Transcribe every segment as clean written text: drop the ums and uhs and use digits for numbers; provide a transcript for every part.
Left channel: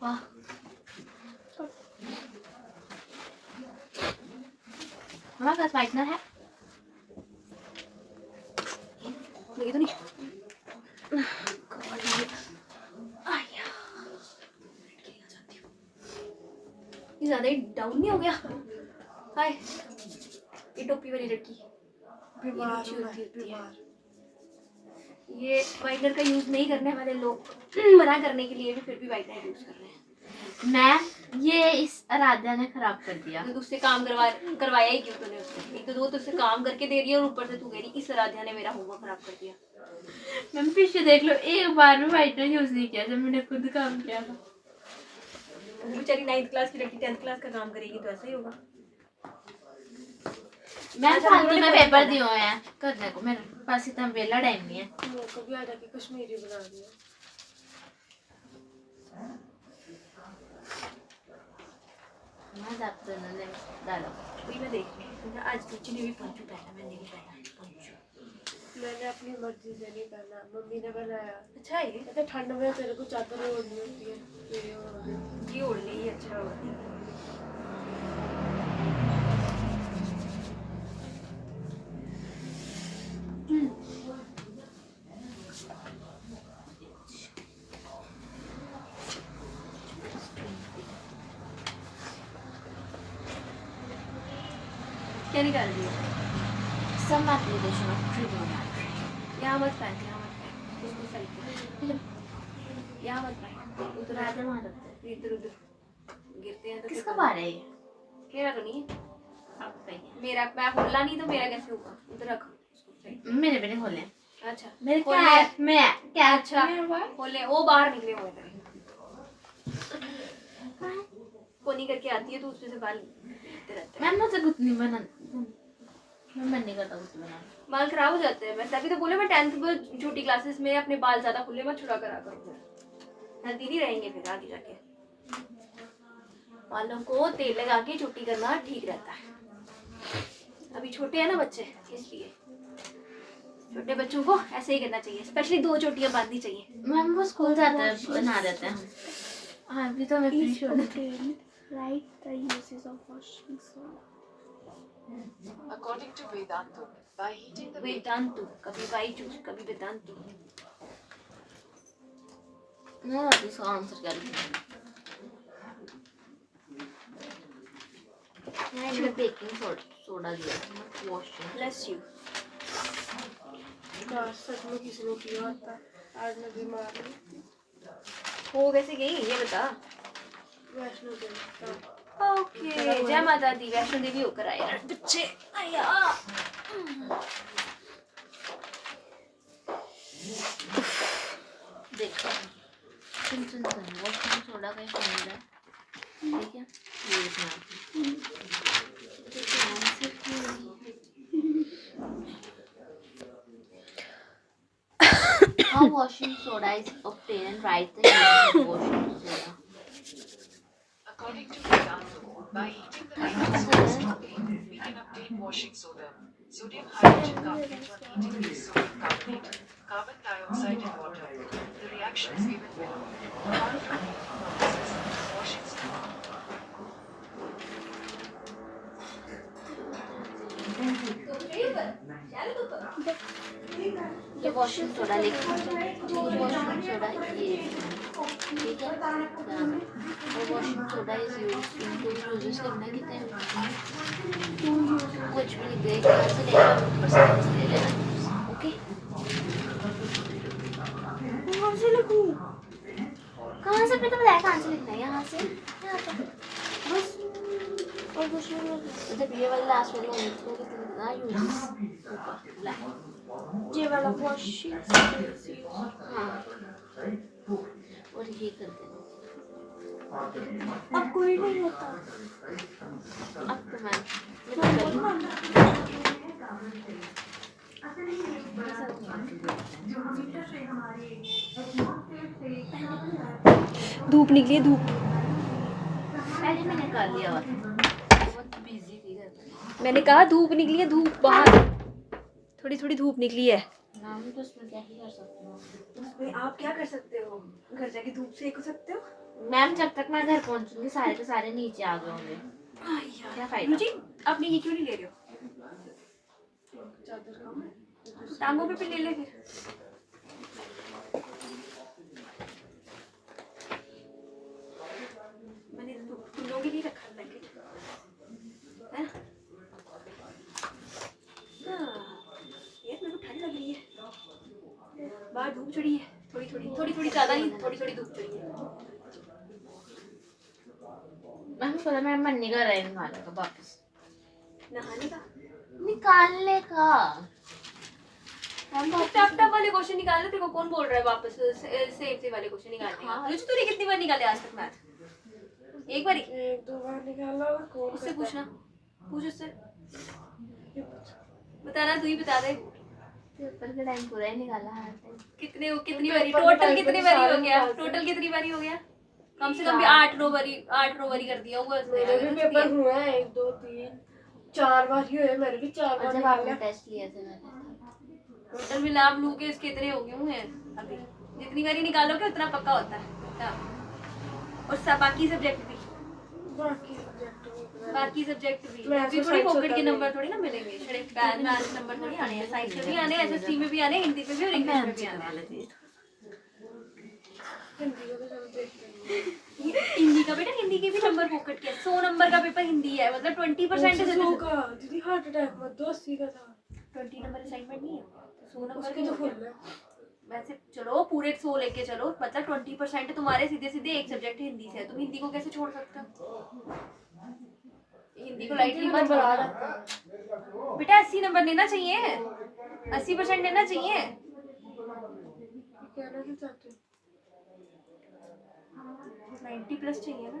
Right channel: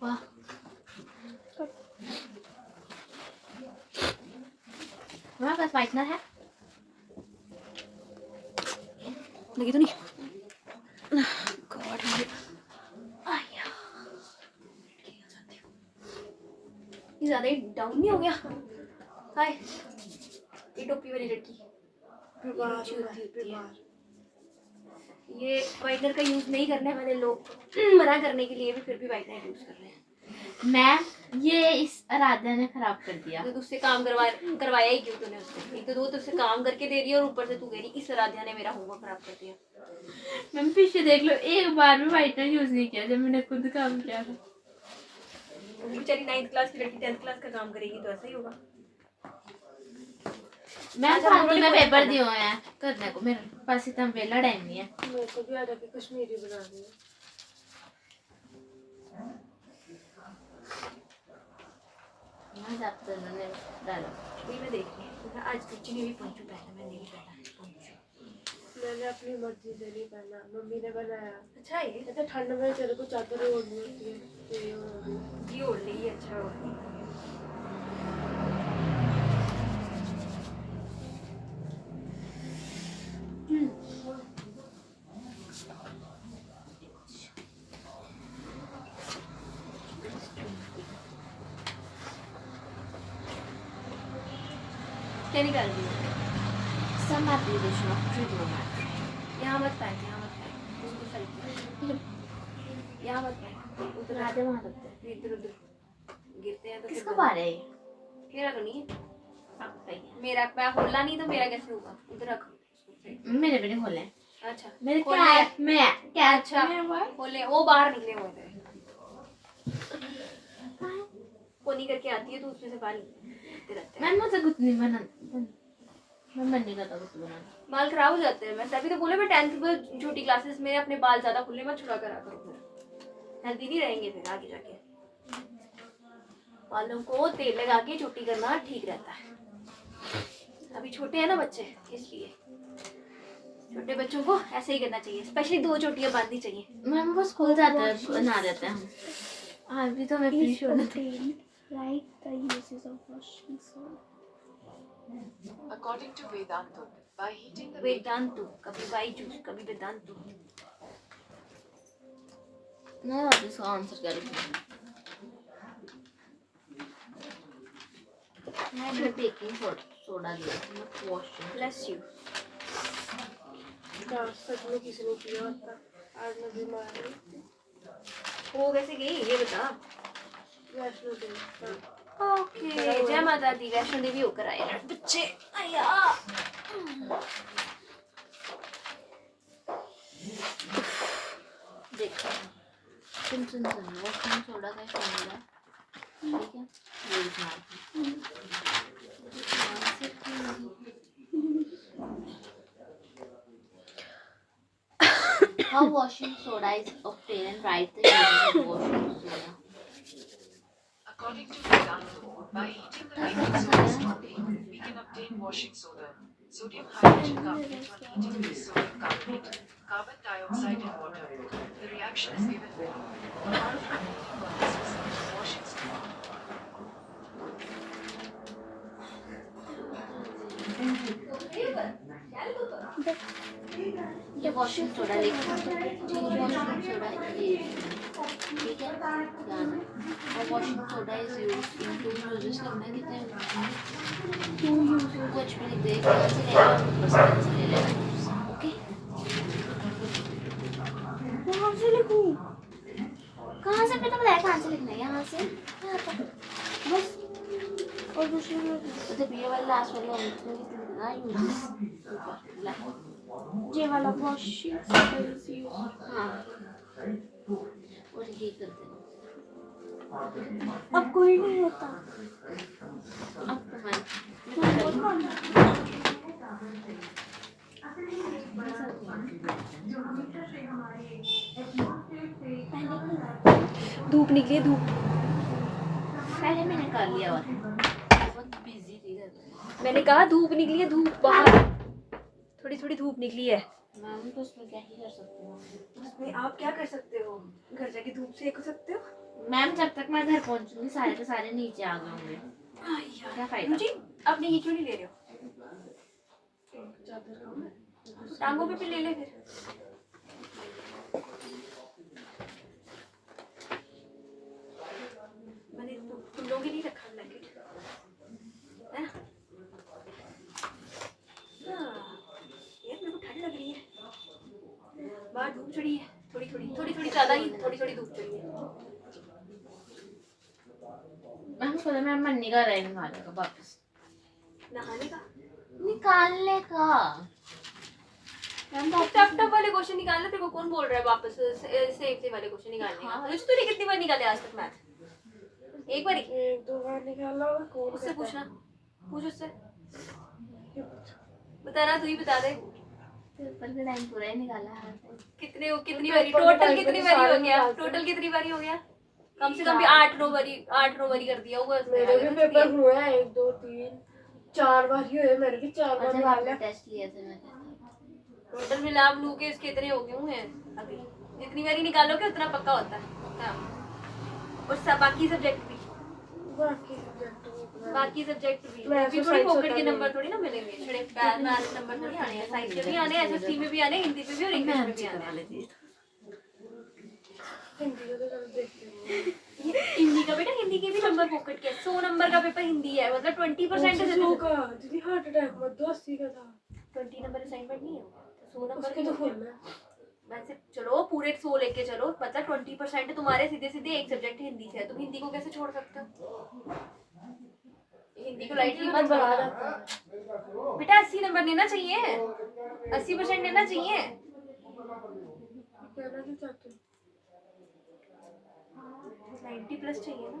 वाह हमारे पास वाइटनर है लगी तो नहीं ज्यादा ही डाउन नहीं हो गया हाय ये टोपी वाली लड़की ये वाइटनर का यूज नहीं करने वाले लोग मना करने के लिए भी फिर भी वाइटनर यूज कर रहे हैं मैं ये इस आराध्या ने खराब कर दिया तो उससे काम करवाया ही क्यों तूने उसको एक तो वो तुझसे काम करके दे रही है और ऊपर से तू कह रही इस आराध्या ने मेरा होमवर्क खराब कर दिया मैम पीछे देख लो एक बार भी वाइटनर यूज नहीं किया जब मैंने खुद काम किया था बेचारी 9th क्लास की लड़की 10th क्लास का काम करेगी तो ऐसा ही होगा मैं फालतू में पेपर दिए हुए हैं करने को मेरे पास इतना वेला टाइम नहीं है मेरे को भी आ जाके कश्मीरी बना दिया मैं डॉक्टर ने डाला वही मैं देख रही हूं आज बच्ची ने भी पंचू पहना मैं नहीं पहना मैंने अपनी मर्जी से नहीं पहना मम्मी ने बनाया अच्छा है कहते ठंड में तेरे को चादर ओढ़नी होती है ये ओढ़ ली अच्छा क्या निकाल रही है सम एप्लीकेशन ऑफ ट्रिगोनोमेट्री यहाँ मत पाए उसको सेलेक्ट यहाँ मत पाए उधर आते वहाँ रखते हैं इधर उधर गिरते हैं तो किसका बार है ये मेरा तो नहीं है मेरा मैं खोला नहीं तो मेरा कैसे होगा उधर रख मेरे भी नहीं खोले अच्छा मेरे क्या अच्छा खोले वो बाहर निकले हुए थे कोनी करके आती है तो उसमें से बाल मैं मुझे कुछ नहीं बना मैं मन नहीं करता कुछ बनाना बाल खराब हो जाते हैं मैं तभी तो बोले मैं 10th में छोटी क्लासेस में अपने बाल ज्यादा खुले मत छुड़ा करा करूँ हेल्दी नहीं रहेंगे फिर आगे जाके बालों को तेल लगा के छुट्टी करना ठीक रहता है अभी छोटे हैं ना बच्चे इसलिए छोटे बच्चों को ऐसे ही करना चाहिए स्पेशली 2 चोटियां बांधनी चाहिए मैम वो स्कूल जाते हैं बना रहते हैं हाँ अभी तो मैं free show Right, the uses of washing soda. According to Vedantu, by heating the Vedantu, कभी Vaitu, कभी Vedantu. मैं अब इसका आंसर क्या लिखूँ? मैंने बेकिंग सोडा दिया, not washing. Bless you. सच में किसी ने किया होता आज मैं बीमार हूँ वो कैसे गई ये बता वैष्णो देवी ओके जय माता दी वैष्णो देवी होकर आए यार बच्चे आया देखो सुन वॉशिंग सोडा का फॉर्मूला ठीक है ये लिखना How washing soda is obtained and write the uses of washing soda. According to Vedantu, by heating the baking soda strongly, we can obtain washing soda. Sodium hydrogen carbonate on heating gives sodium carbonate, carbon dioxide and water. The reaction is given below. Apart from heating purposes, washing soda. ये washing soda लिखना washing soda ये ठीक है वो washing soda is used in to uses करना कितना है to uses कुछ भी देख से लेगा परसेंटेज ले लेगा ओके कहाँ से लिखूं कहाँ से पता बताया कहाँ से लिखना है यहाँ से बस और दूसरे जब ये वाला लास्ट वाला कितना यूजेस ऊपर ये वाला वॉशिंग हाँ और ये कर देना अब कोई नहीं होता अब तो मैं धूप निकली है, धूप। पहले मैंने कर लिया और बहुत बिजी थी घर में। मैंने कहा धूप निकली है, धूप बाहर थोड़ी थोड़ी धूप निकली है। मैम तो उसमें क्या ही कर सकती हूँ। उसमें आप क्या कर सकते हो? घर जाके धूप सेक सकते हो। मैम जब तक मैं घर पहुंचूंगी सारे के सारे नीचे आ गए होंगे। क्या फायदा? मुझे आपने ये क्यों नहीं ले रहे हो? टांगों पे ले ले फिर। मैंने तुम लोगों के लिए रखा ब्लैंकेट है ना? यार मेरे को ठंड लग रही है, बाहर धूप चढ़ी है, थोड़ी ज्यादा ही थोड़ी धूप चढ़ी है। मैम बोला मैं मन नहीं कर रहा है नहाने का वापस। नहाने का निकालने का मैम टफ वाले क्वेश्चन निकालने। तेरे को कौन बोल रहा है वापस सेफ वाले क्वेश्चन निकालने का? हाँ। मुझे तूने कितनी बार निकाले आज तक मैथ? एक बार ही? 1-2 बार निकाला और कौन उससे कहता पूछना, पूछ उससे। है? बता ना, तू ही बता दे। पेपर का टाइम पूरा ही निकाला है। कितनी बारी टोटल कितनी बारी हो गया? टोटल कितनी बारी हो गया? कम से कम भी 8-9 बारी कर दिया होगा उसने। मेरे भी पेपर हुए हैं 1 2 3 4 बार ही हुए, मेरे भी 4 बार जब आपने निकाले। टेस्ट लिए थे मैंने टोटल मिला लू के इसके इतने हो गए हुए अभी। जितनी बारी निकालोगे उतना पक्का होता है। हाँ। और सब बाकी सब्जेक्ट भी मैं भी ऐसे थोड़ी science पॉकेट के होता नंबर थोड़ी ना मिलेंगे। थोड़े मैथ्स नंबर थोड़ी आने हैं, साइंस में भी आने हैं, एसएसटी में भी आने हैं, हिंदी में भी और इंग्लिश में भी आने हैं। हिंदी का तो चलो देखते हैं। हिंदी का बेटा, हिंदी के भी नंबर पॉकेट के 100 नंबर का पेपर हिंदी है, मतलब 20% से 100 का दीदी हार्ट अटैक मत दो, 80 का था। 20 नंबर असाइनमेंट नहीं है, 100 नंबर उसके की तो होती फुल है। है। वैसे चलो पूरे 100 लेके चलो, मतलब 20% तुम्हारे सीधे सीधे एक सब्जेक्ट हिंदी से है। तुम हिंदी को कैसे छोड़ सकते हो? हिंदी को लाइटली मत नंबर आ लो जाता है। बेटा। 80 नंबर लेना चाहिए, 80% लेना चाहिए। कहना क्या चाहते हो? 90 प्लस चाहिए ना।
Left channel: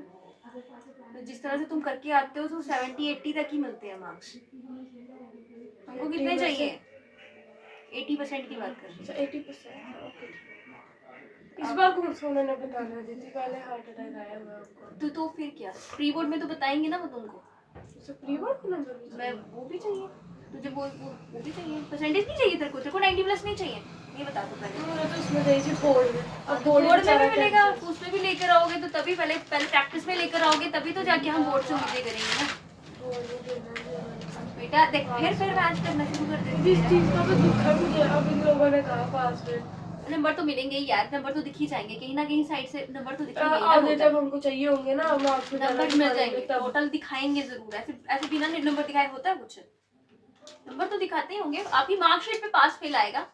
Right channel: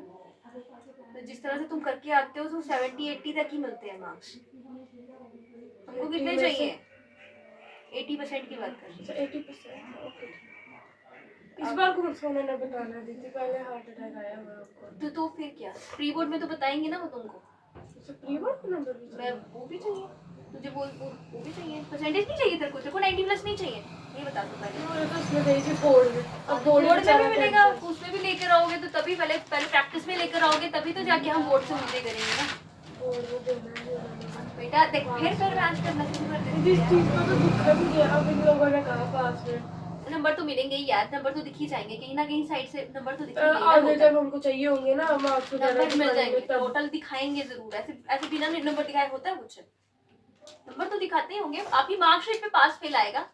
तो जिस तरह से तुम करके आते हो तो 70-80 तक ही मिलते हैं मार्क्स। तुमको कितने 80 में से? चाहिए? 80% की बात कर रही हूँ। 80%। ओके। इस बार कौन सा उन्होंने बताना दीदी, पहले हार्ट अटैक आया हुआ है आपको। तो फिर क्या, प्री बोर्ड में तो बताएंगे ना वो तुमको। उसे प्री बोर्ड का नंबर भी मैं चाहिए? वो भी चाहिए तुझे, वो भी चाहिए। परसेंटेज नहीं चाहिए तेरे को 90 प्लस नहीं चाहिए, ये बता दो पहले। हाँ, तो उसमें गई थी बोर्ड में। अब बोर्ड में बेचारा भी मिलेगा, कैंसिल। उसमें भी लेकर आओगे तो तभी पहले प्रैक्टिस में लेकर आओगे, तभी तो जाके हम बोर्ड से उल्टे करेंगे ना बोर्ड में देना ही है। बेटा। देख फिर मैच करना शुरू कर देंगे। जिस चीज का तो दुख है मुझे, अब इन लोगों ने कहा पास में नंबर तो मिलेंगे ही यार, नंबर तो दिख ही जाएंगे कहीं ना कहीं साइड से, नंबर तो दिखेंगे ही ना। आगे जब हमको चाहिए होंगे ना मार्क्स नंबर मिल जाएंगे, तब। टोटल दिखाएंगे जरूर। ऐसे ऐसे बिना नंबर दिखाए होता है कुछ? नंबर तो दिखाते ही होंगे। आपकी मार्कशीट पे पास फेल आएगा,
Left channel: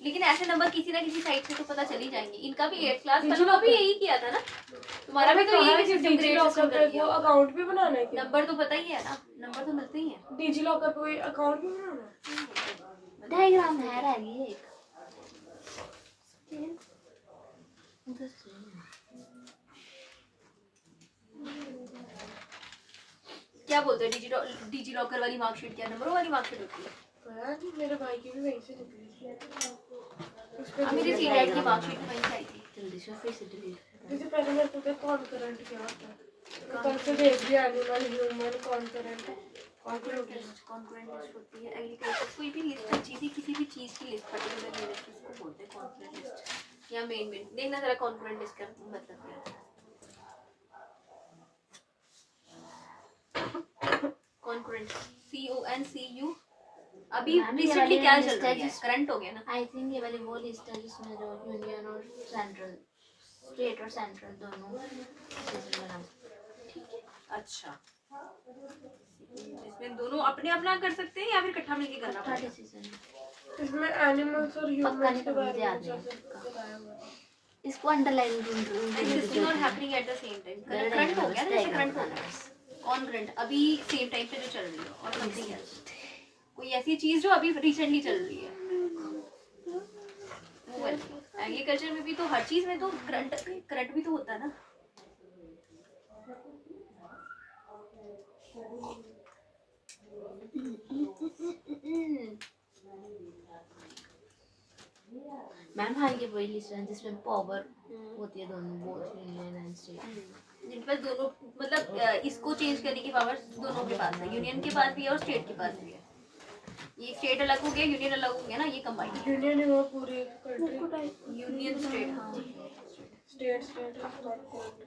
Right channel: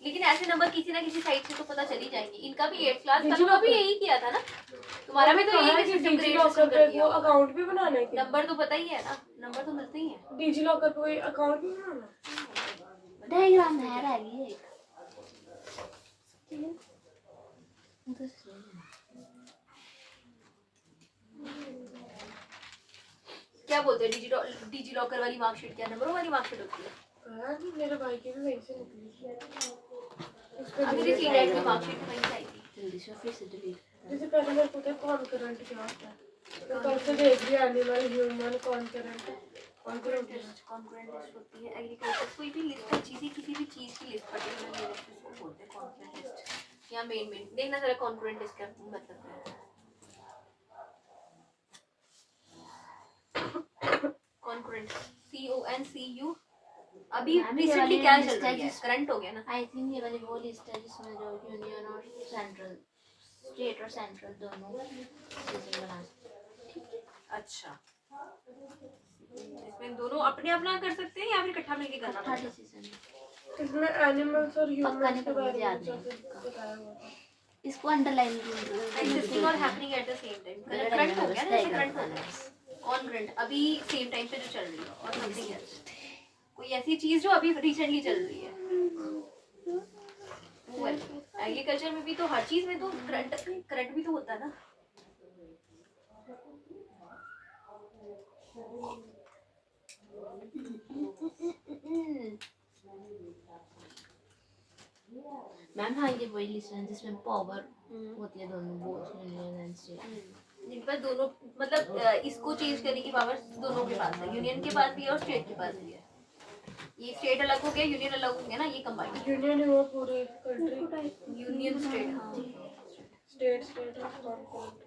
लेकिन ऐसे नंबर किसी ना किसी साइड से तो पता चल ही जाएंगे। इनका भी 8th क्लास वालों का भी यही किया था ना, तुम्हारा भी तो यही सिस्टम ग्रेड सिस्टम कर दिया। अकाउंट भी बनाना है क्या? नंबर तो पता ही है ना, नंबर तो मिलते ही हैं। डिजी लॉकर पे कोई अकाउंट भी बनाना है? डायग्राम है रह गई एक उधर से। क्या बोलते हैं डिजी लॉकर वाली मार्कशीट? क्या नंबरों वाली मार्कशीट होती है? पता नहीं, मेरे भाई की भी वहीं से निकली थी। उस पे मेरी सीनियर की मार्कशीट वहीं से आई थी। जल्दी से फिर से डिलीट जैसे पहले मेरे को कॉन्करेंट क्या होता है, तब से देख लिया animal human concurrent. Concurrent list होती है एग्रीकल्चर, कोई भी लिस्ट है चीज़, किसी भी चीज़ की लिस्ट पर्टिकुलर लिस्ट उसको बोलते हैं कॉन्करेंट लिस्ट या मेन देखना जरा कॉन्करेंट लिस्ट का मतलब क्या है। Concurrent CONCU। अभी रिसेंटली क्या चल रहा है? करंट हो गया ना। आई थिंक ये वाली वो लिस्ट है जिसमें जो यूनियन और सेंट्रल, स्टेट और सेंट्रल दोनों डिसीजन बना सकते। ठीक है, अच्छा। इसमें दोनों अपने अपना कर सकते हैं या फिर इकट्ठा मिलके करना अच्छा पड़ेगा? डिसीजन इसमें एनिमल्स और पक्का नहीं ह्यूमंस के पर बारे मुझे में याद नहीं जैसे पक्का। बताया हुआ है। इसको underline This is not happening at the same time. Current हो गया ना, जैसे करंट हो गया। ऑन करंट अभी सेम टाइम पे जो चल रही है और समथिंग एल्स, कोई ऐसी चीज जो अभी रिसेंटली चल रही है। एग्रीकल्चर में भी तो हर चीज में तो करंट भी तो होता है ना। मैम हाँ ये वही लिस्ट है जिसमें पावर होती है दोनों, बोथ यूनियन एंड स्टेट। जिन पर दोनों मतलब इसको चेंज करने की पावर दोनों के पास है, यूनियन के पास भी है और स्टेट के पास भी है। ये स्टेट अलग हो गया, यूनियन अलग हो गया ना, ये कंबाइंड यूनियन है वो पूरी कंट्री, यूनियन स्टेट। हाँ state state is not.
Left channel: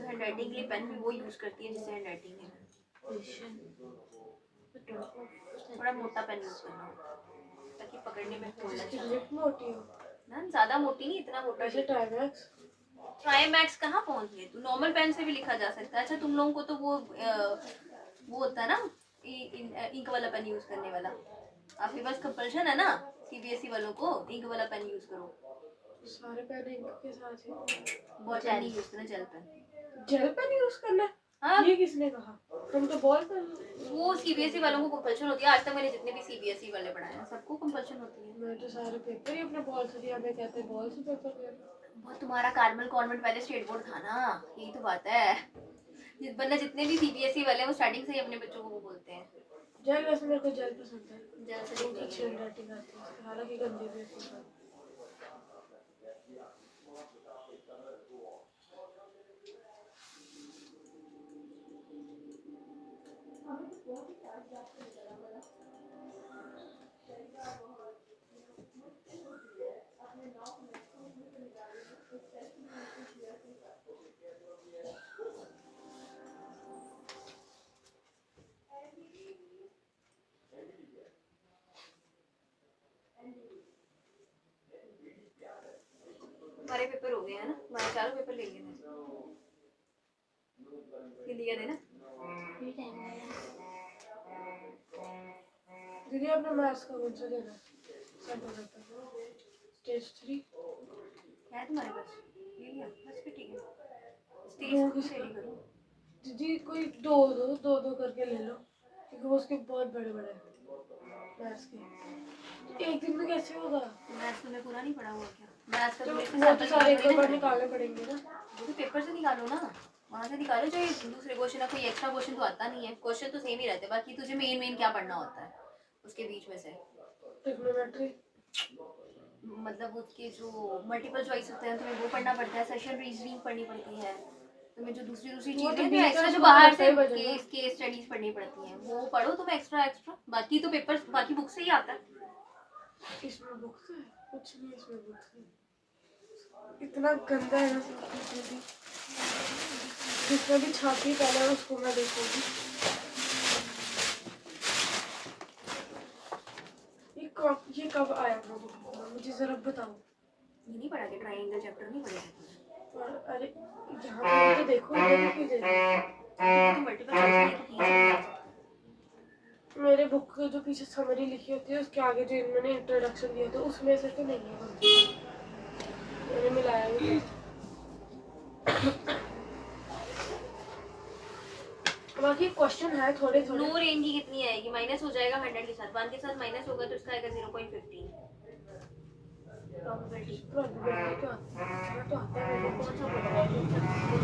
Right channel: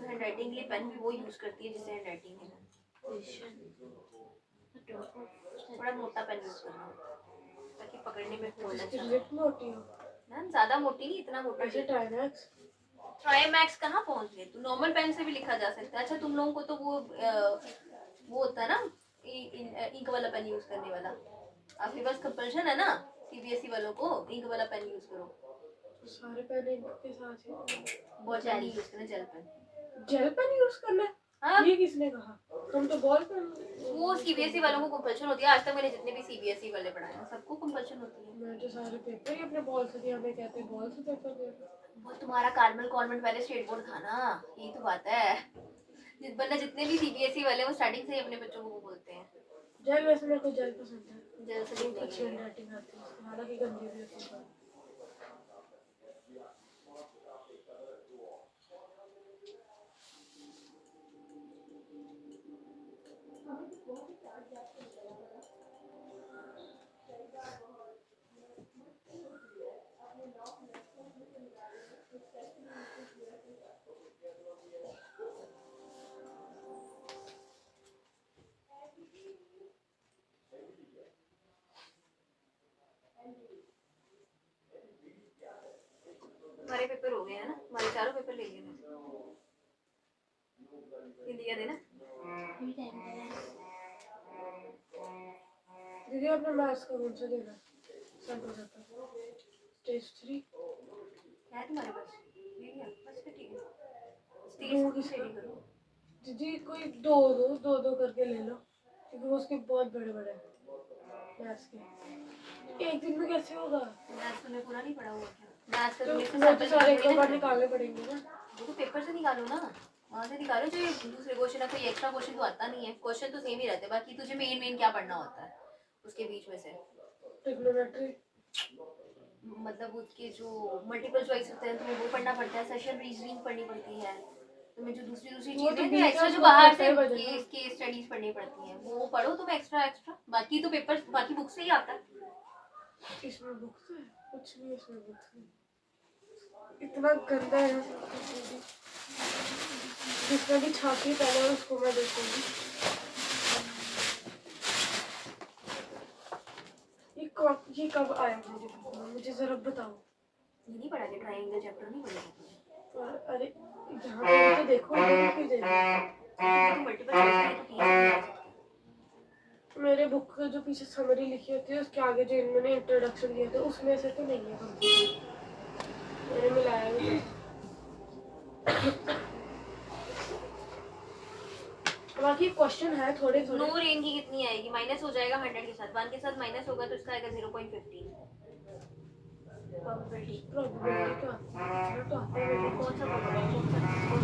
Handwriting के लिए पेन भी वो यूज करती है जिससे हैंडराइटिंग है। थोड़ा मोटा पेन यूज करना ताकि पकड़ने में होल्ड अच्छा लिप मोटी हो ना, ज्यादा मोटी नहीं, इतना मोटा ऐसे टाइमैक्स। ट्राईमैक्स कहाँ पहुंच गए, तू नॉर्मल पेन से भी लिखा जा सकता है। अच्छा तुम लोगों को तो वो होता है ना इंक वाला पेन यूज करने वाला, आपके पास कंपल्शन है ना सीबीएसई वालों को इंक वाला पेन यूज करो। सारे पेन इंक के साथ ही बहुत पेन यूज करना, gel pen. Gel pen use करना है? हाँ ये किसने कहा? हम तो बॉल पेन। वो सीबीएसई वालों को कंपल्शन होती है। आज तक मैंने जितने भी सीबीएसई वाले पढ़ाए हैं सबको कंपल्शन होती है। मैं तो सारे पेपर ही अपने बॉल से दिया, हमें कहते बॉल से पेपर दिया। वो तुम्हारा कार्मल कॉन्वेंट पहले स्टेट बोर्ड था ना, यही तो बात है। वरना जितने भी सीबीएसई वाले हैं वो स्टार्टिंग से ही अपने बच्चों को वो बोलते हैं जेल, वैसे मेरे को जेल पसंद है, जेल से बहुत अच्छी हैंडराइटिंग आती है उसकी, हालांकि गंदी भी है। हमारे पेपर हो गए हैं ना, हमारे चारों पेपर ले लिए थे। हिंदी का देना दीदी आपने मैथ्स का कौन सा देना सैंपल पेपर? स्टेज 3 है तुम्हारे पास, ले लिया बस फिर ठीक है। दो स्टेज किसका? सही करो। दीदी कोई दो दो दो दो करके ले लो, क्योंकि वो उसके बहुत बड़े बड़े मैथ्स के। एक दिन में कैसे होगा? मैथ्स तुमने पूरा नहीं पढ़ा हुआ क्या? मैथ्स का तो तुम्हें वो तो सारे एक बार निकालने पड़ेंगे ना। वो तो पेपर से निकालो ना, वहाँ से निकालो। चाहे दूसरे क्वेश्चन है, कोई एक्स्ट्रा क्वेश्चन तो आता नहीं है, क्वेश्चन तो सेम ही रहते हैं। बाकी तुझे मेन मेन क्या पढ़ना होता है उसके बीच में से, ट्रिग्नोमेट्री, मतलब उसके जो मल्टीपल चॉइस होते हैं तुम्हें वो पढ़ना पड़ता है, सेशन रीजनिंग पढ़नी पड़ती है तुम्हें, जो दूसरी दूसरी वो तो चीजें जो बीच एक्स्ट्रा में जो बाहर से होता ही केस स्टडीज पढ़नी पड़ती हैं वो पढ़ो तुम एक्स्ट्रा एक्स्ट्रा। बाकी तो पेपर बाकी बुक से ही आता है। इसमें बुक्स है? कुछ नहीं इसमें बुक्स है, इतना गंदा है ना सब कुछ। दीदी जिसमें भी छापी पहले है उसको मैं देखूंगी। ये कब आया मेरे बुक में, मुझे जरा बताओ। ये नहीं पढ़ा के ट्रायंगल चैप्टर नहीं पढ़ा और अरे यहाँ पे तो देखो, इधर क्यों दे रहे हो? तो मल्टीपल चॉइस तो ठीक है। मेरे बुक के जो पीछे समरी लिखी होती है उसके आगे जो इन्होंने इंट्रोडक्शन दिया था उसमें से तो नहीं है, मैंने मिलाया भी नहीं। बाकी क्वेश्चन है थोड़े थोड़े। नो रेंज की कितनी आएगी? माइनस हो जाएगा 100 के साथ, 1 के साथ माइनस होगा तो इसका आएगा 0.15 प्रोबेबिलिटी। प्रोबेबिलिटी का तो आता है मेरे को। कौन सा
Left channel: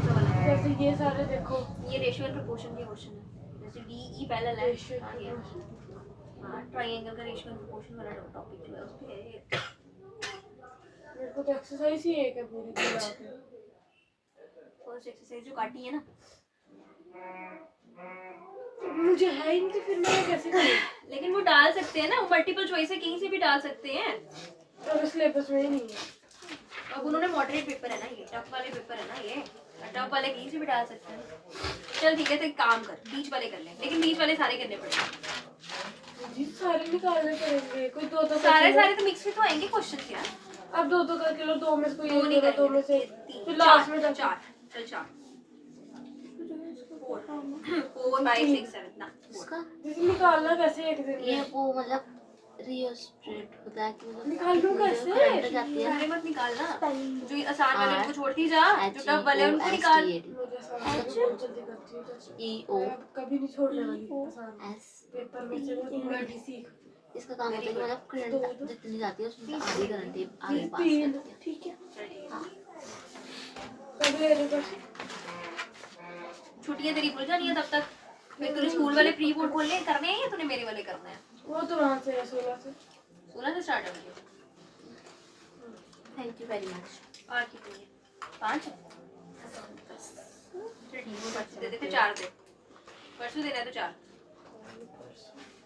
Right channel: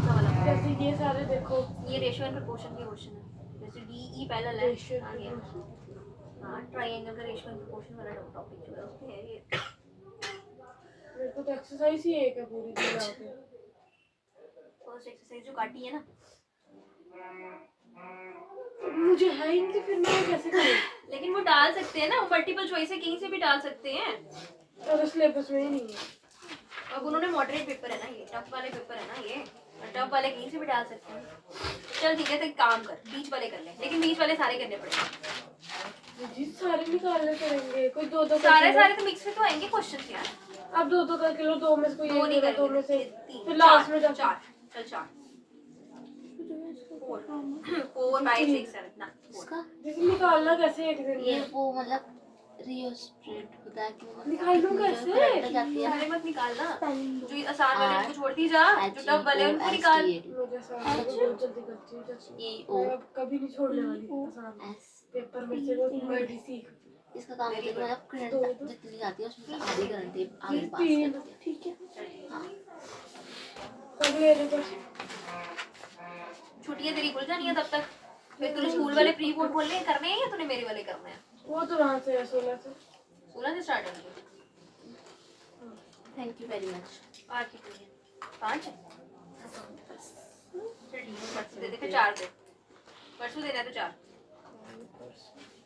वाला? जैसे ये सारे देखो, ये रेशियो एंड प्रोपोर्शन के क्वेश्चन है। जैसे डीई पैरेलल है, रेशियो हाँ ये हाँ ट्रायंगल का रेशियो एंड प्रोपोर्शन वाला टॉपिक जो है उस पे है। मेरे को तो एक्सरसाइज ही एक है पूरी पूरा के। फर्स्ट एक्सरसाइज जो काटी है ना, मुझे है ही नहीं तो फिर मैं कैसे करूँ? लेकिन वो डाल सकते हैं ना, मल्टीपल चॉइस है कहीं से भी डाल सकते हैं। अगर सिलेबस में ही नहीं है। अब उन्होंने मॉडरेट पेपर है ना, ये टफ वाले पेपर है ना, ये टफ वाले कहीं से भी डाल सकते हैं। चल ठीक है तो एक काम कर, बीच वाले कर ले, लेकिन बीच वाले सारे करने पड़ेंगे। जी सारे निकालने पड़ेंगे, कोई दो दो सारे सारे तो मिक्स में तो आएंगे क्वेश्चन यार। अब दो दो करके लो, दो में से कोई दो नहीं एक, दो में से तीन, फिर लास्ट में चार, जाके चल चार, 4 5 6 7 ना 4। इसका दीदी निकालना कैसे एक दिन ये में? वो मतलब रियोस्ट्रेट होता है कि मतलब निकालूं कैसे? करंट जाती है सारे मत निकालना, जो आसान वाले उनको छोड़ती जा, जो टफ वाले HEO उनको निकाल। मुझे सामने बहुत जल्दी करती हूँ जैसे EO मैं अब कभी नहीं छोड़ने वाली आसान S पेपर में से वो मेडी सीख। इसका काम होता है कि मतलब करंट जितनी जाती है उसमें से आधी करंट आगे पास तीन करती है। ठीक है। हाँ कब ले रहे बस? छुट्टियां तेरी खुल जानी है तब तक। फिर तूने स्कूल वाले प्री बोर्ड खोलने करने हैं या तूने मेरे वाले करने हैं? वो तो वहाँ से है 16 से। 16 से स्टार्ट है। Thank you very much. और कितनी है? 5 दे दे, 4 दे। परसों देना है तो 4।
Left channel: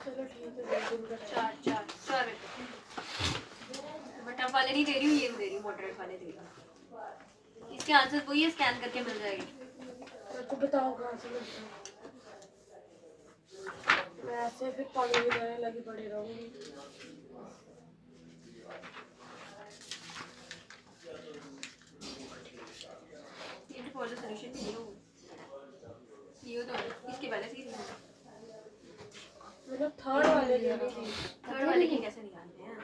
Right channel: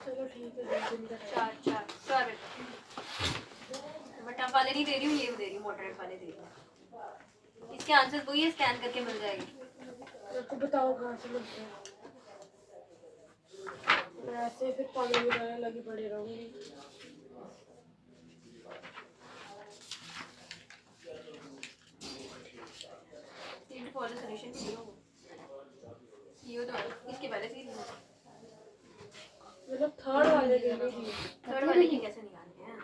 चलो ठीक है, 2 दिन का 4 मैं टफ वाले नहीं दे रही हूँ, ये दे रही हूँ, मॉडरेट वाले दे रही हूँ। इसके आंसर वही है, स्कैन करके मिल जाएगी। मेरे को बताओ कहाँ से मिलता है। मैं ऐसे फिर पागल की तरह लगी पड़ी रहूंगी। फॉर द सॉल्यूशन ये तो इसके पहले से ही मतलब थर्ड वाले देनी थी। थर्ड वाले की कैसे निकालते हैं?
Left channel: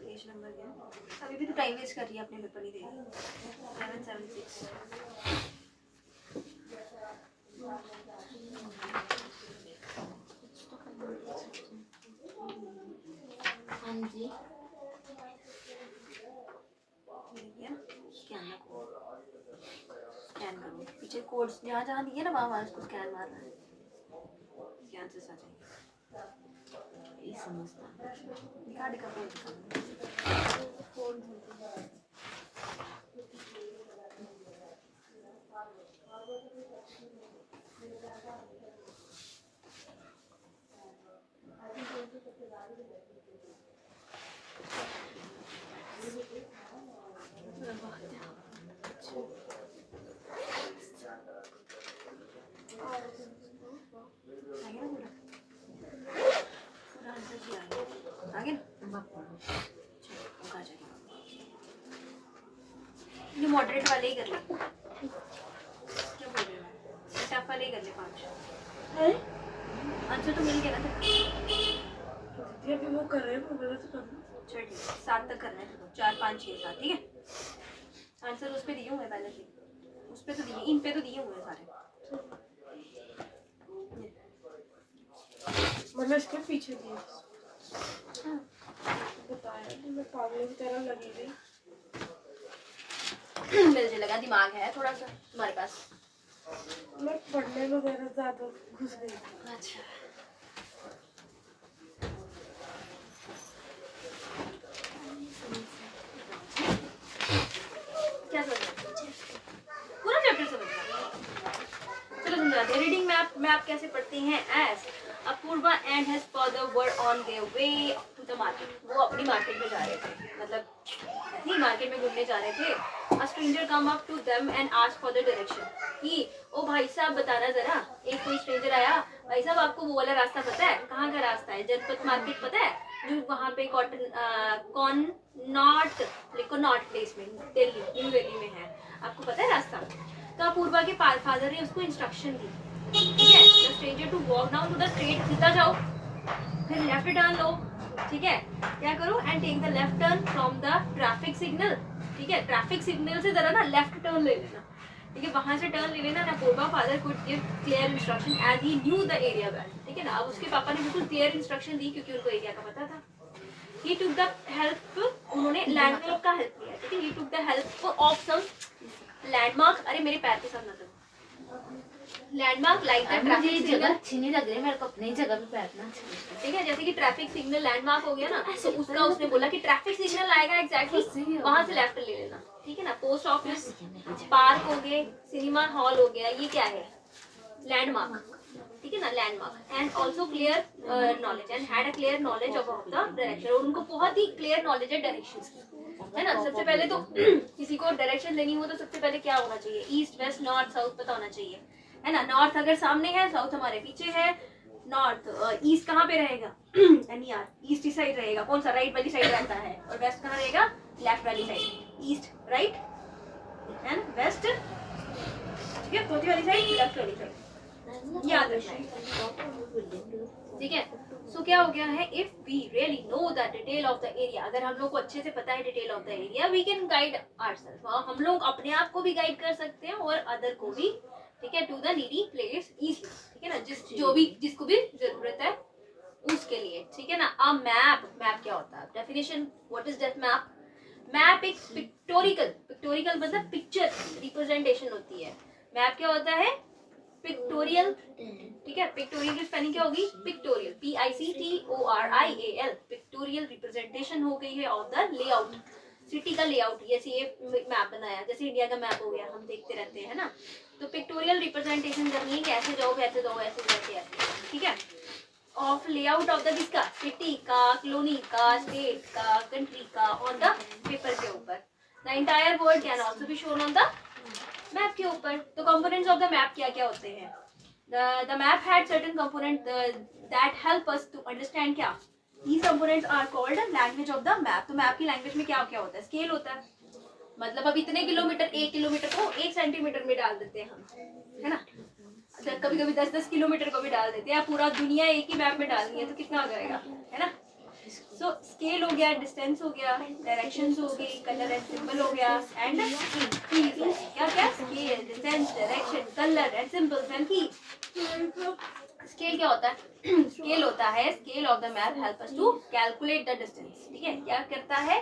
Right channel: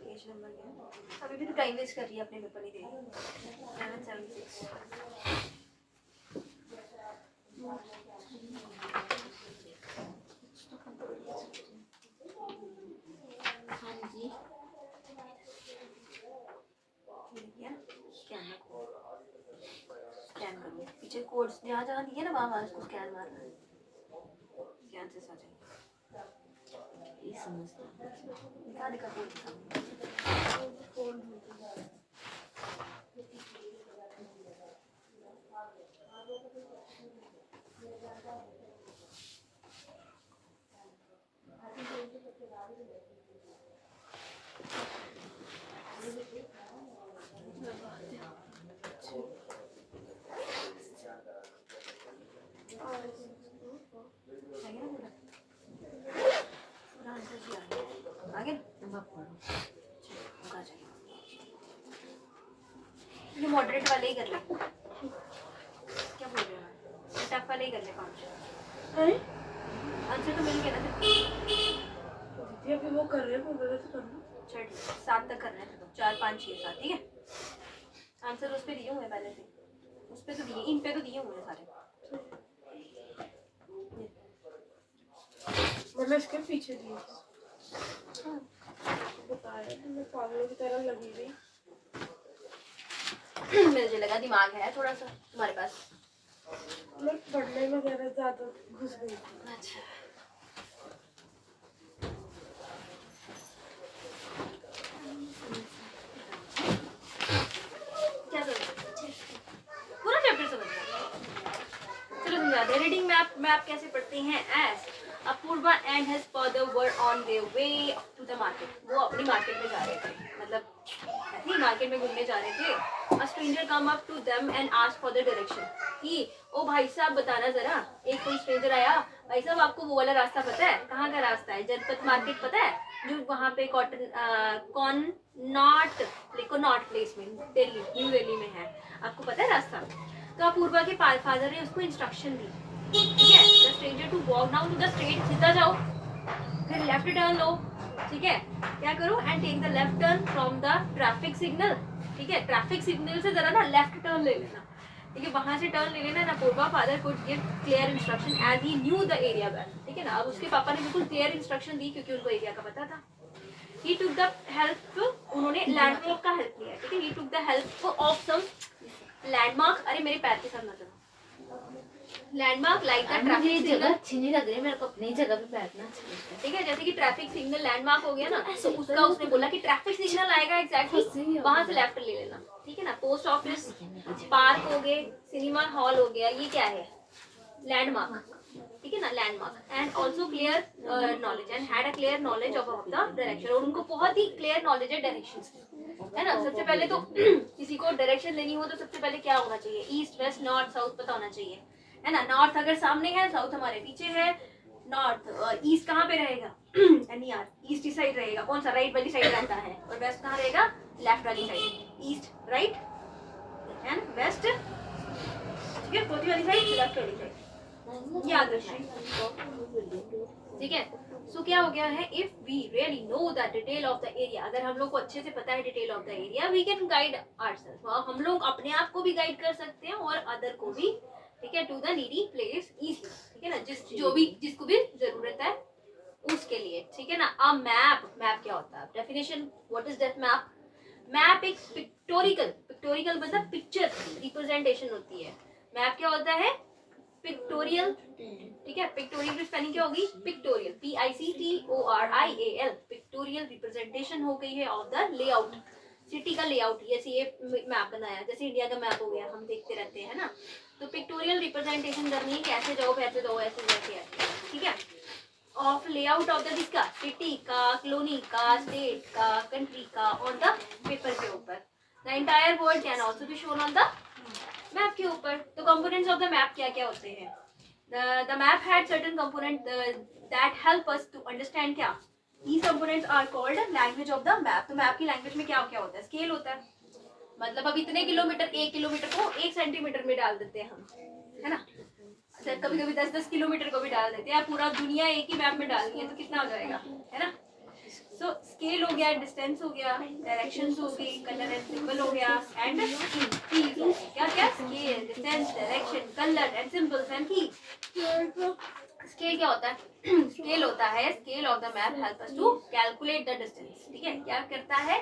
पेज नंबर क्या? अभी भी तो टाइम वेस्ट कर रही है, अपने पेपर नहीं दे रही। 776 हाँ जी स्कैन करो, पीछे कोड्स जहाँ जहाँ दिए ना वहाँ उसको स्कैन मारना है। इसके आंसर्स आ जाएंगे। ये समझता कार्ड का कोड फोन ये मॉडरेट वाले ही कर ले। क्या बोल रहे हो? टफ वाले ही कर ले 5। है? आंसर तो मिल गया ना। तो दीदी अभी वो कर रहे हैं, वो बोला तो करना। चल ठीक है, 7 तक करना है तेरे को। 4 5 6 7 ठीक है। आंसर उस पे दिए हुए हैं पहले से। उस पे तो दिए, इन पे तो दिए हुए हैं सारे। मैंने इसके पीछे दिए। बताया मैं पागलों की तरह लगी गई। मुझे लगा दिमाग है थोड़ा सा तुम्हारे पास। मैं पढ़ने में जरा ज्यादा घुस गई। अच्छा क्या पूरा चैप्टर समझना। चलो समझाते हैं। रीडिंग मैप कैसे पढ़ती हैं? As Apurva and his father were on their way to the market. वो अपनी मार्केट में जा रहे थे, मतलब नहीं मार्केट में घूमने जा रहे थे। A stranger come up to them and ask for the direction। कि ओ भाई साहब बताना जरा। एक कोई स्ट्रेंजर आया, भाई साहब आपको वो वाला रास्ता पता है? कहाँ का रास्ता है? जनपद मार्केट पता है? जो वहाँ पे कॉनॉट प्लेस में दिल्ली, न्यू दिल्ली में है। आपको पता है रास्ता? तो अपूर्वा के फादर ने उसको इंस्ट्रक्शन दी, ठीक है, the stranger to walk down to the straight, सीधा जाओ, फिर लेफ्ट टर्न लो, ठीक है, क्या करो, and take the left turn from the traffic signal, ठीक है, ट्रैफिक सिग्नल से जरा ना लेफ्ट टर्न ले लेना, ठीक है, वहां से टर्न ले लेना। ना Apurva father could give clear instruction as he knew the area well, ठीक है ना। अब उसके पापा ने बिल्कुल क्लियर इंस्ट्रक्शन दी क्योंकि उनको एरिया का पता था। He took the help, उन्होंने लैंडमार्क का हेल्प लिया, ठीक है। He took the help of some landmark, अरे मेरे पैर के साथ ना करो, लैंडमार्क लाइक द मुझे ये ट्रैफिक जगह सिग्नल, अच्छी नहीं लग रही, मेरे को अपनी जगह पे बैठना अच्छा लगता है। ठीक है। जैसे कि ट्रैफिक सिग्नल लैंडमार्क हो गया ना, तो उसका उसने बोला कि ट्रैफिक सिग्नल आएगा एग्जैक्टली वहां से लेफ्ट ले लेना, ठीक है ना। पोस्ट ऑफिस, पार्क हो गए, सिनेमा हॉल हो गया, ये क्या है? लैंडमार्क, ठीक है ना, landmark. And also clear knowledge and had a clear knowledge of the direction, और उनको बहुत ही क्लियर नॉलेज है डायरेक्शंस की, है ना। सबसे पहले तो किसी को डायरेक्शन लेनी हो तो सबसे पहले क्या होना चाहिए? ईस्ट वेस्ट नॉर्थ साउथ पता होना चाहिए, है ना। नॉर्थ अगर सामने है, साउथ हमारे पीछे है, नॉर्थ ईस्ट कहाँ पे रहेगा? NER ईस्ट ही साइड रहेगा, कौन सा? राइट वाली साइड रहता है, और वेस्ट कहाँ रहेगा? लेफ्ट वाली side. East right and west, ठीक है, चौथी वाली साइड लेफ्ट वाली साइड, याद रखना, ठीक है। सो क्या हो गया है? If we really know the detail of the area, अगर हम लोग को अच्छे से पता है detail of the area, we can guide ourselves, हम लोग अपने आप को भी गाइड कर सकते हैं और अदर को भी, ठीक है, to the needy place easily, ठीक है ना। जिसको भी जरूरत है उसके लिए, ठीक है ना। अ मैप, मैप क्या होता है, definition, what is that map? Map एक पिक्टोरिकल मतलब पिक्चर रिप्रेजेंटेशन होती है। मैप क्या होता है? पिक्टोरियल, ठीक है। पिक्टोरियल की स्पेलिंग क्या होगी? पिक्टोरियल, PICTORIAL, पिक्टोरियल रिप्रेजेंटेशन हो गई है ऑफ द लेआउट, सिटी का लेआउट। जैसे ये मैप बनाया, जैसे इंडिया का मैप हो गया, हम देखते रहते हैं ना, तो पिक्टोरियल रिप्रेजेंटेशन करनी है कि ऐसे जाओ वैसे जाओ ऐसे वैसे ऐसे, ठीक है। ऑफ लेआउट ऑफ द किसका? सिटी का, कॉलोनी का, स्टेट का, कंट्री का, ऑन द पेपर के ऊपर। The entire world can also be shown on the map के ऊपर। तो कंपोनेंट्स ऑफ द मैप क्या क्या होते हैं? The map had certain component that help us to understand क्या? These components are called language of the map। तो map की लैंग्वेज में क्या क्या होता है? स्केल होता है, मतलब अब इतने किलोमीटर, 1 किलोमीटर को 1 सेंटीमीटर में डाल देते हैं हम, है ना। कभी कभी 10-10 किलोमीटर को भी डाल देते हैं। पूरा दुनिया एक ही मैप में डालनी है तो कितना हो जाएगा, है ना। सो स्केल हो गया, डिस्टेंस हो गया, डायरेक्शंस हो गई, कलर एंड सिंबल हो गया, एंड क्या क्या? Scale, distance, direction, colour and symbols and key. Scale क्या होता है? स्केल होता है, scale of the map help us to calculate the distance, ठीक है। क्या करता है?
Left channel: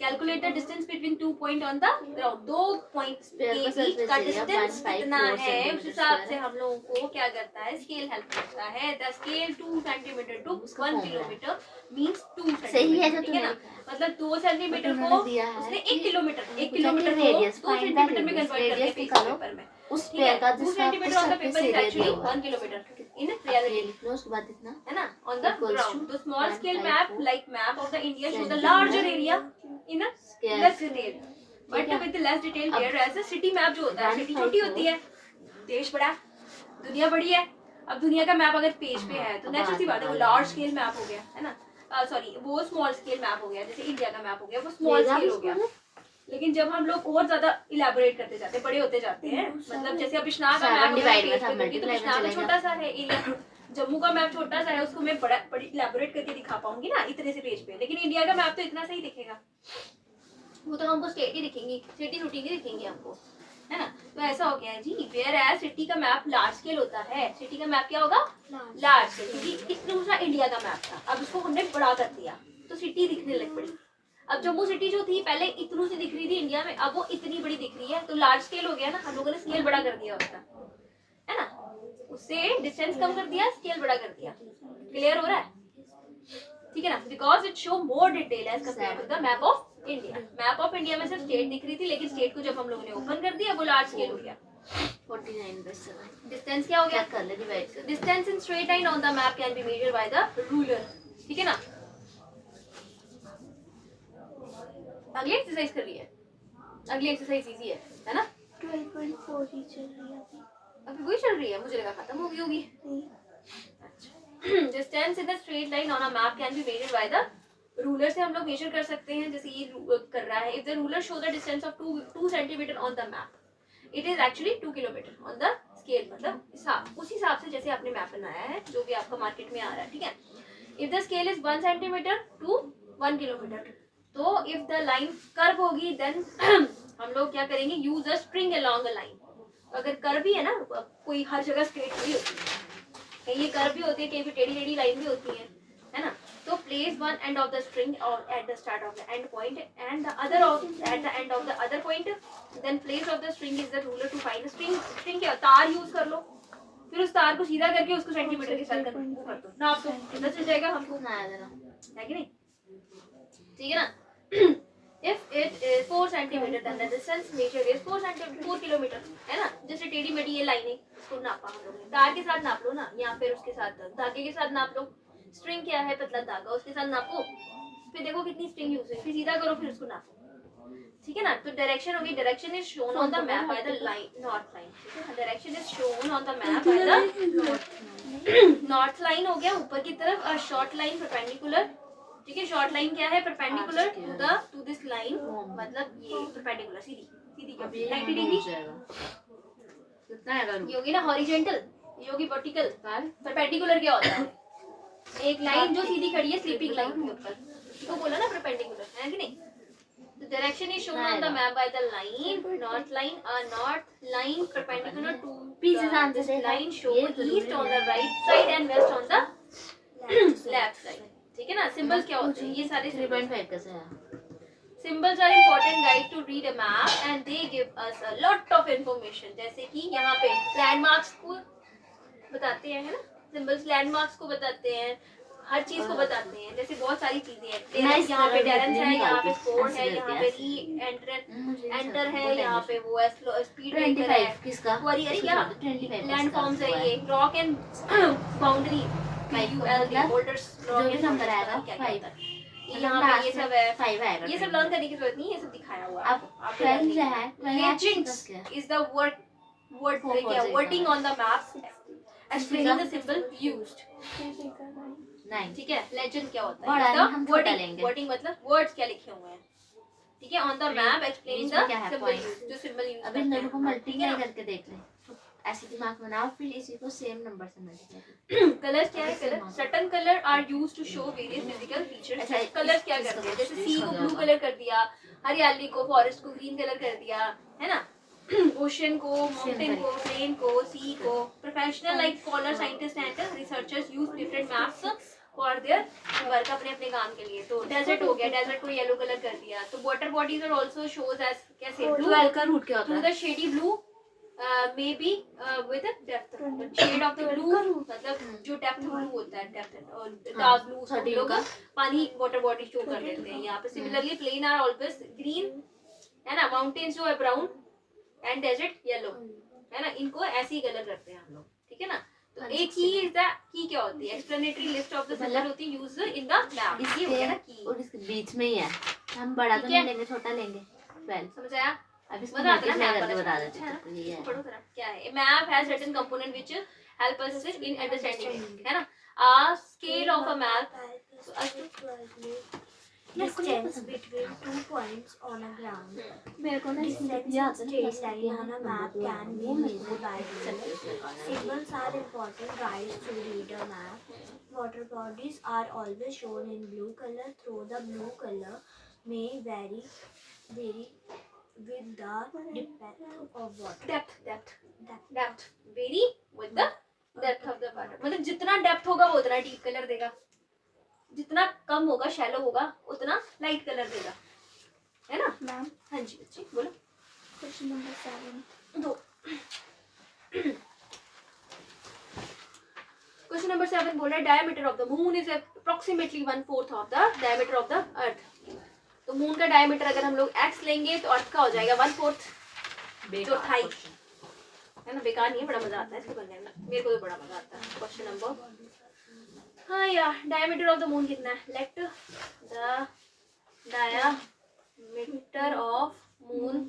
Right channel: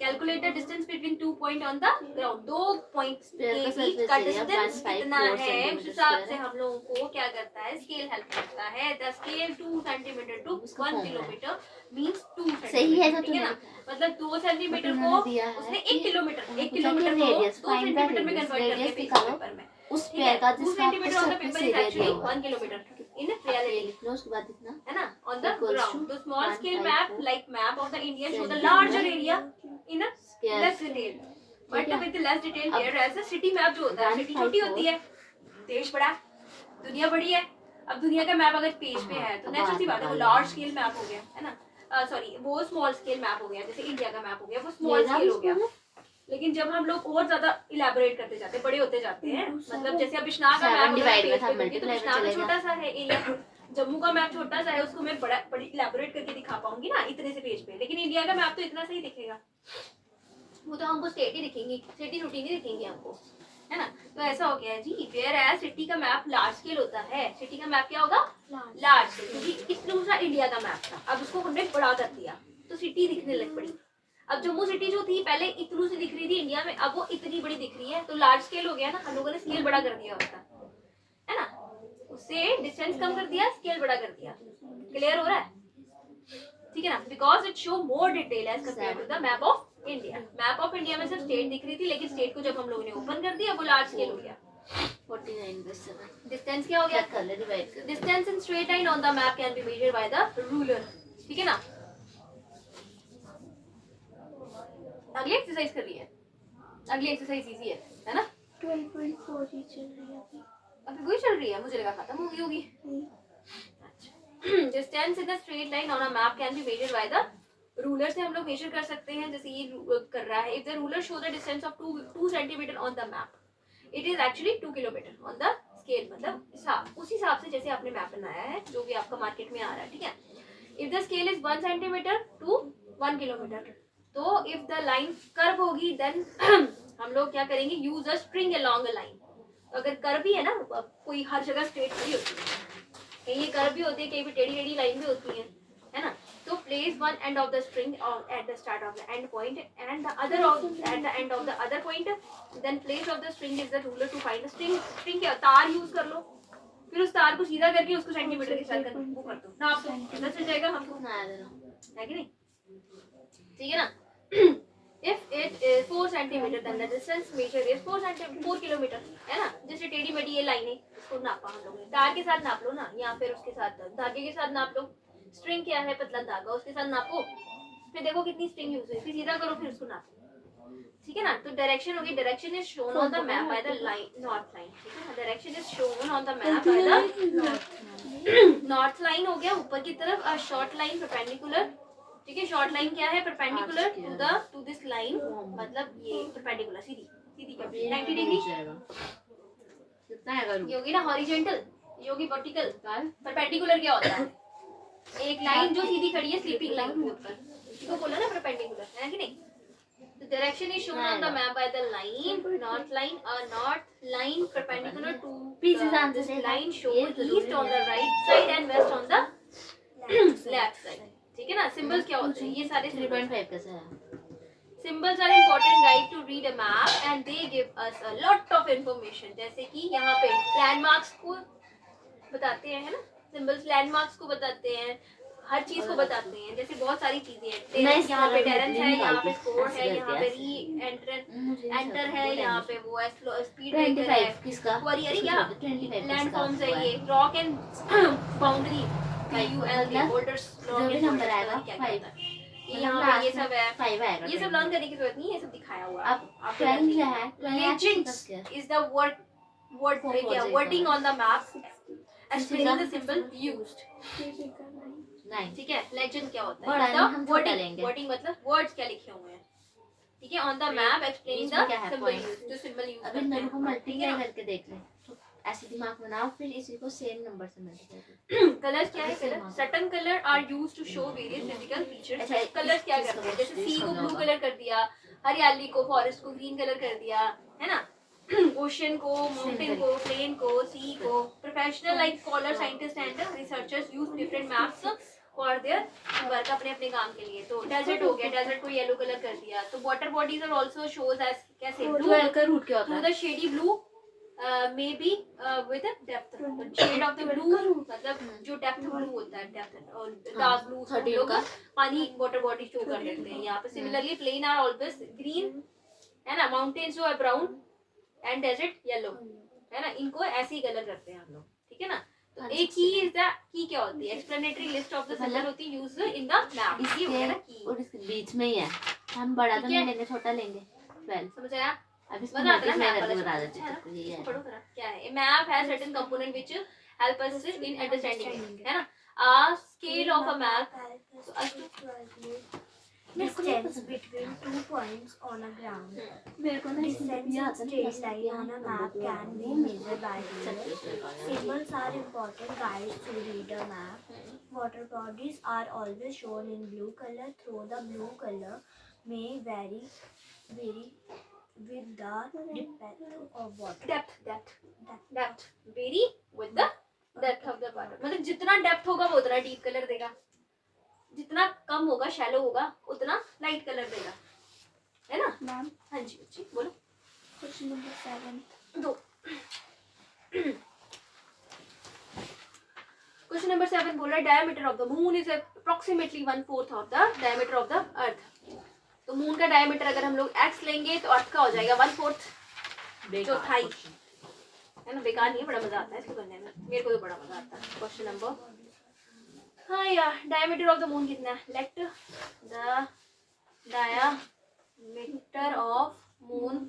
Calculate the distance between 2 point on the ground. 2 points के बीच का डिस्टेंस कितना है, उस हिसाब से हम लोगों को क्या करता है? स्केल हेल्प करता है। The scale 2 centimetre to 1 kilometre means 2 सही है जो सेंटीमीटर, ठीक है ना। मतलब 2 सेंटीमीटर को उन्होंने दिया है उसने कि 1 किलोमीटर को रेडियस, 2 फाइंड द सेंटीमीटर में रेडियस, कन्वर्ट रेडियस करके निकालो पेपर में, उस ठीक है। पेड़ का 2 जिसका आपको centimetre on the surface paper is area actually दिया हुआ 1 किलोमीटर इन है। रियलिटी, लिख लो, उसके बाद इतना है ना, on the equals ground. to The small scale 154 map like map of the India show the centimeter larger area in a square. less detail. But है। with less detail अब whereas the city map जो होता है, city 154 छोटी होती है, देश बड़ा, दुनिया बड़ी है। अब दुनिया का मैप अगर पेज पे है तो नेचुरल सी बात है वो लार्ज स्केल मैप हो गया, है ना। सॉरी, वो स्मॉल स्केल मैप हो गया। जैसे इंडिया का मैप हो गया, वो स्मॉल स्केल हो गया। लेकिन जब हम लोग और ज्यादा इलेबोरेट करते जाते हैं, बड़े होते जाते हैं, मतलब जैसे अब बिश्नाह का मैप divide में था, तो multiply में बिश्नाह तो चलेगा। छोटा सा है एरिया, जम्मू का मैप छोटा सा है, उसको मैं बड़ी इलेबोरेट करके दिखा पाऊंगी ना इतने से पेज पे। लेकिन इंडिया का मैप तो इतना सही दिखेगा, वो तो हमको स्टेट ही दिखेंगी, सिटी रूटी नहीं दिखेंगी हमको, है ना। तो ऐसा हो गया है जी। वेयर एज सिटी का मैप लार्ज स्केल होता है, सिटी का मैप क्या होगा? लार्ज स्केल, क्योंकि इतना सा इंडिया का मैप था, अब उसको हमने बड़ा कर दिया तो सिटी दिखने लग पड़ी। अब जम्मू सिटी जो थी पहले इतनू सी दिख रही थी इंडिया में, अब वो इतनी बड़ी दिख रही है, तो लार्ज स्केल हो गया ना। हम लोगों ने स्केल बड़ा कर दिया उसका, है ना, उससे डिस्टेंस कम कर दिया, स्केल बड़ा कर दिया। क्लियर हो रहा है? ठीक है ना। Because it show more detail as compare to the map of India. Map of India में सिर्फ स्टेट दिख रही थी, लेकिन स्टेट को जब हम लोगों ने ओपन कर दिया वो लार्ज स्केल हो गया। 49/7 डिस्टेंस क्या हो गया? कर ले, डिवाइड कर। Distance in straight line on the map can be measured by the ruler, ठीक है ना। अगली एक्सरसाइज कर रही है, अगली एक्सरसाइज इजी है ना। 12.4 ही चल रही है अभी। अभी वही चल रही है, मुझे लगा खत्म हो गई होगी। अच्छा, distance in the straight line on a map can be measured by the ruler से हम लोग मेजर कर सकते हैं। जैसे ये कर रहा है, if the ruler show the distance of 2 centimetre on the map, it is actually 2 kilometre on the scale, मतलब उस हिसाब से जैसे आपने मैप बनाया है, जो भी आपका मार्केट में आ रहा है, ठीक है। If the scale is 1 centimetre to 1 kilometre, तो इफ द लाइन कर्व होगी देन हम लोग क्या करेंगे? Use a string along a line. अगर कर्व भी है ना, कोई हर जगह स्ट्रेट नहीं होती है, कहीं ये कर्व भी होती है, कहीं पे टेढ़ी टेढ़ी लाइन भी होती है ना। तो place one end of the string और at the start of the end point and the other at the end of the other point, then place of the string is the ruler to find string. String क्या? तार use कर लो, फिर उस तार को सीधा करके उसको सेंटीमीटर के साथ कर दो, नाप दो, पता चल जाएगा हमको, है कि नहीं? ठीक है ना। If it is 4 centimeter, then the distance measured is 4 kilometre, है ना। जैसे टेढ़ी मेढ़ी ये लाइनें, इसको नापा हम लोगों ने, तार के साथ नाप लो ना, या फिर उसके साथ धागे के साथ नाप लो। स्ट्रिंग क्या है? पतला धागा, उसके साथ नापो, फिर देखो कितनी स्ट्रिंग यूज है, फिर सीधा करो, फिर उसको नापो, ठीक है ना। तो डायरेक्शन होगी, direction is shown on the map by the line north line, ठीक है। Direction is shown on the map by the north line हो गया ऊपर की तरफ, और शॉर्ट लाइन परपेंडिकुलर, ठीक है। शॉर्ट लाइन क्या है? परपेंडिकुलर टू दिस लाइन, मतलब ये परपेंडिकुलर सीधी सीधी 90 डिग्री कितना है? ये होगी ना हॉरिजॉन्टल, ये होगी वर्टिकल। परपेंडिकुलर क्या होता है? एक लाइन जो सीधी खड़ी है स्लीपिंग लाइन के ऊपर, इसको बोला ना परपेंडिकुलर, है कि नहीं। The direction is shown on the map by the line, north line, a north line perpendicular to Please the answer this say line hi. show ये जरूरी east on the right side and west on the left side, ठीक है ना। Symbols क्या होते हैं, ये सारे 3.5 कैसे है? Symbols are important guide to read a map and they give us a lot of information. जैसे कि यहाँ पे लैंडमार्क्स को बताते हैं, है ना। सिंबल्स लैंडमार्क्स को बताते हैं, हर चीज को बताते हैं। जैसे बहुत सारी चीजें हैं, मैं इस यहाँ पे तरह टेरेंस है, यहाँ पे निकालती, स्कोर ऐसे है, करके, यहाँ पे ऐसे। री मुझे नहीं एंटर समझ, है, वो यहाँ tension। पे वो स्पीड ब्रेकर 25 है, किसका? क्वारी अरे या 25 लैंड किसका फॉर्म्स है, हुआ ये रॉक एंड बाउंड्री मतलब बोल्डर्स, जो रॉक भी एंड नंबर आएगा क्या 5, होता है ये मतलब यहाँ पे ये लास्ट सब में है। 5 आएगा। ये सब लर्न करने की जरूरत नहीं है, ये सब दिखाया हुआ है अब आपको 12 है, 12 लेजेंड्स इज द वर्ड क्या wording on the map explaining the symbol used, नहीं, ठीक है। लेजेंड क्या होता बड़ा नहीं, है, हम छोटा लेंगे। वर्डिंग मतलब वर्ड्स क्या लिखे हुए हैं, ठीक है। ऑन द मैप एक्सप्लेनिंग इसमें क्या द है सिंबल point? यूज्ड, जो सिंबल यूज अभी इन करते दोनों को हैं, ठीक मल्टीप्लाई है ना। करके देख ले, तो ऐसे दिमाग बनाओ, फिर इसी को सेम नंबर से मल्टीप्लाई कलर्स क्या है, colour certain colour are used to show various physical features. अच्छा, कलर्स क्या इसका करते हैं, कुछ जैसे इसका सी को क्या ब्लू होगा? कलर कर दिया, हरियाली को, फॉरेस्ट को ग्रीन कलर कर दिया, है ना। ओशन को, माउंटेन को, प्लेन को, सी को। Professional like scholar, scientist and researchers use different maps for their work, अपने अपने काम के लिए। तो डेजर्ट हो गया, डेजर्ट को येलो कलर कर दिया। तो water bodies are also shows as कैसे ब्लू, 12 का रूट क्या होता थ्रू है? The shady blue may be with depth, shade of the blue मतलब जो डेप्थ ब्लू होता है, डेप्थ और डार्क ब्लू, उसको हम लोग पानी वाटर बॉडी शो कर देते हैं यहाँ पे। Similarly plain are always green, है ना। माउंटेन्स जो है ब्राउन एंड डेजर्ट येलो, है ना। इनको ऐसे ही कलर करते हैं हम लोग, ठीक है ना। तो एक की इज द की क्या होती है, explanatory list of the symbol होती है यूज्ड इन द मैप। ये हो गया ना की, और इसके बीच में ही है, हम बड़ा तो ठीक है। नहीं लेंगे, छोटा लेंगे 12। समझ आया। अब इसको बता देना मल्टीप्लाई मैप करके वाला बता चैप्टर, देते है हैं, ना। तो ये है। पढ़ो जरा क्या है। Map has certain component which help us in understanding, है ना। A scale of a map, Distance between 2 points on a ground. मेरे को ना Distance ये in आता straight है line on a map can be measured by ruler. Symbols are important guides to read a map. Water bodies are always shown in blue color, though the blue color may vary with the depth of water. Depth very with the depth of the water. मतलब जितना depth होगा वो उतना deep colour देगा, जितना कम होगा shallow होगा उतना लाइट कलर देगा, है ना। Ma'am, हाँ जी बच्ची बोलो। question number 7. दो क्वेश्चन नंबर 7 बोल रहा है diameter of the moon is approximately 1/4 of the diameter of the earth. तो मून का डायमीटर अगर हम लोग x लेंगे तो अर्थ का हो जाएगा 1/4, चौथाई, है ना। बेकार नहीं है, बड़ा मजा आता है इसको करने में, मेरे को तो बड़ा मजा आता है। क्वेश्चन नंबर, हाँ यार, डायमीटर ऑफ द मून कितना है, let the diameter of moon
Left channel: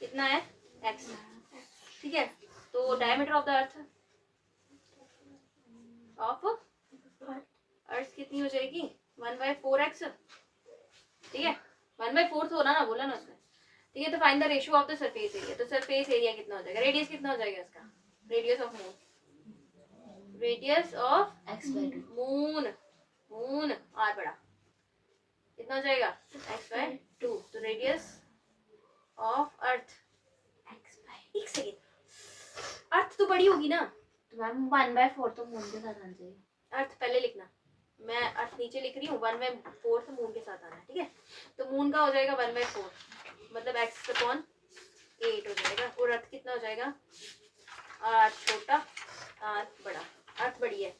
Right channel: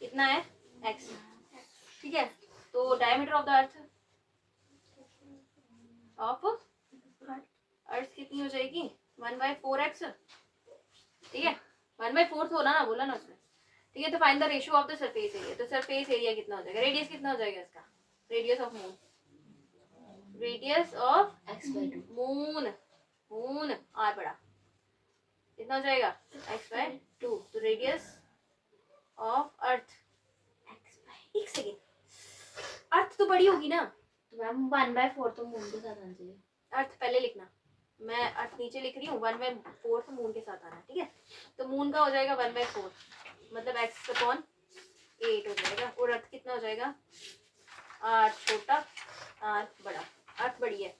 कितना है, x, ठीक है। तो diameter of the earth of earth कितनी हो जाएगी, 1/4x, ठीक है। 1/4 होना ना, बोला ना उसने, ठीक है। तो find the ratio of the surface area. तो सरफेस एरिया कितना हो जाएगा, रेडियस कितना हो जाएगा इसका, radius of moon, radius of x/2 moon, moon R बड़ा कितना हो जाएगा, x/2। तो रेडियस ऑफ अर्थ एक सेकेंड, अर्थ तो बड़ी होगी ना, तो मैम 1/4 तो मून के साथ आना चाहिए। अर्थ पहले लिखना, मैं अर्थ नीचे लिख रही हूँ, 1/4 मून के साथ आना है, ठीक है। तो मून का हो जाएगा 1/4, मतलब x/8 हो जाएगा। और अर्थ कितना हो जाएगा, r छोटा r बड़ा, अर्थ बड़ी है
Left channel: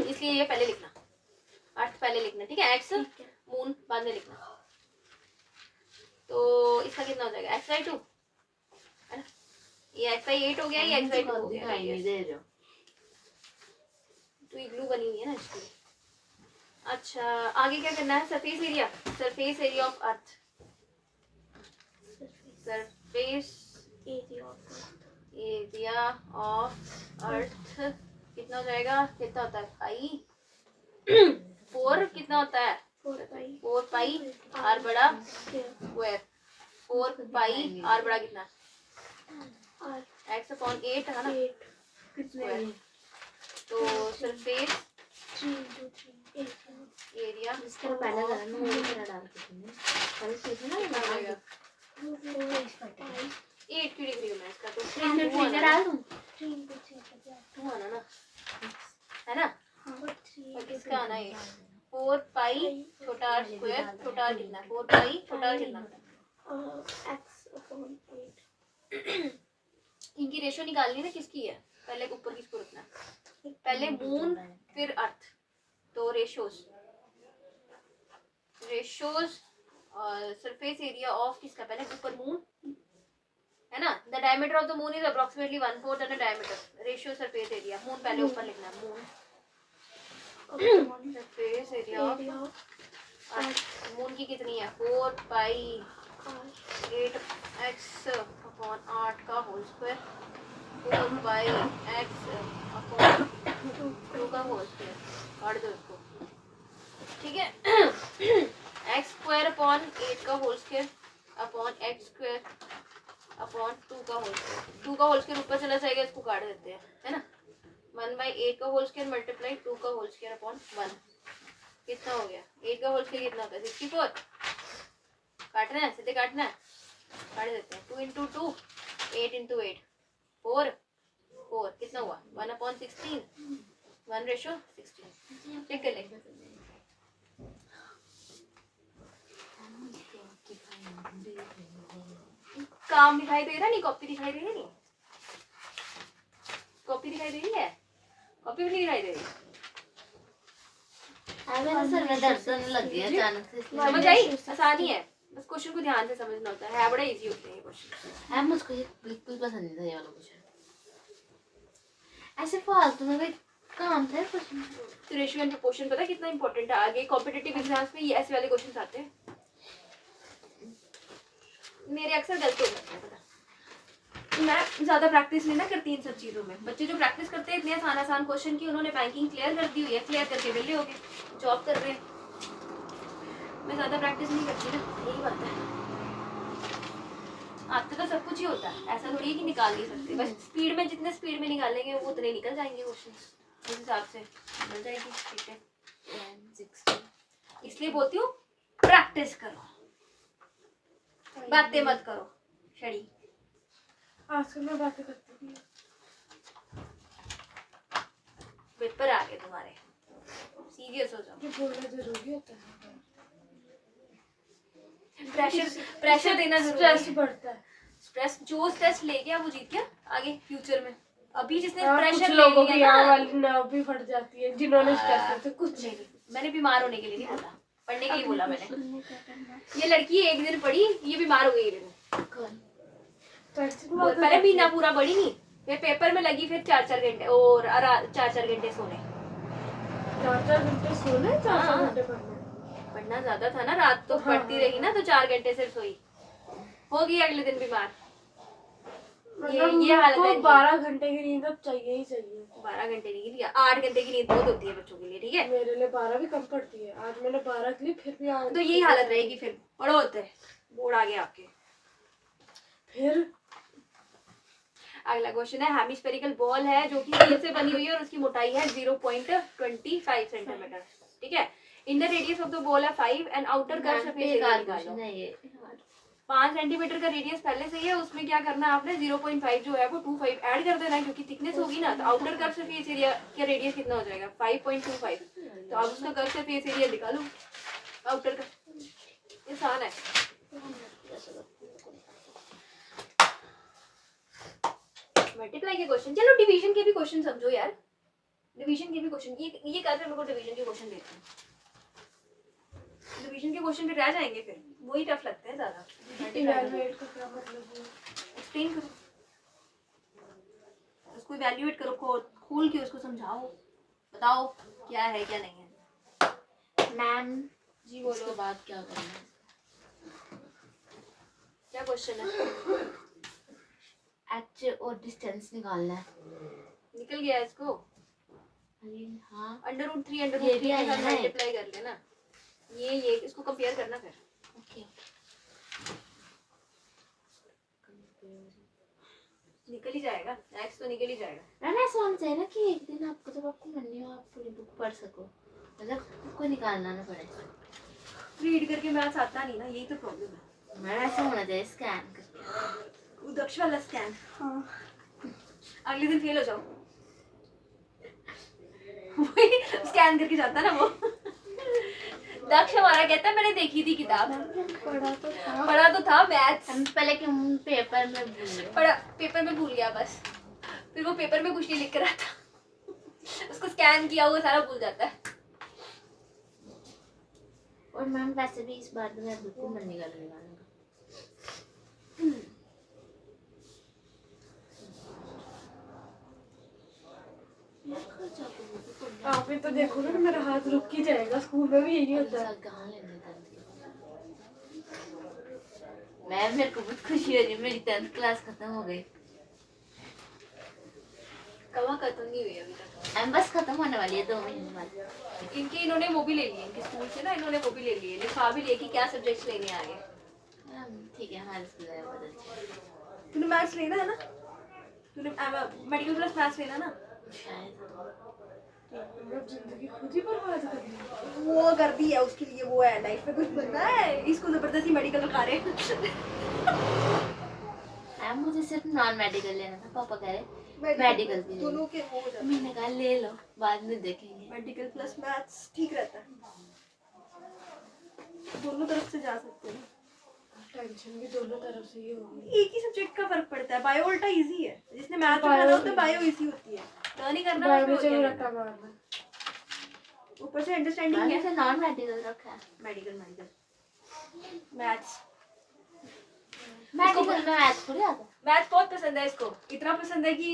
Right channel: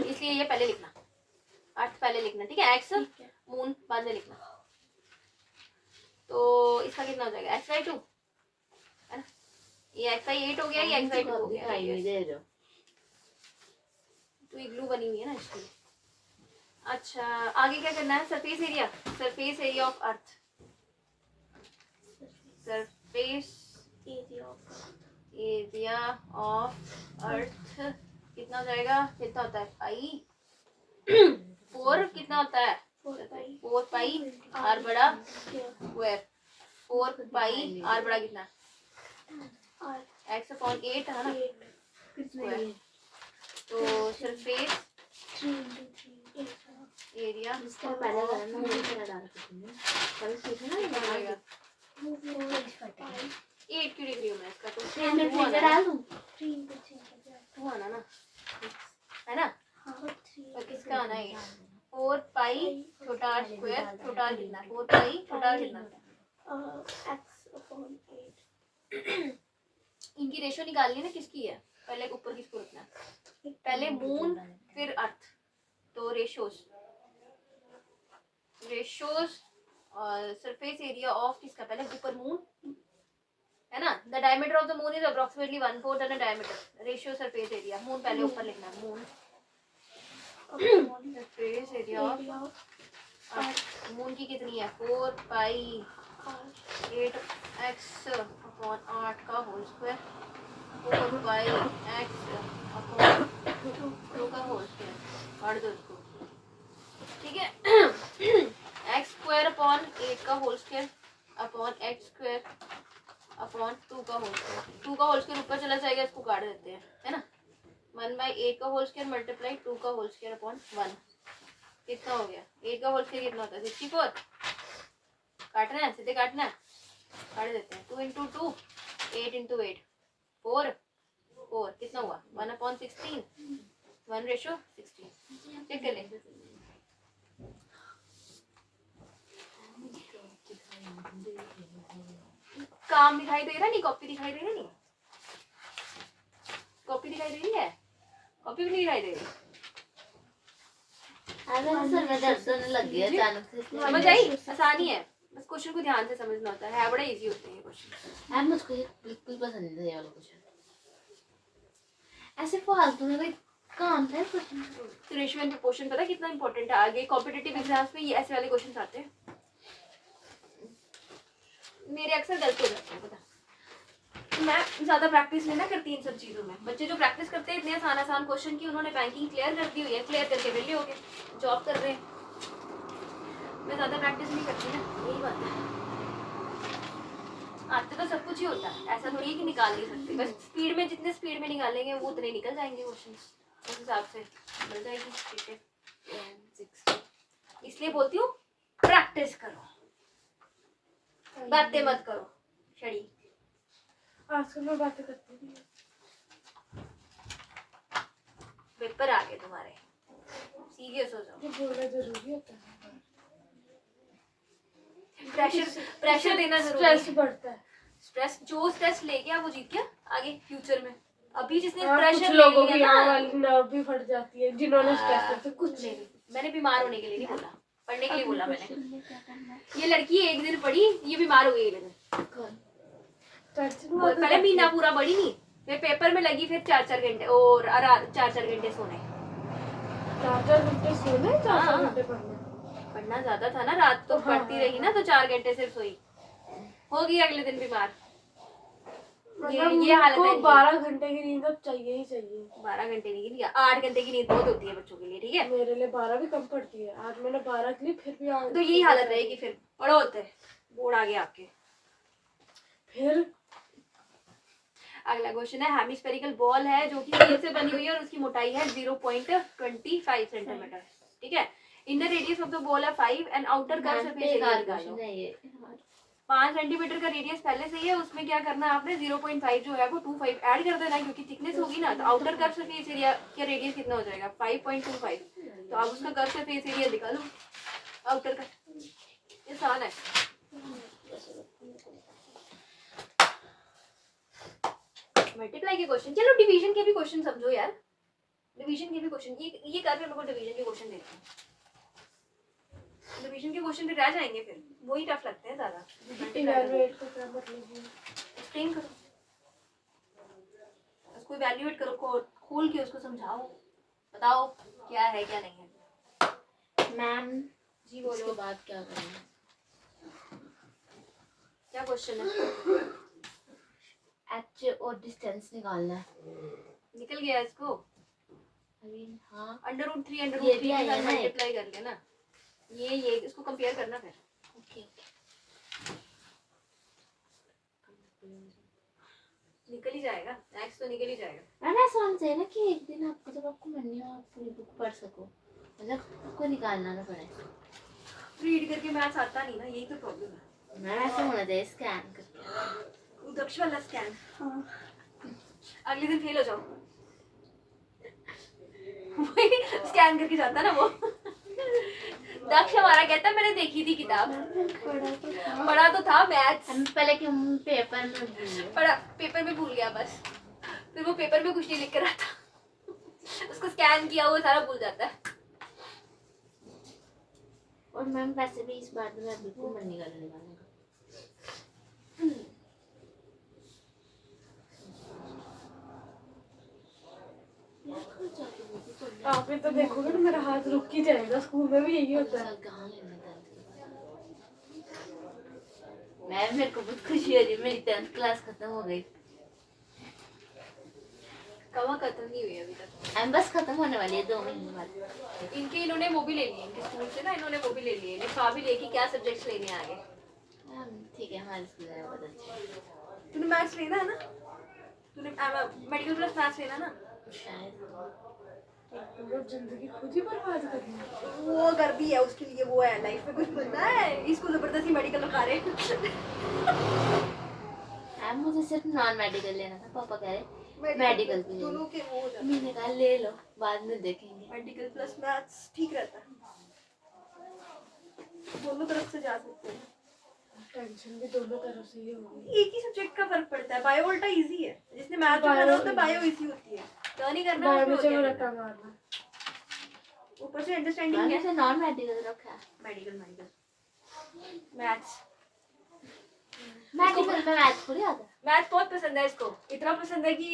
इसलिए ये पहले लिखना, अर्थ पहले लिखना, ठीक है। x मून बाद में लिखना। तो इसका कितना हो जाएगा, x/2, है ना। ये x/8 हो गया, ये x/2 हो गया। नहीं दे रहे हो, तो इग्लू बनी हुई है ना इसलिए। अच्छा आगे क्या करना है, surface area, surface area of earth, surface area of earth कितना हो जाएगा, कितना होता है पाई 4, कितना होता है 4 पाई आर बड़ा स्क्वायर, 4 पाई आर बड़ा कितना x/8 है ना स्क्वायर। तो सरफेस एरिया इसका पहले जरा ना वो करा डाल के तुमने कल सीखा ना, ये जाएगा डाल 8 की डिग्री में इसका। तो मैं फ्रीजर डाल दूं, टू आना ना, आर स्क्वायर टोटल कितना 4 पाई टोटल कितना x/8 इनकी रेशियो निकालनी है ना किसकी है पहले ऊपर किसको रखना है पहले मून फिर अर्थ तो रेशियोज सरफेस एरिया ऑफ किसका पहले ऊपर मून है ना the diameter of the moon is approximately 1/4 the diameter ratio surface area moon पहले ऊपर लिखना है moon surface area of moon की कितनी है 4 पाई 8x अपॉन 8 का होल स्क्वायर 4 पाई x अपॉन 2 का होल स्क्वायर काट दो इसको ठीक है x स्क्वायर अपॉन 8 का whole square upon x square upon 2 का होल स्क्वायर 2 का होल स्क्वायर ऊपर चला जाएगा इसको काट देते हैं है ना 1/8 का होल स्क्वायर मल्टीप्लाई 2 का होल स्क्वायर अपॉन 1 कितना हो गया 8 का होल स्क्वायर कितना होता है 64 काटना है सीधे काटना है काट देते हैं 2 इंटू 2 8 इंटू 8 4 कितना हुआ 1/16 1/16 चेक कर ले काम दिखाई दे रहा नहीं कॉपी दिखाई दे रही नहीं कॉपी दिखाई दे रही है कॉपी भी नहीं दिखाई दे रही सर में दर्द होने लग गया अचानक से समझ आई आसानी है बस क्वेश्चन को ध्यान से समझना होता है बड़ा इजी होते हैं क्वेश्चन मैम मुझको ये बिल्कुल पसंद नहीं था ये वाला क्वेश्चन ऐसे फालतू में कोई काम था क्वेश्चन रेशियो एंड प्रोपोर्शन पता है कितना इंपॉर्टेंट है आगे कॉम्पिटिटिव एग्जाम्स में ये ऐसे वाले क्वेश्चन आते हैं मेरे अक्सर गलती हो जाती है पता मैं ज्यादा प्रैक्टिस नहीं ना करती इन सब चीजों में बच्चे जो प्रैक्टिस करते हैं इतने आसान क्वेश्चन की उन्होंने बैंकिंग क्लियर कर दी हुई है क्लियर करके विले हो गए जॉब कर रहे हैं मैं ज्यादा प्रैक्टिस नहीं करती ना यही बात है आते तो सब कुछ ही होता है ऐसा थोड़ी है कि निकाल नहीं सकते बस स्पीड में जितने स्पीड में निकालेंगे वो उतने निकल जाएंगे क्वेश्चन उस हिसाब से मिल जाएगी ठीक है 10 इसलिए बोलती हूँ प्रैक्टिस करो बातें मत करो शड़ी आजकल मैं बातें करती हूँ पेपर आ गए तुम्हारे सीरियस हो जाओ ये बोलना जरूरी होता है प्रेशर देना जरूरी स्ट्रेस है बढ़ता है स्ट्रेस जो स्ट्रेस ले गया वो जीत गया आगे फ्यूचर में अभी जिसने हाँ, प्रेशर कुछ ले लोगों की लिया यहाँ ना वाली नर्व भी फट जाती है जिन्होंने स्ट्रेस करते कुछ नहीं मैंने बीमार होने के लिए नहीं बोला पढ़ने के लिए बोला मैंने में क्या करना है ये लड़की एक दिन पढ़ी ये बीमार हो गई दिन स्ट्रेस पहले महीना पूरा पढ़ी नहीं फिर पेपर में लगी फिर 4-4 घंटे और 4-4 घंटे सोने 4-4 घंटे सोने 4-4 हाँ। घंटे पढ़ना पढ़ना ज्यादा था ना रात तो हाँ, पढ़ती हाँ। रही ना तो 4 घंटे से सोई हो गई अगले दिन बीमार मतलब ये हालत है को 12 घंटे की नींद अब चाहिए ही चाहिए 12 घंटे की नींद 8 घंटे की नींद बहुत होती है बच्चों के लिए ठीक है मेरे लिए 12 भी कम पड़ती है आज मैंने 12 की ली फिर भी तो यही हालत रहेगी फिर पढ़ो होते बोर्ड आ गया आपके फिर अगला क्वेश्चन है हेमिस्फेरिकल बॉल है जो कि स्टील से बनी हुई है और उसकी मोटाई है 0.25 सेंटीमीटर ठीक है in the radius of the ball है 5 and outer curve surface area निकालो क्वेश्चन है ये 5 सेंटीमीटर का रेडियस पहले से ही है उसमें क्या करना है आपने 0.5 जो है वो 25 ऐड कर देना है क्योंकि थिकनेस होगी ना तो आउटर कर्व सरफेस एरिया का रेडियस कितना हो जाएगा 5.25 तो आप उसका कर्व सरफेस एरिया निकालो आउटर का आसान है मल्टीप्लाई के क्वेश्चन चलो डिवीजन के भी क्वेश्चन समझो यार डिवीजन के भी क्वेश्चन ये कर रहे लोगों को डिवीजन के क्वेश्चन देते हैं डिवीजन के क्वेश्चन फिर रह जाएंगे फिर वही टफ लगते हैं ज्यादा इवैल्यूएट का क्या मतलब है एक्सप्लेन करो उसको इवैल्यूएट करो खोल के उसको समझाओ बताओ क्या है क्या नहीं है मैम जी उसके बोलो बाद क्या करना है क्या क्वेश्चन है एच और डिस्टेंस निकालना है निकल गया इसको अरे हाँ √3 ये भी आएगा ना मल्टीप्लाई कर लेना ये इसको कंपेयर करना फिर ओके निकल ही जाएगा नेक्स्ट तो निकल ही जाएगा मैम ऐसा होना चाहिए ना कि एक दिन आपको जब आपको मन नहीं हो आप पूरी बुक पढ़ सको मतलब बुक को निकालना ना पड़े रीड करके मैथ्स आता नहीं ना यही तो प्रॉब्लम है मैम ऐसा होना चाहिए स्कैन करके दक्ष वाला स्कैम हाँ अगले दिन फेल हो जाओ वही स्कैन करके जाता ना वो दक्ष हमारा कहता है मैंने देखी थी किताब, पढ़ा तो था मैथ्स, हम पहले कि हम पेपर में भूल पढ़ा पेपर में भूल गया बस, फिर वो पेपर में कुछ नहीं लिख कर आता, उसको स्कैन किया हुआ सारा भूल जाता है। और मैम वैसे भी इस बार तो मैं बिल्कुल मन नहीं कर रही गाने का। आप तो देखोगे तो मेरा हाथ रुक ही जाएगा, स्कूल में भी यही होता है। साल कहाँ लेने दर्द के बाद मैम मेरे को बहुत खुशी हो रही है, मेरी 10th क्लास खत्म हो गई। कवा खत्म नहीं हुई अभी तक, मैम बस खत्म होने वाली है 2 महीने बाद। इनके इन्होंने वो भी ले लिए, इनके स्कूल से ना इन्होंने वो भी ले लिए, लिखा भी लेके क्या सब्जेक्ट्स लेने आगे। मैम ठीक है, हमारे स्कूल में बहुत अच्छा तूने मैथ्स लेना है ना, तूने मेडिकल प्लस मैथ्स लेना ना, शायद। मतलब जिंदगी खुद ही बर्बाद करनी है। वो कर भी है उसके लिए, वो है लाइफ में कुछ बनना है, इसको जबरदस्ती मेडिकल लगा रहे हैं। मैम मुझे सिर्फ नॉन मेडिकल लेना था, पापा कह रहे मेडिकल भी ले लो। दोनों के वो हो जाते मैंने कहा ले लो, बाद में देखेंगे। हैं। मेडिकल प्लस मैथ्स ठीक रहता है, दोनों तरफ से जा सकते हैं। टेंशन भी दोनों तरफ से ही होगी। एक ही सब्जेक्ट का फर्क पड़ता है, बायो उल्टा इजी है, जिसने मैथ्स करना होता है बायो इजी होती है, नहीं करना बायो उसमें में चलो होता रट्टा है। मारना। ऊपर से अंडरस्टैंडिंग मैंने है। से नॉन मेडिकल रखा है। मेडिकल मैथ्स मेडिकल में मैथ्स थोड़ी आता है। मैथ्स बहुत पसंद है इसको, इतना पसंद है कि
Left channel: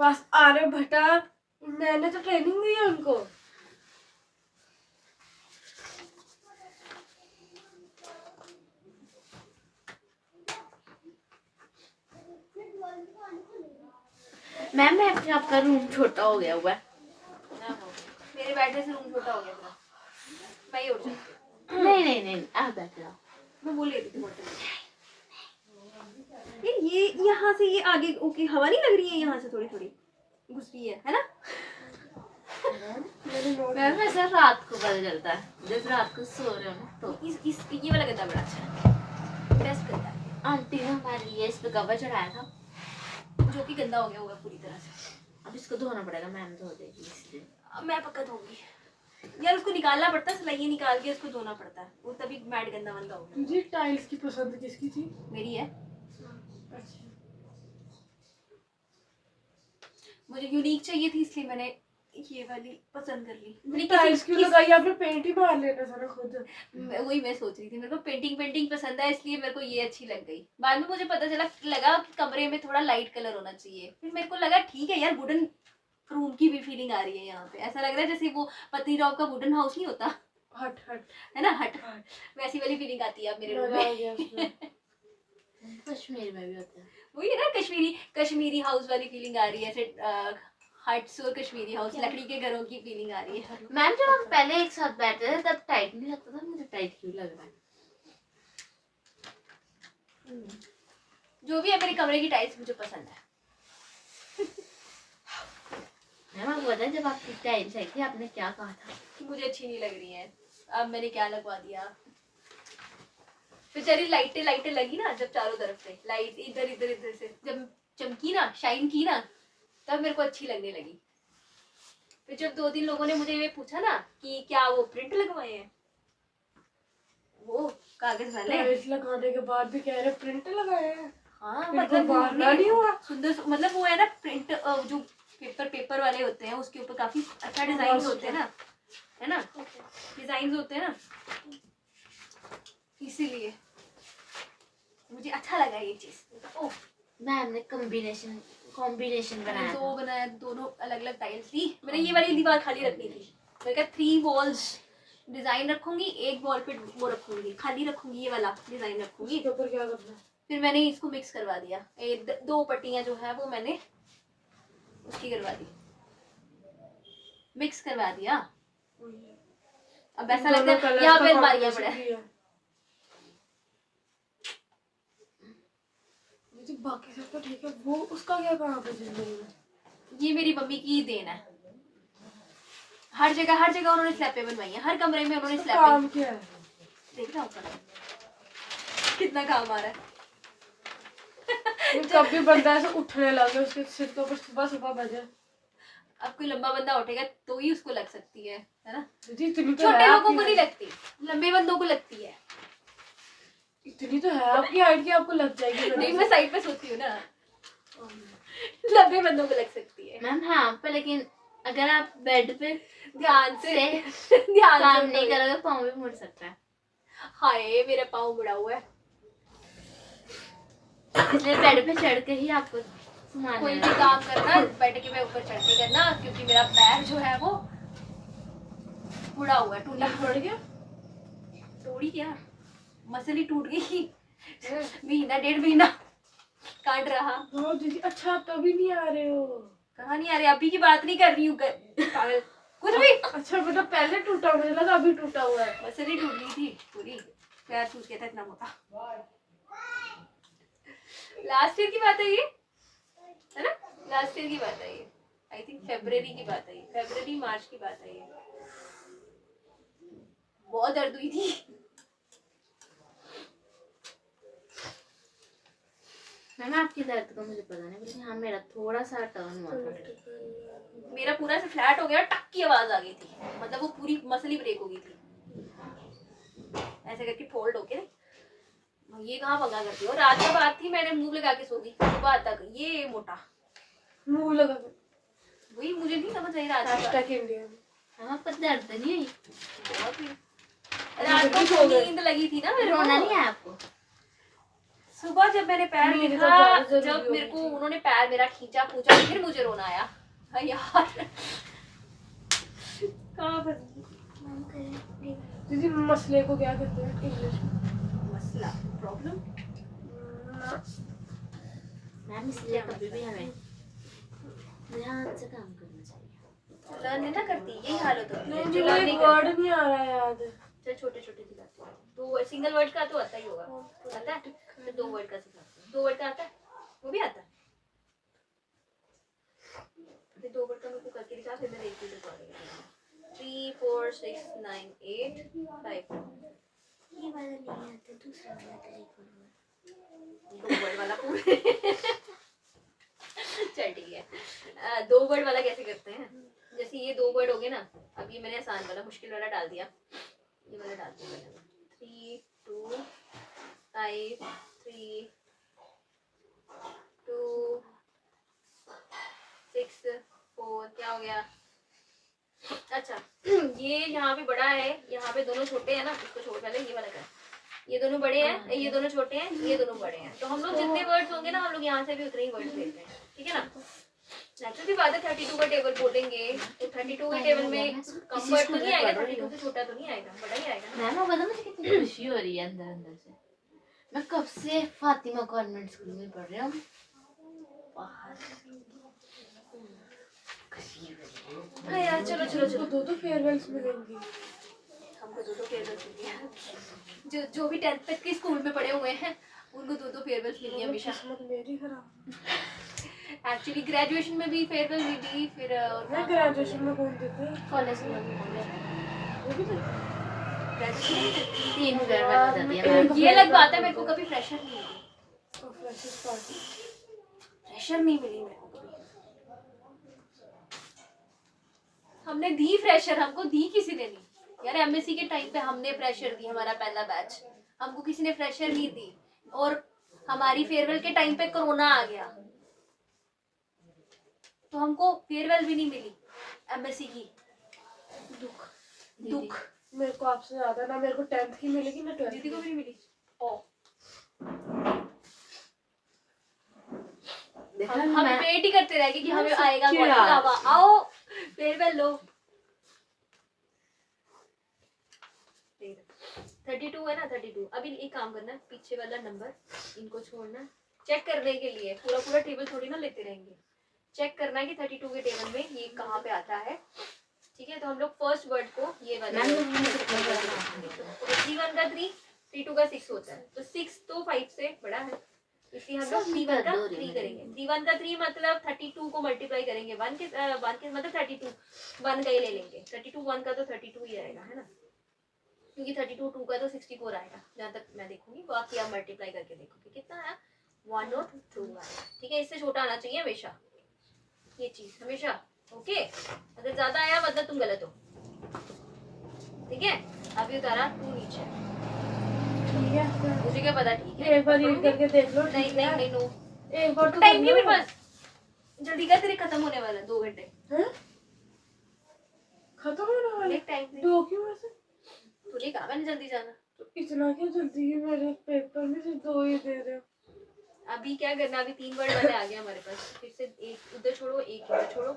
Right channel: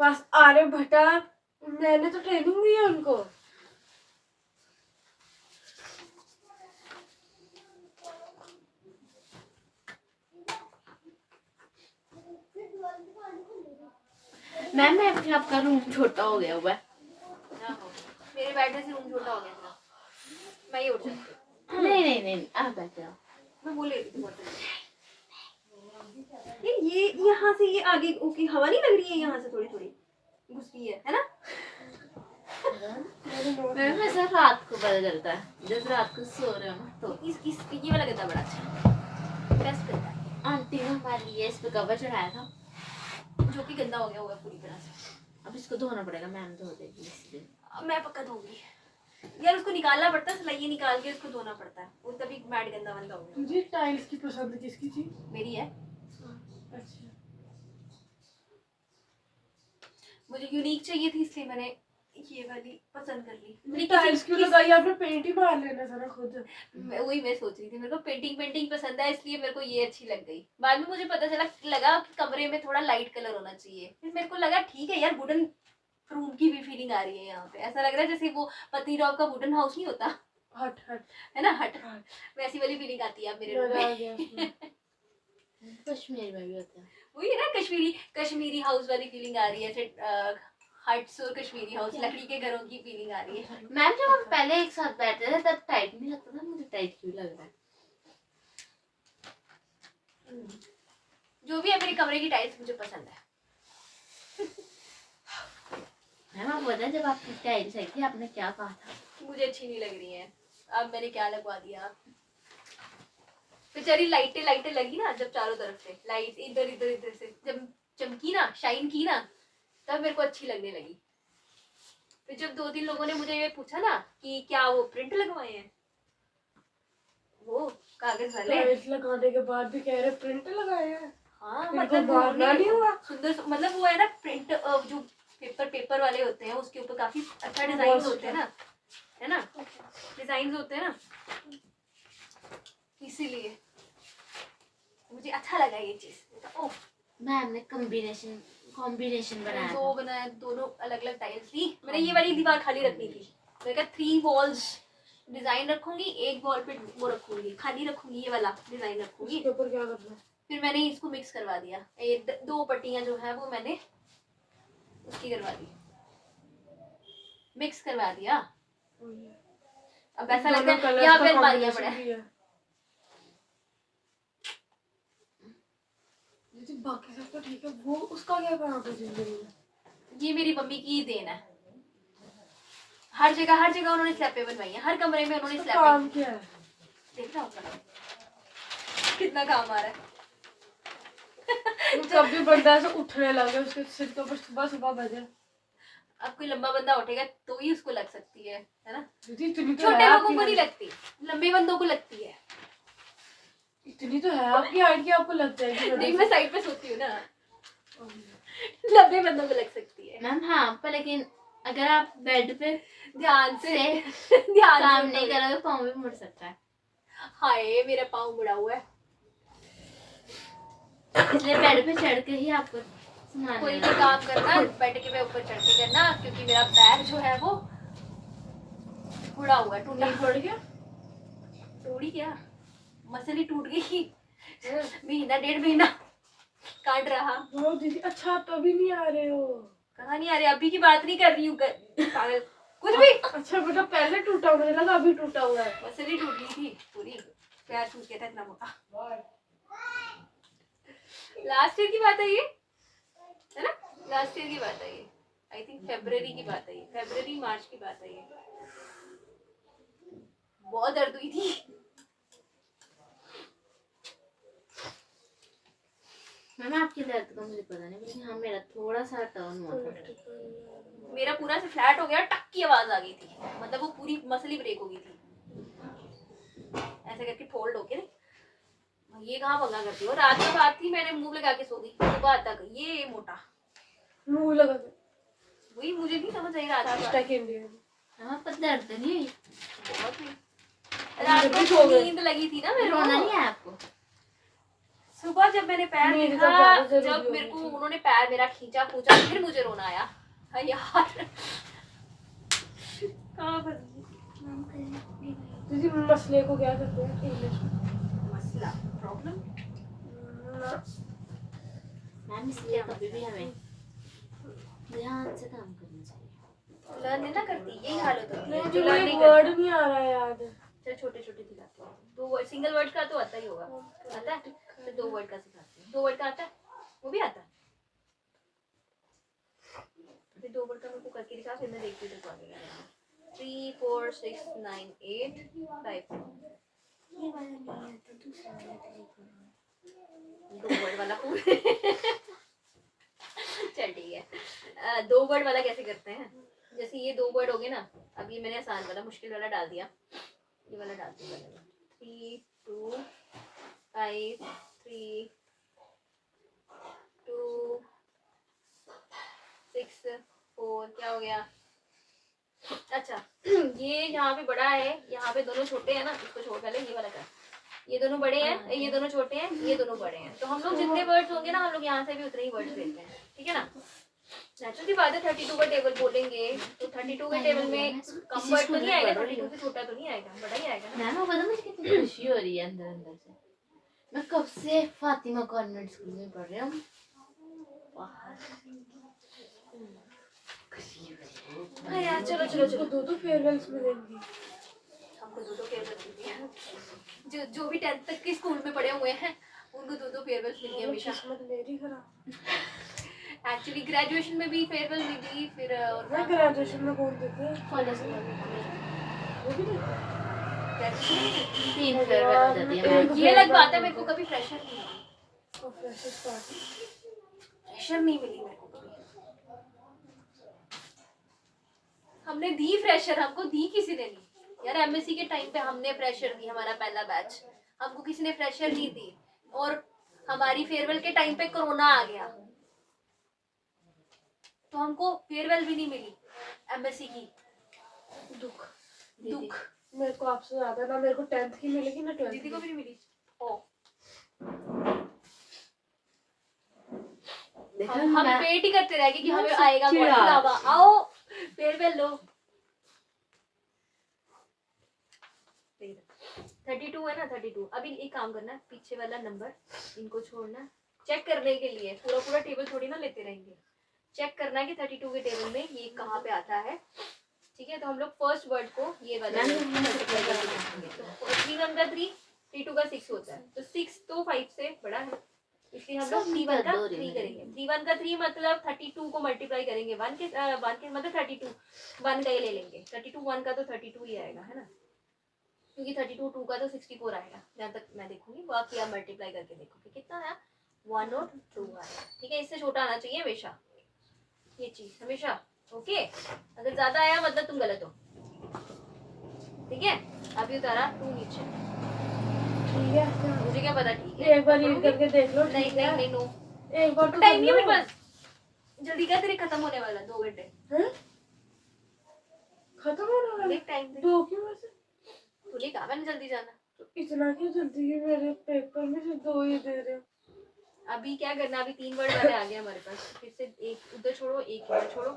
बस आर्यभट्टा, मैंने तो ट्रेनिंग दी है उनको। मैम मैं अपने आपका रूम छोटा हो गया हुआ है। मेरे बैठने से रूम छोटा हो गया था, मैं ही उठ जाती हूँ। नहीं आप बैठ जाओ। मैं बोल रही थी बोतल ये यहाँ से ये आगे ओके, हवा नहीं लग रही है यहाँ से थोड़ी थोड़ी घुस रही है ना। मैम ऐसा रात को पता चलता है जब रात को सो रहे हो ना तो। इस ये वाला गद्दा बड़ा अच्छा बेस्ट गद्दा है, आंटी ने हमारे लिए इस पे कवर चढ़ाया था, जो कि गंदा हो गया हुआ है पूरी तरह से। अब इसको धोना पड़ेगा, मैम धो देगी इसलिए। अब मैं पक्का धोऊंगी यार, उसको निकालना पड़ता है, सिलाई निकाल के उसको धोना पड़ता है, वो तभी मैट गंदा बंदा होगा। तुझे टाइल्स की पसंद किसकी थी? मेरी है, अच्छा, मुझे यूनिक चाहिए थी इसलिए मैंने ये वाली पसंद कर ली। मैंने टाइल्स क्यों लगाई? आपने पेंट ही मार लेना था ना खुद। वही मैं सोच रही थी, मेरे को पेंटिंग पसंद है इसलिए मेरे को ये अच्छी लग गई। बाद में मुझे पता लगा कि कमरे में थोड़ा लाइट कलर होना चाहिए, फिर मेरे को लगा ठीक है यार, वुडन रूम की भी फीलिंग आ रही है यहाँ पे, ऐसा लग रहा है जैसे वो पत्नीटॉप का वुडन हाउस नहीं होता हट है ना, हट वैसी वाली फीलिंग आती है अब मेरे रूम में। कश्मीर में भी होता है वही है ना, कश्मीरी हाउस वाली फीलिंग आ रही है, हट्स और कश्मीरी हाउस लकड़ी के घरों की फीलिंग आ रही है। मैम। जब हम पहले एक साथ बैठते थे तब टाइट नहीं लगता था, मुझे टाइट क्यों लग रहा है? जो भी है, मेरे कमरे की टाइल्स मुझे पसंद है। मैम आप बताएं, जब आपकी टाइल्स आई थी आपने क्या कहा था? मुझे अच्छी नहीं लग रही है, अब मैंने क्या लगवा दिया। बेचारी लाइटें लगी ना, जब चारों तरफ से लाइट इधर से जब चमकी ना, शाइन की ना, तब मेरे को अच्छी लगने लगी। फिर जब 2-3 लोगों ने मुझे ये पूछा ना कि क्या वो प्रिंट लगवाए हैं, वो कागज वाले, टाइल्स लगाने के बाद भी कह रहे प्रिंट लगाए हैं। हाँ इनको मतलब वो मारना नहीं हुआ। सुंदर, मतलब वो है ना प्रिंट, जो पेपर वाले होते हैं उसके ऊपर काफी अच्छा डिजाइन होते हैं ना, है ना, डिजाइन होते हैं ना, इसीलिए मुझे अच्छा लगा ये चीज। ओह मैम ने कॉम्बिनेशन बनाया दो था। बनाया, दोनों अलग अलग टाइल्स ली। मैंने ये वाली दीवार खाली रखनी थी, मैंने कहा 3 वॉल्स डिजाइन रखूंगी, एक वॉल पे वो रखूंगी, खाली रखूंगी, ये वाला डिजाइन रखूंगी। इसके ऊपर क्या करना है? फिर मैंने इसको मिक्स करवा दिया, ये 2 पट्टियां जो है वो मैंने उसकी करवा दी, मिक्स करवा दिया। अब ऐसा लगता है यहाँ पे अलमारियां पड़ा है। बाकी सब तो ठीक है, वो उसका क्या करा था जिंदगी में? ये मेरी मम्मी की देन है, हर जगह उन्होंने स्लैपें बनवाई हैं, हर कमरे में उन्होंने उसका काम स्लैपें। क्या है? देख रहा होगा कितना काम आ रहा है। वो कभी बंदा ऐसे उठने लगे उसके सिर के ऊपर सुबह बजे। अब कोई लंबा बंदा उठेगा तो ही उसको लग सकती है ना? दीदी इतनी तो छोटे है लोगों आपकी को नहीं height। लगती, लंबे बंदों को लगती है। इतनी तो है आपकी हाइट की, आपको लग जाएगी नहीं, बड़ी मैं साइड पे सोती हूँ ना, लंबे बंदों को लग सकती है। मैम हाँ, पर लेकिन अगर आप बेड पे ध्यान से से ध्यान काम से नहीं उठो। करोगे पाँव भी मुड़ सकता है, हाय मेरा पाँव मुड़ा हुआ है। इसलिए बेड पे चढ़ के ही आपको सामान कोई लेना भी है। काम करना बैठ के मैं ऊपर चढ़ के करना, क्योंकि मेरा पैर जो है वो मुड़ा हुआ है, टूटा। नहीं पड़ गया। तोड़ी क्या, मसल ही टूट गई। महीना 1.5 महीना काट रहा। हाँ दीदी, अच्छा आप तो अभी नहीं आ रहे हो। कहाँ नहीं आ रहे, अभी की बात नहीं कर रही हूँ पागल, कुछ भी। अच्छा बेटा पहले टूटा, मुझे लगा अभी टूटा हुआ है। मसल ही टूट गई थी पूरी, पैर टूट गया था इतना मोटा। लास्ट ईयर की बात है ये, है ना? लास्ट ईयर की बात है ये, आई थिंक फरवरी की बात है ये, फरवरी मार्च की बात है ये। बहुत दर्द हुई थी। मैम आपकी दर्द का मुझे पता नहीं, लेकिन हाँ मेरा थोड़ा सा टर्न हुआ था। मेरा पूरा से फ्लैट हो गया, टक की आवाज आ गई थी, मतलब वो पूरी मसल ही ब्रेक हो गई थी, ऐसे करके फोल्ड होके नहीं। ये कहाँ पंगा करती हो, रात में बात थी, मैंने मुंह लगा के सो गई, सुबह तक ये मोटा। मुंह लगा के। वही मुझे नहीं समझ आई रात में। हैशटैग इंडिया में। हाँ आपको दर्द नहीं है? बहुत ही रात को सो गए। नींद लगी थी ना मेरे रोना नहीं को। है आपको? सुबह जब मैंने पैर नींद तो देखा, ज्यादा जरूरी जब हो मेरे गई को थी। उन्होंने पैर मेरा खींचा पूछा, फिर मुझे रोना आया। हाँ यार कहाँ पर दीदी मसले को क्या कहते हैं इंग्लिश में? मसला, प्रॉब्लम। मैम इसलिए कभी भी हमें ध्यान से काम करना चाहिए। लर्न नहीं ना करती, यही हालत होती है मुझे जो वो learn एक नहीं वर्ड करता। नहीं आ रहा है याद। चल छोटे छोटे सिखाते हैं, दो सिंगल वर्ड का तो आता ही होगा, आता है? तो 2 वर्ड का सिखाते हैं, 2 वर्ड का आता है, वो भी आता है। फिर 2 वर्ड का मेरे को करके दिखा, फिर मैं देखती हूँ तेरे को आ गया। 3 4 6 9 8 5। ये वाला नहीं है तो दूसरा वाला तरीका है। 2 वर्ड वाला चल ठीक है। 2 वर्ड वाला कैसे करते हैं? जैसे ये 2 वर्ड हो गए ना, अब ये मैंने आसान वाला मुश्किल वाला डाल दिया, ये वाला डालती हूँ मैंने। 3 2 5 3 2 6 4 क्या हो गया? अच्छा ये यहाँ पे बड़ा है, यहाँ पे दोनों छोटे हैं ना, इसको छोड़ पहले ये वाला कर। ये दोनों बड़े हैं, ये दोनों छोटे हैं, ये दोनों बड़े हैं, तो हम लोग जितने वर्ड्स होंगे ना, हम लोग यहाँ से भी उतने ही वर्ड्स देते हैं, ठीक है ना? नेचुरल सी बात है, 32 का टेबल बोलेंगे तो 32 के टेबल में कम वर्ड तो नहीं आएगा, 32 से छोटा तो नहीं आएगा, बड़ा ही आएगा ना। मैम वो पता मुझे कितनी खुशी हो रही है अंदर अंदर से। मैं कब से फातिमा कॉन्वेंट स्कूल में पढ़ रही हूँ, बाहर खुशी हो रही है। हाँ यार चलो चलो चलो, दो फेयरवेल्स मिलेंगी। हमको 2 फेयरवेल्स मिली हैं, जो भी 10th तक के स्कूल में पढ़े हुए हैं उनको 2 फेयरवेल्स मिली है हमेशा। किस्मत मेरी खराब। एक्चुअली ग्रेजुएशन में भी फेयरवेल मिली, फिर और मैं ग्रेजुएशन में कौन देते हैं? कॉलेज में वो भी देते हैं? graduation में नहीं 3 फेयरवेल हो जाती है मिली। मैम। ये अलग बात है, मेरे को कभी फ्रेशर नहीं मिली, तो फ्रेशर्स पार्टी। फ्रेशर नहीं मिली मेरे को कभी। हमने दी फ्रेशर, हमको दी किसी ने नहीं यार। एमएससी के टाइम पे हमने फ्रेशर दी, हमारा पहला बैच, हमको किसी ने फ्रेशर नहीं दी। और हमारी फेयरवेल के टाइम पे कोरोना आ गया, तो हमको फेयरवेल भी नहीं मिली एमएससी की। दुख मेरे को आपसे ज्यादा ना, मेरे को 10th की मिलेगी ना 12th दीदी को की। भी नहीं मिली। ओ हम वेट ही करते रह गए कि हमें आएगा कौन सा लावा, आओ फेयरवेल लो। 32 है ना, 32। अभी एक काम करना, पीछे वाला नंबर इनको छोड़ना, चेक करने के लिए पूरा पूरा टेबल थोड़ी ना लेते रहेंगे, चेक करना है कि 32 के टेबल में ये कहाँ पे आता है, ठीक है? तो हम लोग फर्स्ट वर्ड को ये वाला 3 1 का 3 3 2 का 6 होता है, तो 6 तो 5 से बड़ा है, इसलिए हम लोग 3 1 का 3 करेंगे। 3 1 का 3 मतलब 32 को मल्टीप्लाई करेंगे 1 के मतलब 32 1 का ही ले लेंगे। 32 1 का तो 32 ही आएगा, है ना? क्योंकि 32 2 का तो 64 आएगा, जहाँ तक मैं देखूंगी। बाकी आप मल्टीप्लाई करके देखोगे कितना आया, 1 और 2 आया, ठीक है? इससे छोटा आना चाहिए हमेशा, ये चीज हमेशा ओके, अगर ज्यादा आया मतलब तुम गलत हो, ठीक है। अभी उतारा 2 नीचे, ठीक है, मुझे क्या पता, ठीक है। एक बार रीड करके देख लो। नहीं नहीं नहीं, नो एक बार तो टाइम कर नहीं है मेरे लो। पास, जल्दी कर, तेरे खत्म होने वाला 2 घंटे। हैं? खत्म होने वाला? देख टाइम से, 2 क्यों वैसे? तुझे कहा मैंने जल्दी जाना। तो इतना क्यों जल्दी है? मेरे पेपर में से 2 ही दे रहे हो। अभी क्या करना, अभी 3 वर्ड वाले आ गए हमारे पास, फिर से एक उधर छोड़ो, एक इधर छोड़ो।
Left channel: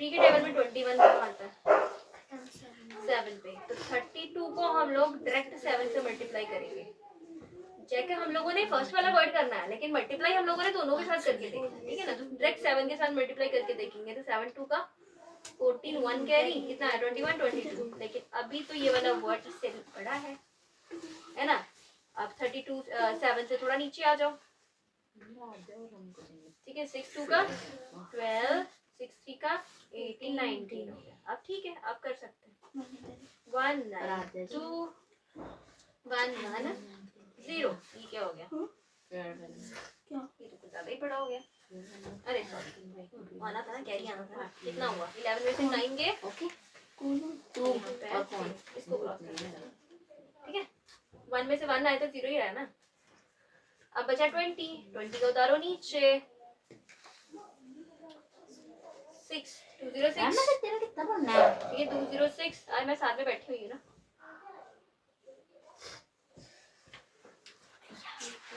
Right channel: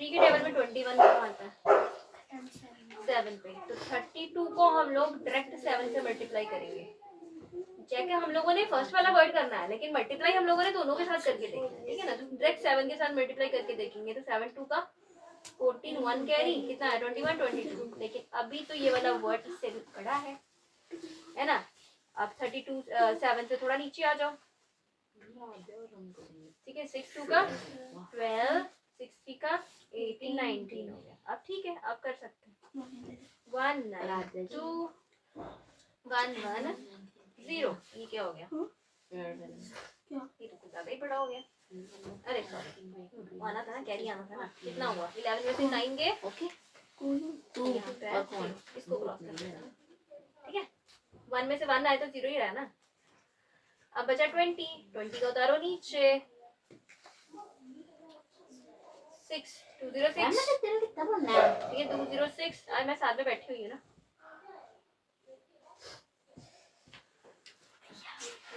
3 के टेबल में 21 कहाँ आता है? 7 पे, तो 32 को हम लोग डायरेक्ट 7 से मल्टीप्लाई करेंगे। चेक है, हम लोगों ने फर्स्ट वाला वर्ड करना है, लेकिन मल्टीप्लाई हम लोगों ने दोनों के साथ करके देखना है, ठीक है ना। तो डायरेक्ट 7 के साथ मल्टीप्लाई करके देखेंगे, तो 7 2 का 14, 1 कैरी कितना है 21 22। लेकिन अभी तो ये वाला वर्ड इससे भी बड़ा है ना। अब 32 7 से थोड़ा नीचे आ जाओ, ठीक है। 6 2 का 12, 6 3 का 18 19 हो गया। अब ठीक है, अब कर सकते हैं 1 9 2 1 1 0। ये क्या हो गया? ये तो कुछ ज्यादा ही बड़ा हो गया। अरे सॉरी, आना था ना, कैरी आना था ना। कितना हुआ? 11 में से 9 गए, ओके 2 इसको क्रॉस कर देना, ठीक है। 1 में से 1 आए तो 0 ही रहा ना। अब बचा 20 का उतारो नीचे, 6 206, तेरा कितना पढ़ना है? ठीक है 206। आज मैं साथ में बैठी हुई हूँ ना।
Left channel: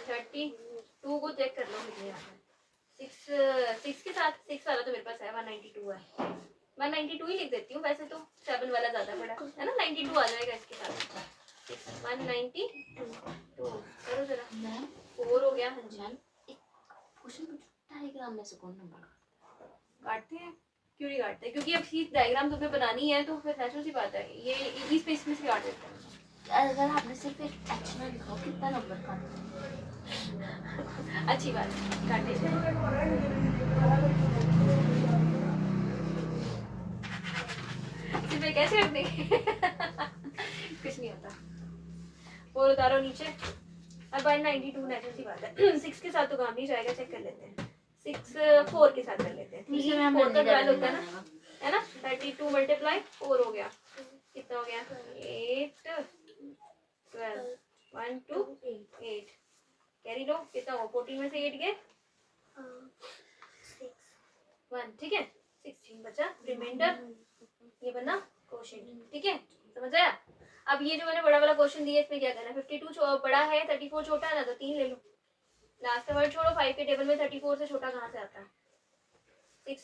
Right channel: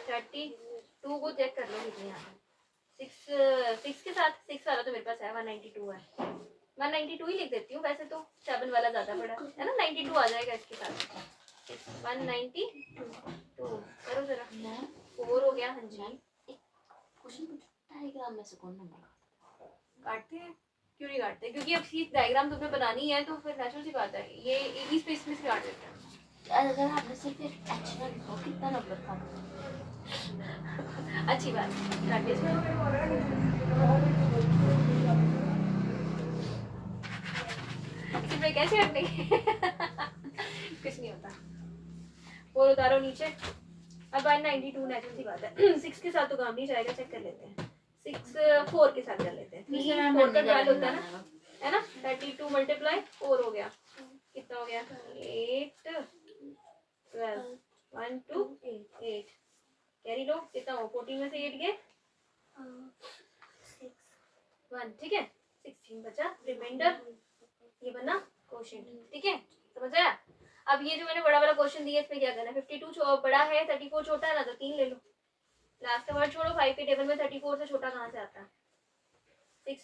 32 को चेक कर लो कितने आता है। 6 के साथ 6 वाला तो मेरे पास है, 192 है। 192 ही लिख देती हूँ वैसे तो, 7 वाला ज्यादा बड़ा है ना। 92 आ जाएगा इसके साथ। 192 करो जरा, 4 हो गया। हाँ जी, क्वेश्चन पूछो, डायग्राम में से कौन नंबर काटते हैं? क्यों नहीं काटते? क्योंकि अब सीट डायग्राम तुम्हें बनानी है, तो फिर नेचुरल सी बात है, ये इस पे इसमें से काट देते हैं। अगर आपने सिर्फ एक एच ना लिखा हो, कितना नंबर काटते? अच्छी बात है, काट दे इसमें। सिर्फ कैसे रख देंगे? कुछ नहीं होता। 4 उतारो नीचे। अब 192 नेचुरल सी बात है। 6 के साथ तो काम नहीं जाएगा, चेक कर लेते हैं। 6 4 के साथ कर लेते हैं। 3 4 का 12 होता है ना। 32 मल्टीप्लाई 4 हो गया, कितना हो गया? 8 12 1 2 8। कैरी लो, कितना हो? 14 में से 8 गए 1, ठीक है। 16 बचा, रिमाइंडर ये बना क्वोशिएंट, ठीक है। समझ आया? अब ये जो मैंने बड़ा वाला क्वेश्चन दिया, इसमें क्या करना है? 52 बड़ा है, 34 छोटा है ना, तो 3 ले लो। लास्ट का वर्ड छोड़ो, 5 के टेबल में 34 से छोटा कहाँ से आता है? 6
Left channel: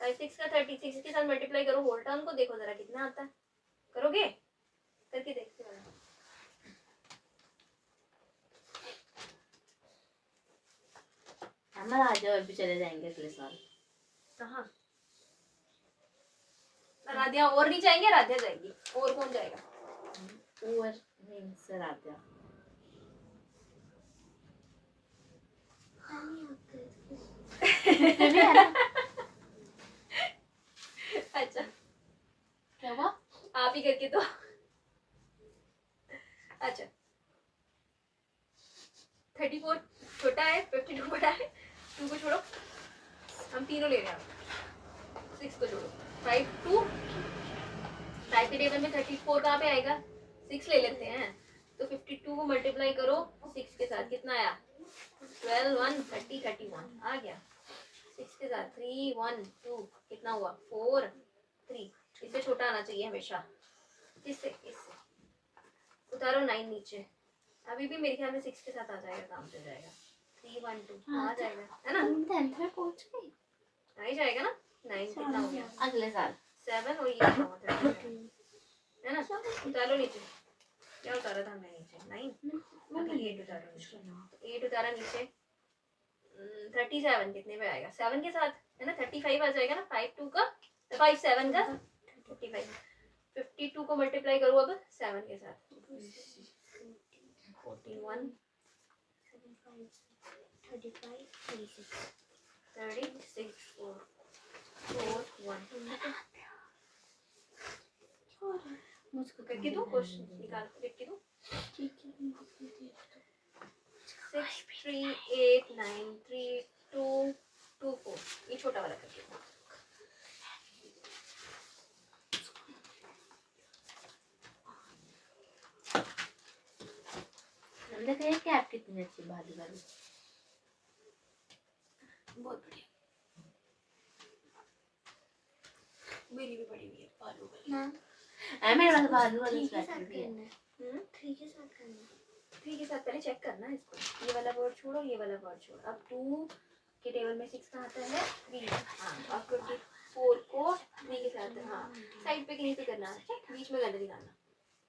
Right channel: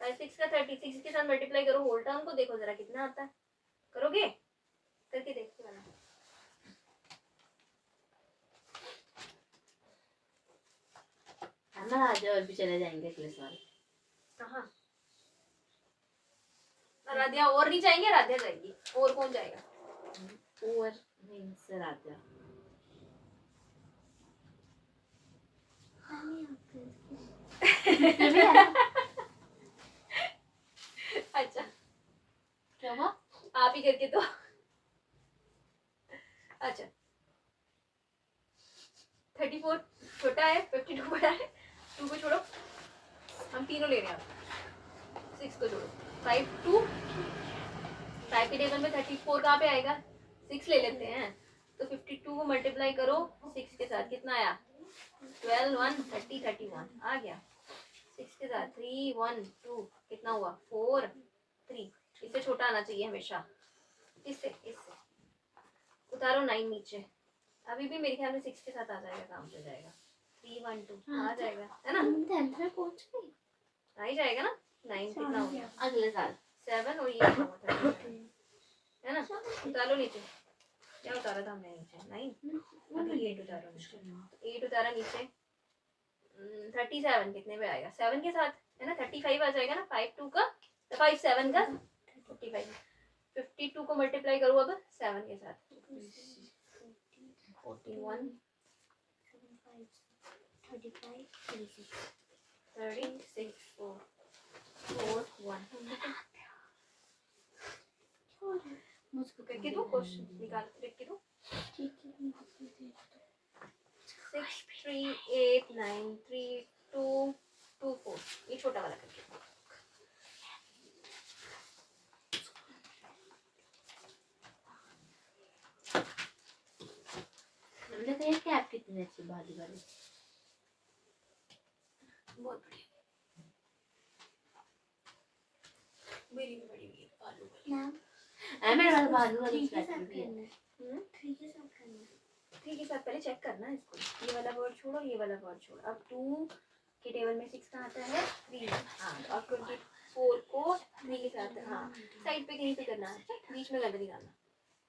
6 का 36 के साथ मल्टीप्लाई करो, होल टर्म को देखो जरा कितना आता है। करोगे? करके देखते वाला। हम राजा और भी चले जाएंगे अगले साल। कहाँ? राधिया और नहीं जाएंगे, राधिया जाएगी। और कौन जाएगा? और मीन्स राजा। अच्छा, क्या हुआ? आप ही करके तो। अच्छा, 34 छोटा है, 52 बड़ा है। 2 को छोड़ो, हम तीनों ले रहे हैं। 6 को छोड़ो, 5 2 5 के टेबल में 34 कहाँ पे आएगा? 6 ले लेते हैं, तो 52 को मल्टीप्लाई करो 6 के साथ, कितना आया? 12 1 30 31 आ गया। 6 के साथ 3 1 2 कितना हुआ? 4 3। इससे छोटा आना चाहिए हमेशा। इससे उतारो 9 नीचे। अभी भी मेरे ख्याल में 6 के साथ आ जाएगा, काम चल जाएगा। 3 1 2 आ जाएगा, है ना। तुम 10th में पहुंच गई? आ ही जाएगा ना। 9 कितना हो गया? अगले साल 7 और ये कितना हुआ? 37, है ना। उतारो नीचे। क्या उतारा था हमने नीचे? 9। अभी 8 उतारो नीचे। 8 उतारा नीचे। 37 कितने पे आएगा? 7 के साथ, है ना। 35 आ जाएगा ना। 5 2 का 5 7 का 55। 52 को मल्टीप्लाई करो अब 7 के साथ। 14 1 36 4 4 1। मुझको करके दो क्वेश्चन, निकाल के लिख के दो। 6 3 8 9 3 2 2 4। ये छोटा वाला करके दो। ये कैप कितनी अच्छी बालू वाली। बहुत बढ़िया। मेरी भी बड़ी हुई है बालू वाली। मैम मेरे पास बालू वाली 3 के स्वेटर साथ भी है। करना है। 3 के साथ करना है। 3 के साथ पहले चेक करना है इसको। ये वाला वर्ड छोड़ो, ये वाला वर्ड छोड़ो। अब 2 के टेबल में 6 कहाँ आता है? 3। हाँ, और 24 को 3 के साथ, हाँ साइड पे कहीं पे करना है, बीच में गलत निकालना,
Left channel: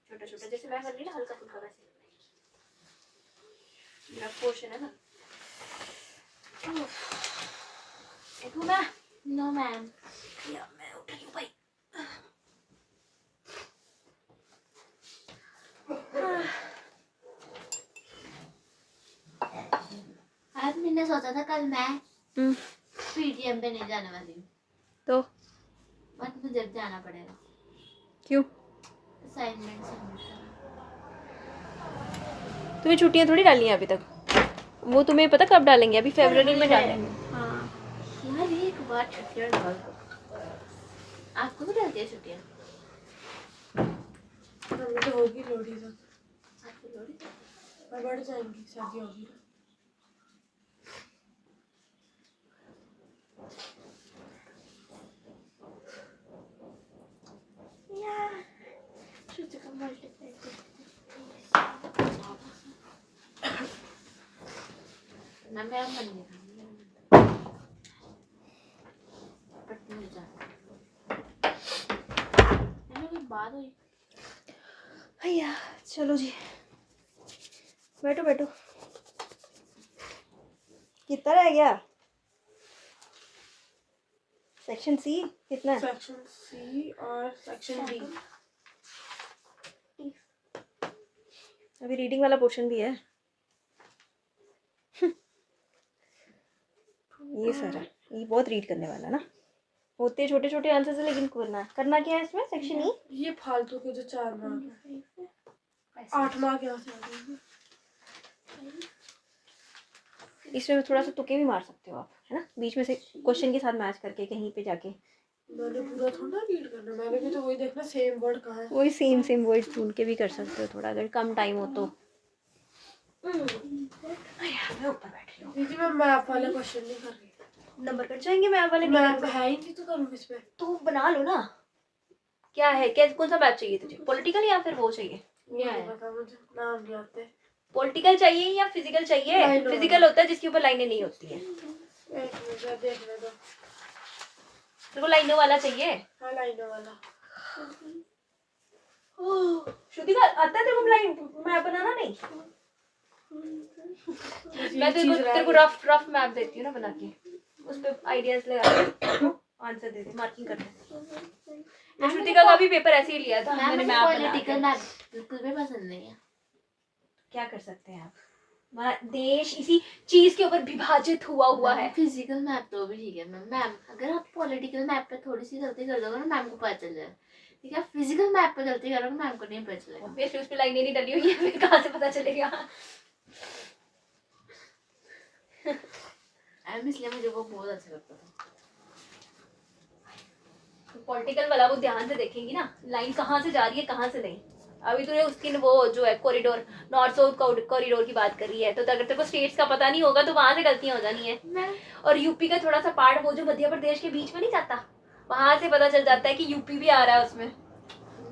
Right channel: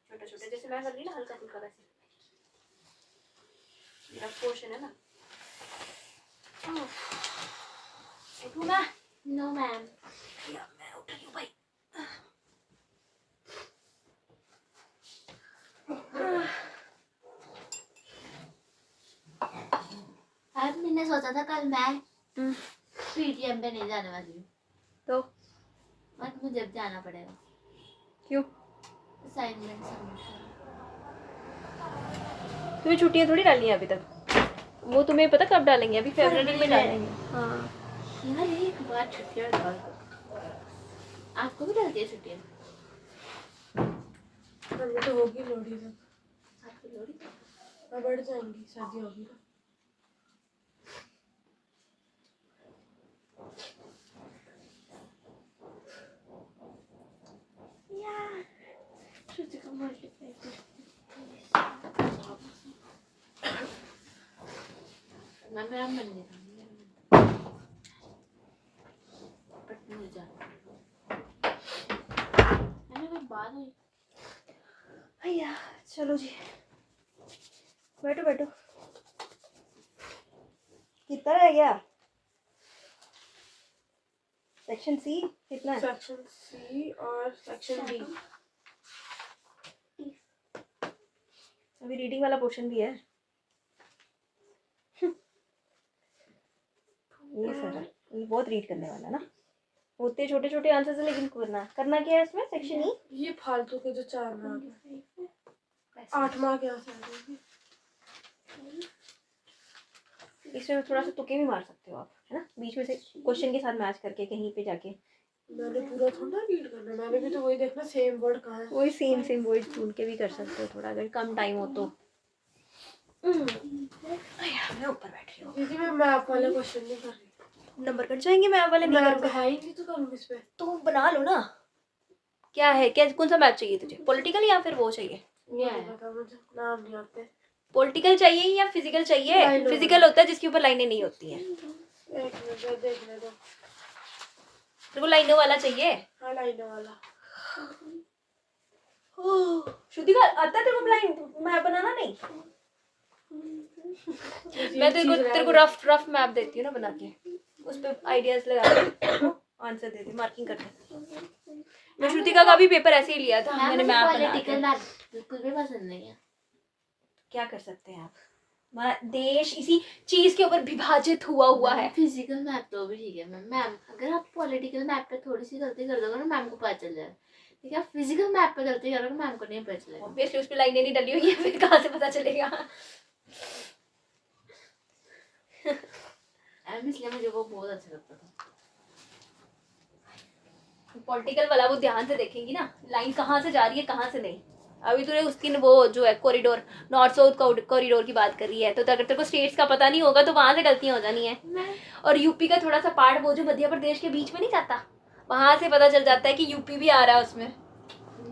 छोटा छोटा, जैसे मैं कर रही ना, हल्का फुल्का वैसे। मेरा पोर्शन है ना। उठूँ मैं? No ma'am. या मैं उठ रही हूँ भाई। आज मैंने सोचा था कल मैं पीटीएम पे नहीं जाने वाली हूँ, तो बट मुझे अब जाना पड़ेगा। क्यों? असाइनमेंट सबमिट करना। तुम्हें छुट्टियां थोड़ी डालनी है अभी तक, वो तुम्हें पता कब डालेंगे? अभी फरवरी में डालेंगे। हाँ यार एक बार छुट्टियाँ डाल दो। आपको भी डालती है छुट्टियाँ? हमें तो होगी लोहड़ी तक। आपको लोड़ी? और बढ़ जाएंगी, शादी होगी ना। यार छुट्टी को मल्टीप्लाई करते ना, मेरा मन नहीं था, मेरा मन था। बट मुझे जाना मैंने कोई बात हुई। भैया चलो जी, बैठो बैठो। कितना रह गया? सेक्शन सी कितना है? सेक्शन सी और सेक्शन डी। अभी रीडिंग वाला पोर्शन भी है। ये सर है, ये बहुत रीड करने वाला ना, होते छोटे छोटे आंसर है, लेकिन करना क्या है इसमें? Section E. ये फालतू के जो 4 मार्क है, 8 मार्क यहाँ से आ जाएंगे। इसमें थोड़ा सा तुक्के भी मार सकते हो आप, है ना, बीच में से क्वेश्चन के साथ मैच करके कहीं पे जाके। मैंने पूरा थोड़ा रीड करना, मैंने भी तो वही देखना सेम वर्ड कहाँ है। वही सेम वर्ड ढूंढ के भी कर सकते हो थोड़ा, अगर कम टाइम हो तो। मैं ऊपर बैठ रही हूँ। दीदी मैं मैप वाले क्वेश्चन नहीं कर रही। नंबर कट जाएंगे मैप वाले, नहीं मैप करोगे है ही नहीं तो करूँगी इस पे। तो बना लो ना। क्या है, क्या कौन सा मैप चाहिए तुझे? पॉलिटिकल या फिर वो चाहिए? ये नहीं पता मुझे, नाम नहीं आते। पॉलिटिकल चाहिए या फिजिकल चाहिए? लाइन फिजिकल होता है जिसके ऊपर लाइनें नहीं होती हैं। एक मिनट देखने दो। तेरे को लाइनों वाला चाहिए? हाँ लाइनों वाला। श्रुति का आता है तेरे को लाइन मैप बनाना? नहीं, मैं तेरे को रफ मैप देती हूँ ना बना के, उस पे आइडियाज लगा के आंसर दे दे, मार्किंग कर दे। मैं श्रुतिका का भी पेपर ऐसे ही लिया था, मैंने मैप बना पॉलिटिकल के। मैप बिल्कुल भी पसंद नहीं है। क्या कर सकते हैं आप, हमारा देश इसी चीज के ऊपर विभाजित हुआ है। फिजिकल मैप तो भी ठीक है मैम, अगर आप पॉलिटिकल मैप पे थोड़ी सी गलती कर दोगे ना मैम को पता चल जाए, ठीक है? फिजिकल मैप पे गलती करोगे मैम को नहीं पता चलेगा। ऑब्वियसली उस पे लाइनें नहीं डली हुई है, फिर कहाँ से पता चलेगा? इसलिए मुझे वो बहुत अच्छा लगता था। पॉलिटिकल वाला वो ध्यान से देखेंगी ना, लाइन कहाँ से जा रही है कहाँ से नहीं। अभी तूने उसकी वो जो है कॉरिडोर, नॉर्थ साउथ कॉरिडोर की बात कर रही है, तो अगर तेरे को स्टेट्स का पता नहीं होगा तो वहां से गलतियां हो जानी है। और यूपी का थोड़ा सा पार्ट, वो जो मध्य प्रदेश के बीच में नहीं जाता, वहां से पता चल जाता है कि यूपी भी आ रहा है उसमें।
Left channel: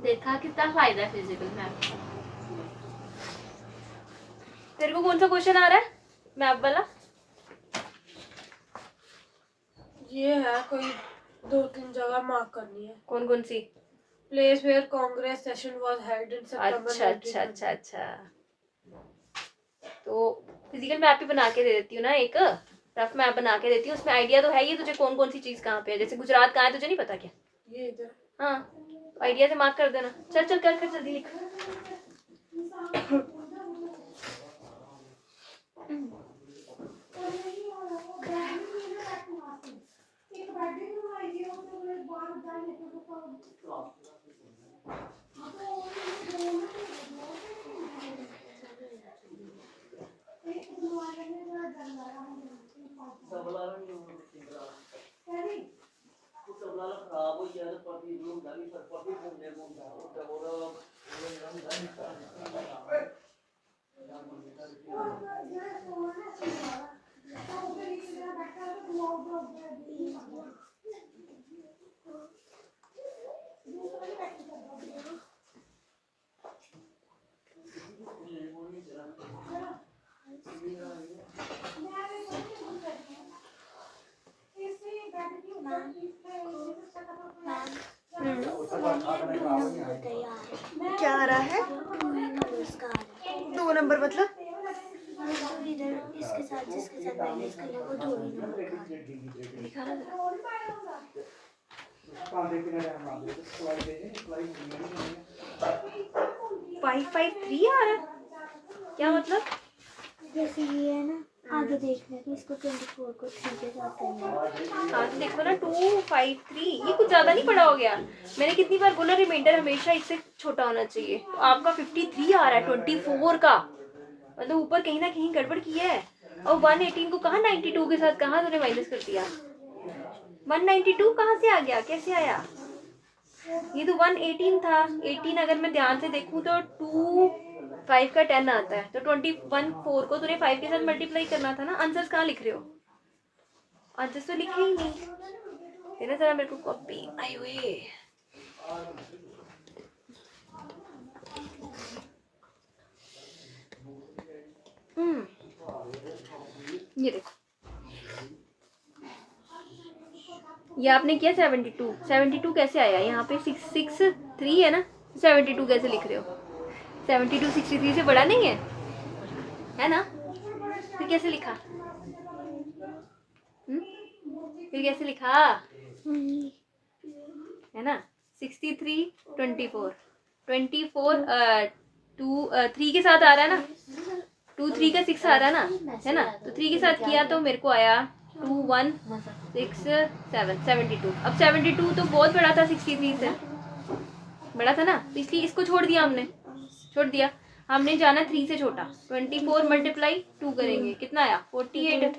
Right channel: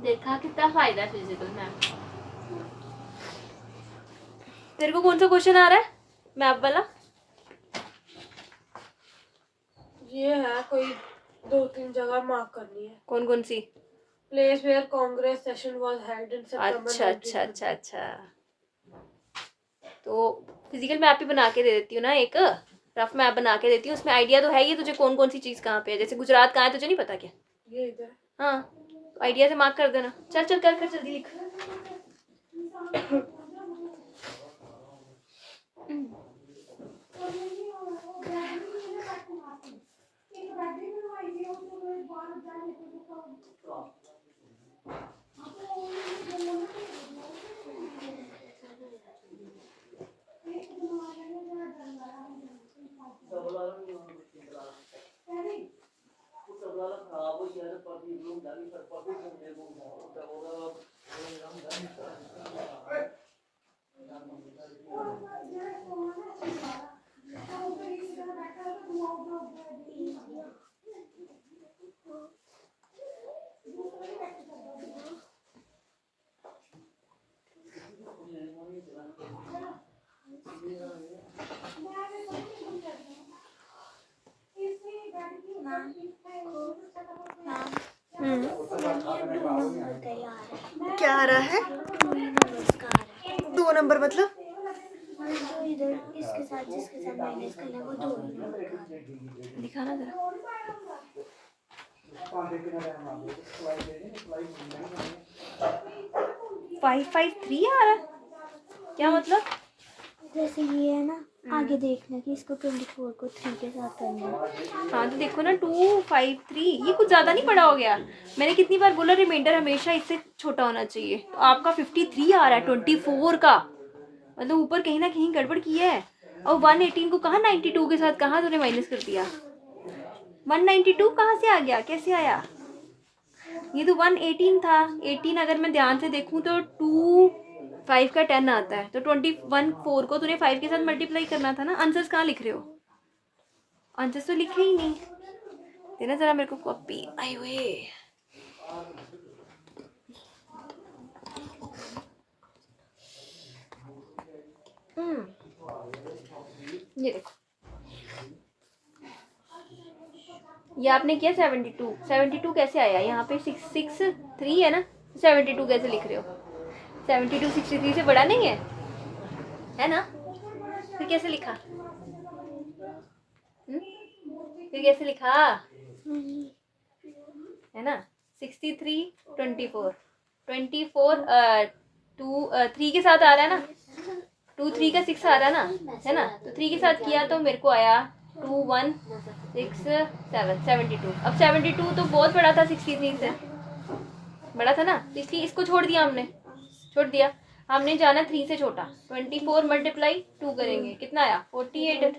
देखा कितना फायदा है फिजिकल मैप। तेरे को कौन सा क्वेश्चन आ रहा है मैप वाला? ये है कोई 2-3 जगह मार्क करनी है। कौन कौन सी? Place where Congress session was held in September. अच्छा। तो फिजिकल मैप ही बना के दे देती हूँ ना, एक रफ मैप बना के देती हूँ, उसमें आइडिया तो है ही तुझे कौन कौन सी चीज कहाँ पे है। जैसे गुजरात कहाँ है तुझे नहीं पता क्या? ये इधर। हाँ, तो आइडिया से मार्क कर देना। चल कर जल्दी लिख। मैम ये 2 नंबर तैयार है। क्या आ रहा है? 2 ही नंबर्स का आ रहा है। 2 नंबर मतलब? तो इधर इसके साथ जिसके साथ माइनस करना है वो 2 ही नंबर का आ रहा है। दिखाना जरा। 553 आ रहा है? क्या मतलब? जैसे ये है ना, आगे देखना कि इसको 24 को 3 के साथ करना है। हाँ तो देखो ना 253 ये कुछ ज़्यादा नहीं बड़ा हो गया। मैंने कितनी बार बोला रिमाइंडर हमेशा इससे छोटा होना चाहिए। तो आपका 53 आ रहा है 24 का, मतलब ऊपर कहीं ना कहीं गड़बड़ की है। और 118 को कहाँ 92 के साथ कहाँ तूने माइनस कर दिया? 192 कहाँ से आ गया, कैसे आया? ये तो 118 था। 18 अगर मैं ध्यान से देखूं तो 2 5 का 10 आता है, तो 21 4 को तूने 5 के साथ मल्टीप्लाई करना था ना। आंसर्स कहाँ लिख रहे हो? आंसर्स तो लिखे ही नहीं। देना जरा मेरे को कॉपी। आए हुए ये देखो, ये आपने किया 72 कैसे आया? यहाँ पे 663 है ना, 72 कैसे लिख रहे हो? 72 63 से बड़ा नहीं है ना? फिर कैसे लिखा? फिर कैसे लिखा है ना? 63 24 2 3 के साथ आ रहा है ना, 2 3 का 6 आ रहा है ना, तो 3 के साथ किया तो मेरे को आया 2 1 6 7 72। अब 72 तो बहुत बड़ा था 63 से, बड़ा था ना, इसलिए इसको छोड़ दिया हमने, छोड़ दिया। हमने जाना 3 से छोटा। 24 मल्टीप्लाई 2 करेंगे, कितना आया? 48।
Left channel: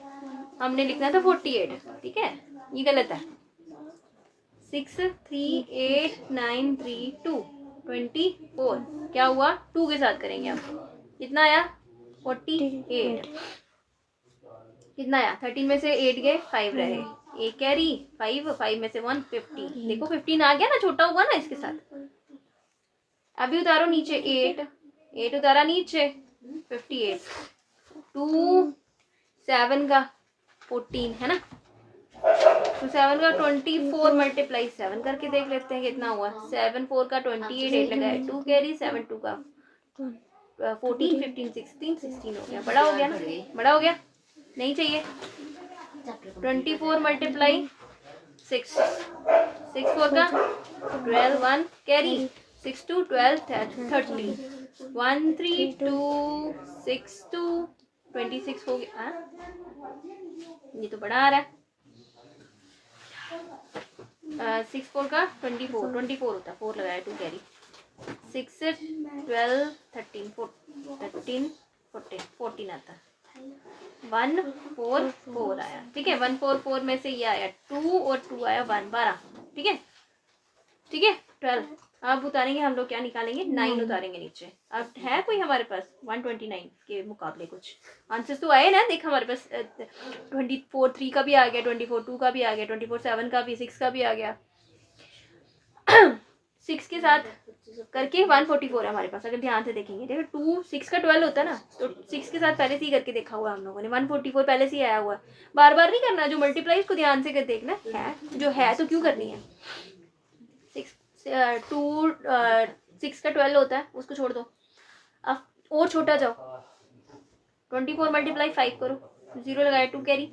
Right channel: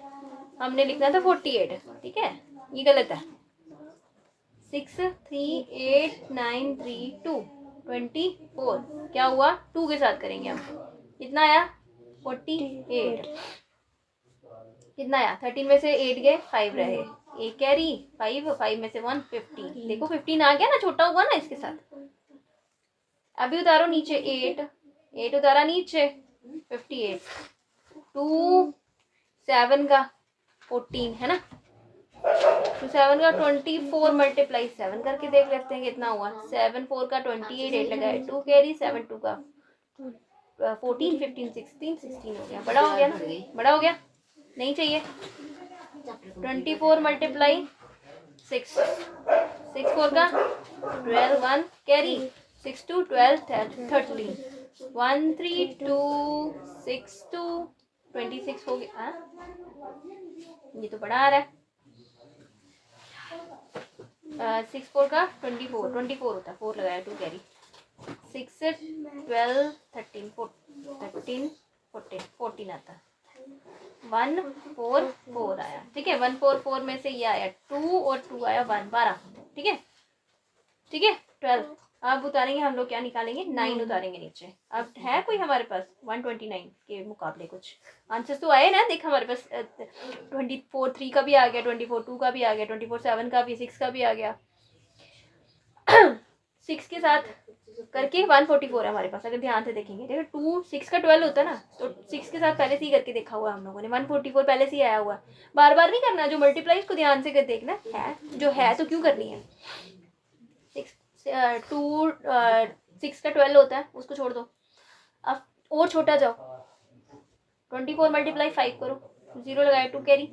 हमने लिखना था 48, ठीक है, ये गलत है। 6 3 8 9 3 2 24 क्या हुआ? 2 के साथ करेंगे हम, कितना आया? 48। कितना आया? 13 में से 8 गए, 5 रहे, एक कैरी 5 में से 1 50। देखो 15 आ गया ना, छोटा हुआ ना इसके साथ। अभी उतारो नीचे 8 उतारा नीचे 58। 2 7 का 14 है ना, तो 7 का 24 मल्टीप्लाई 7 करके देख लेते हैं कितना हुआ। 7 4 का 28, 8 लगाए 2 कैरी, 7 2 का 14 15 16 हो गया। बड़ा हो गया ना, बड़ा हो गया, नहीं चाहिए। 24 मल्टीप्लाई 6 4 का 12 1 कैरी 6 2 12 13 1 3 2 6 2 26 हो गया। ये तो बड़ा आ रहा है। 6 4 का 24 होता है, 4 लगाया 2 कैरी 6 12 13 14 आता है। 1 4 4 आया, ठीक है। 1 4 4 में से ये आया 2 और 2 आया 1 12, ठीक है, ठीक है। 12 अब उतारेंगे हम लोग, क्या निकालेंगे? 9 उतारेंगे नीचे। अब है कोई हमारे पास 129 के मुकाबले कुछ आंसर्स तो आए ना। देख हमारे पास 24 3 का भी आ गया, 24 2 का भी आ गया, 24 7 का भी, 6 का भी आ गया। 6 के साथ करके 144 है हमारे पास, अगर ध्यान से देखेंगे। देखो 2 6 का 12 होता है ना, तो 6 के साथ पहले से ही करके देखा हुआ हम लोगों ने। 144 पहले से ही आया हुआ है, बार बार नहीं करना। जो मल्टीप्लाई उसको ध्यान से कर देखना है, जो है तो क्यों करनी है। 6 का 12 होता है, उसको छोड़ दो। अब और छोटा जाओ, 24 मल्टीप्लाई 5 करो, 0 लगाए 2 कैरी,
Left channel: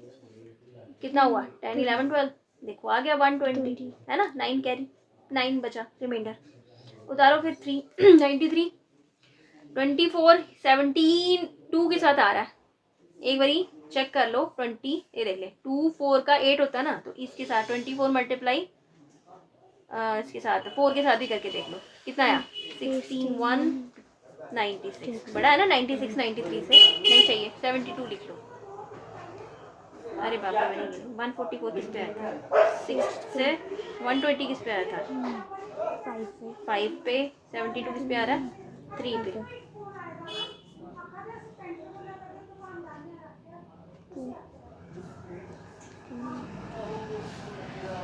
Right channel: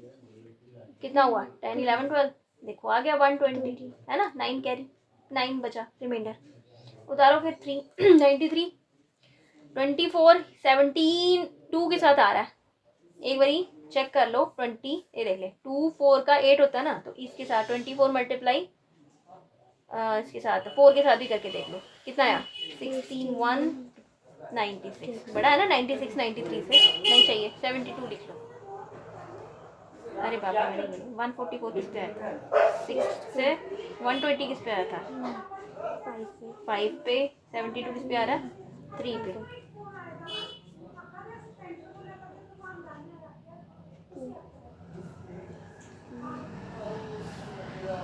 कितना हुआ? 10 11 12, देखो आ गया 120 है ना। 9 कैरी, 9 बचा रिमाइंडर, उतारो फिर 3 93 24 17 2 के साथ आ रहा है। एक बारी चेक कर लो 20, ये देख ले 2 4 का 8 होता है ना, तो इसके साथ 24 मल्टीप्लाई इसके साथ 4 के साथ भी करके देख लो, कितना आया? 61 96, बड़ा है ना 96 93 से, नहीं चाहिए 72 लिख लो। अरे बाबा 144 किस पे आया था? 6 से 120 किस पे आया था? 5 पे। 72 किस पे आ रहा है? 3 पे।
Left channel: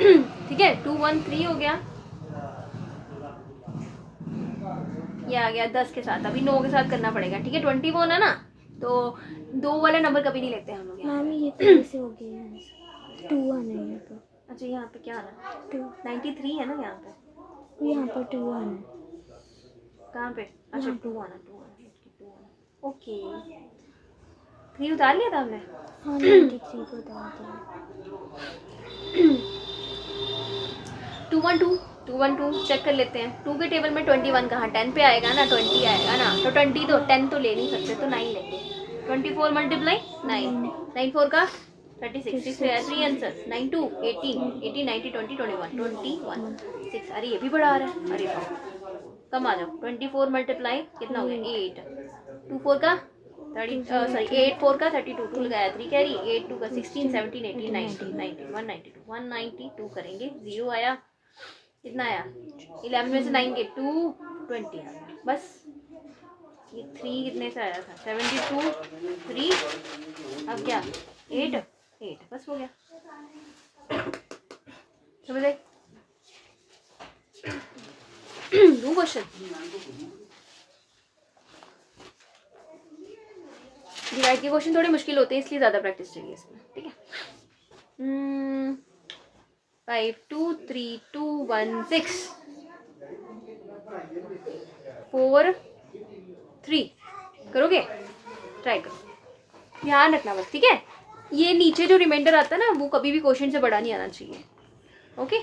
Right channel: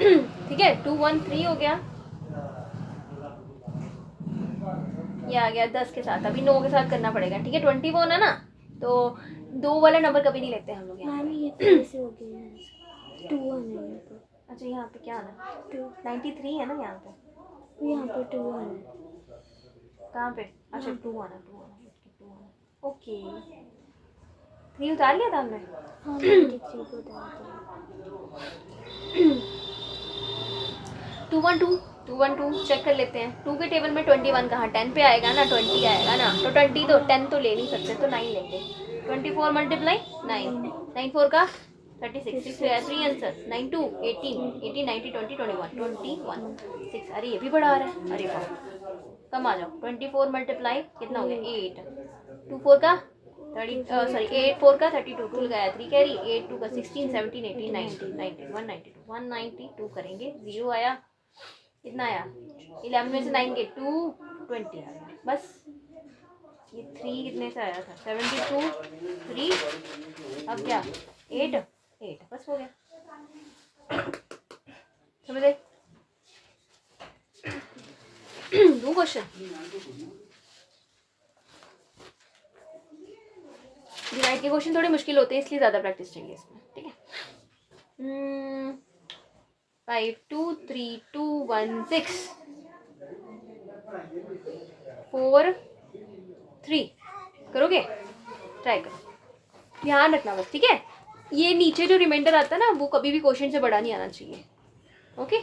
ठीक है 213 हो गया, ये आ गया 10 के साथ, अभी 9 के साथ करना पड़ेगा। ठीक है 21 है ना, तो 2 वाला नंबर कभी नहीं लेते हम लोग यहाँ। मैम ये कैसे हो गया है? 2 आना है यहाँ पर। अच्छा यहाँ पे क्या आना है? 2 93 है ना यहाँ पे, यहाँ पर 2 आना है। कहाँ पे? अच्छा 2 आना, 2 आना, 2 आना, ओके। 3 उतार लिया था हमने। हाँ 93 को डाल दिया। 212 चेक कर लेते हैं। 2 के टेबल में 21 कहाँ, 10 पे आएगा ना, 20 आएगा ना, तो 20 तो 10 तो ले नहीं सकते, तो 9 लेंगे। 24 मल्टीप्लाई 9, 9 4 का 36, 6 है 3 आंसर, 9 2 18, 18 90 20 21 6। अरे ये भी बढ़ा रहा है, अरे वाह, कम आ जाओ। 24 मल्टीप्लाई कितना हो गया 8, 2 4 का 30, सॉरी 8 4 का 32, 2 लगाया 3 कैरी, 8 2 का 16 17 18 19 19 192 करेंगे, 0 आया। कितना आया 11 में से 9 के 220 आया बस। ये 3 कितने से आया था 72 3, अब क्या 8 बस हो गया। समझे? दो क्वेश्चन डिवाइड के क्वेश्चन थोड़े मुश्किल होते हैं, इसलिए ज़्यादा प्रैक्टिस चाहिए इसमें। ठीक है 5 2 3 2 1 6 4 3 करोगे, ट्राई करो, ध्यान रखना बस। ठीक है ये नीचे जो रिमाइंडर आता है ना, वो कभी भी क्वेश्चन से बड़ा नहीं आना चाहिए। ओके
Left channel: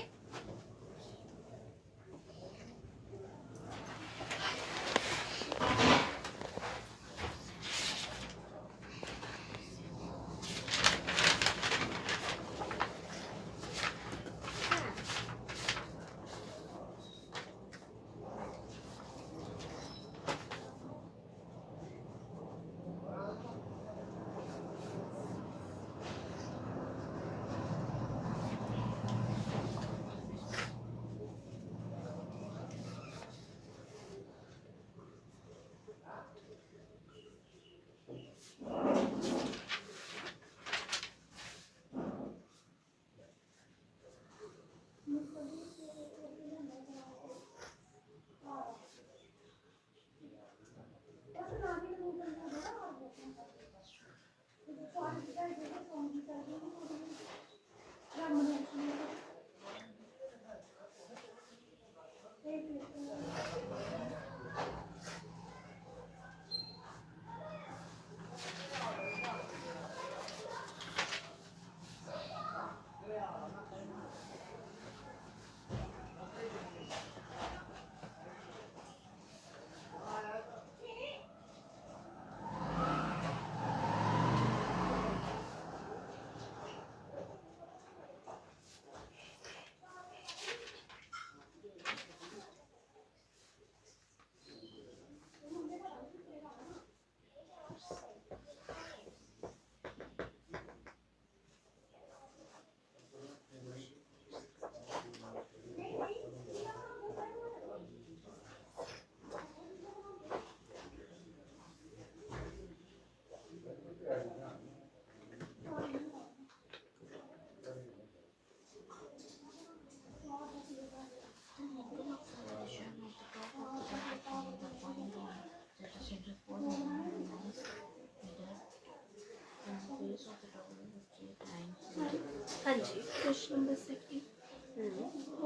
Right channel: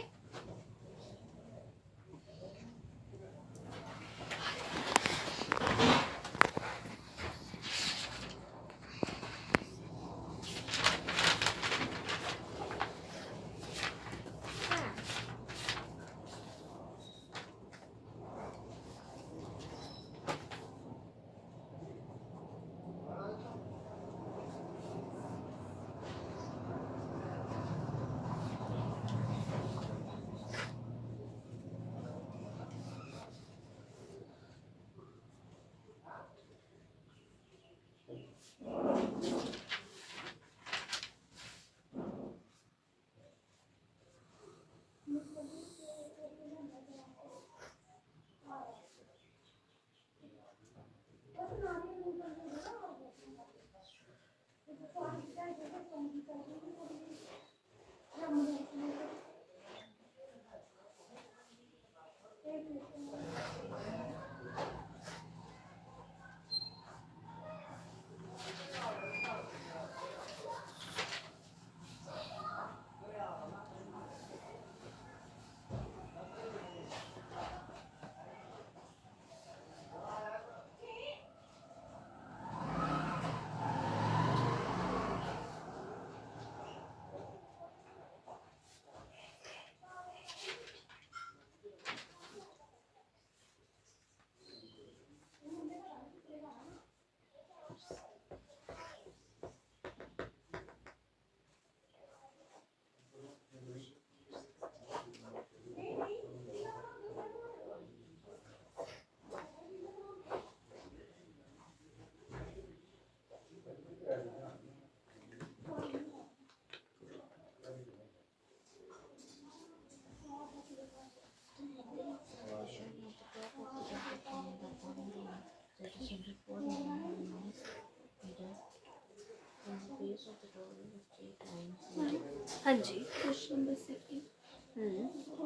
हाँ जी क्वेश्चन नंबर 2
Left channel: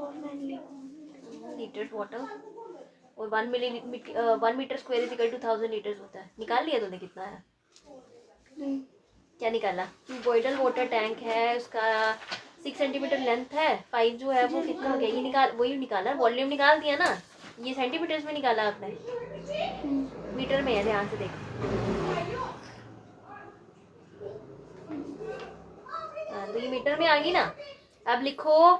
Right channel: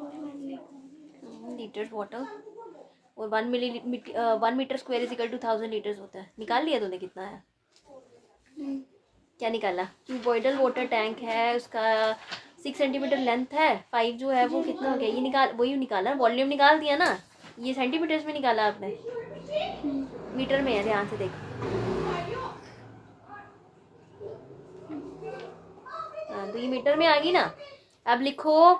और मैंने लिखा लीटर्स वाटर और 1 metre square is equal to 1000 litres होता है। निकाल लिया तूने कितना है? नहीं। क्या निकाला? क्यूबॉइडल वाटर टैंक है, उसका 6 सेंटीमीटर लेंथ है, 5 जो है वो कितना हो गया, ये निकाल, वही निकाला, वॉल्यूम निकाल दिया ना, ये सेंटीमीटर्स में निकाला आपने, मीटर में है, ध्यान से देख। हाँ तो ये मीटर में आ गई ना। अब लिखो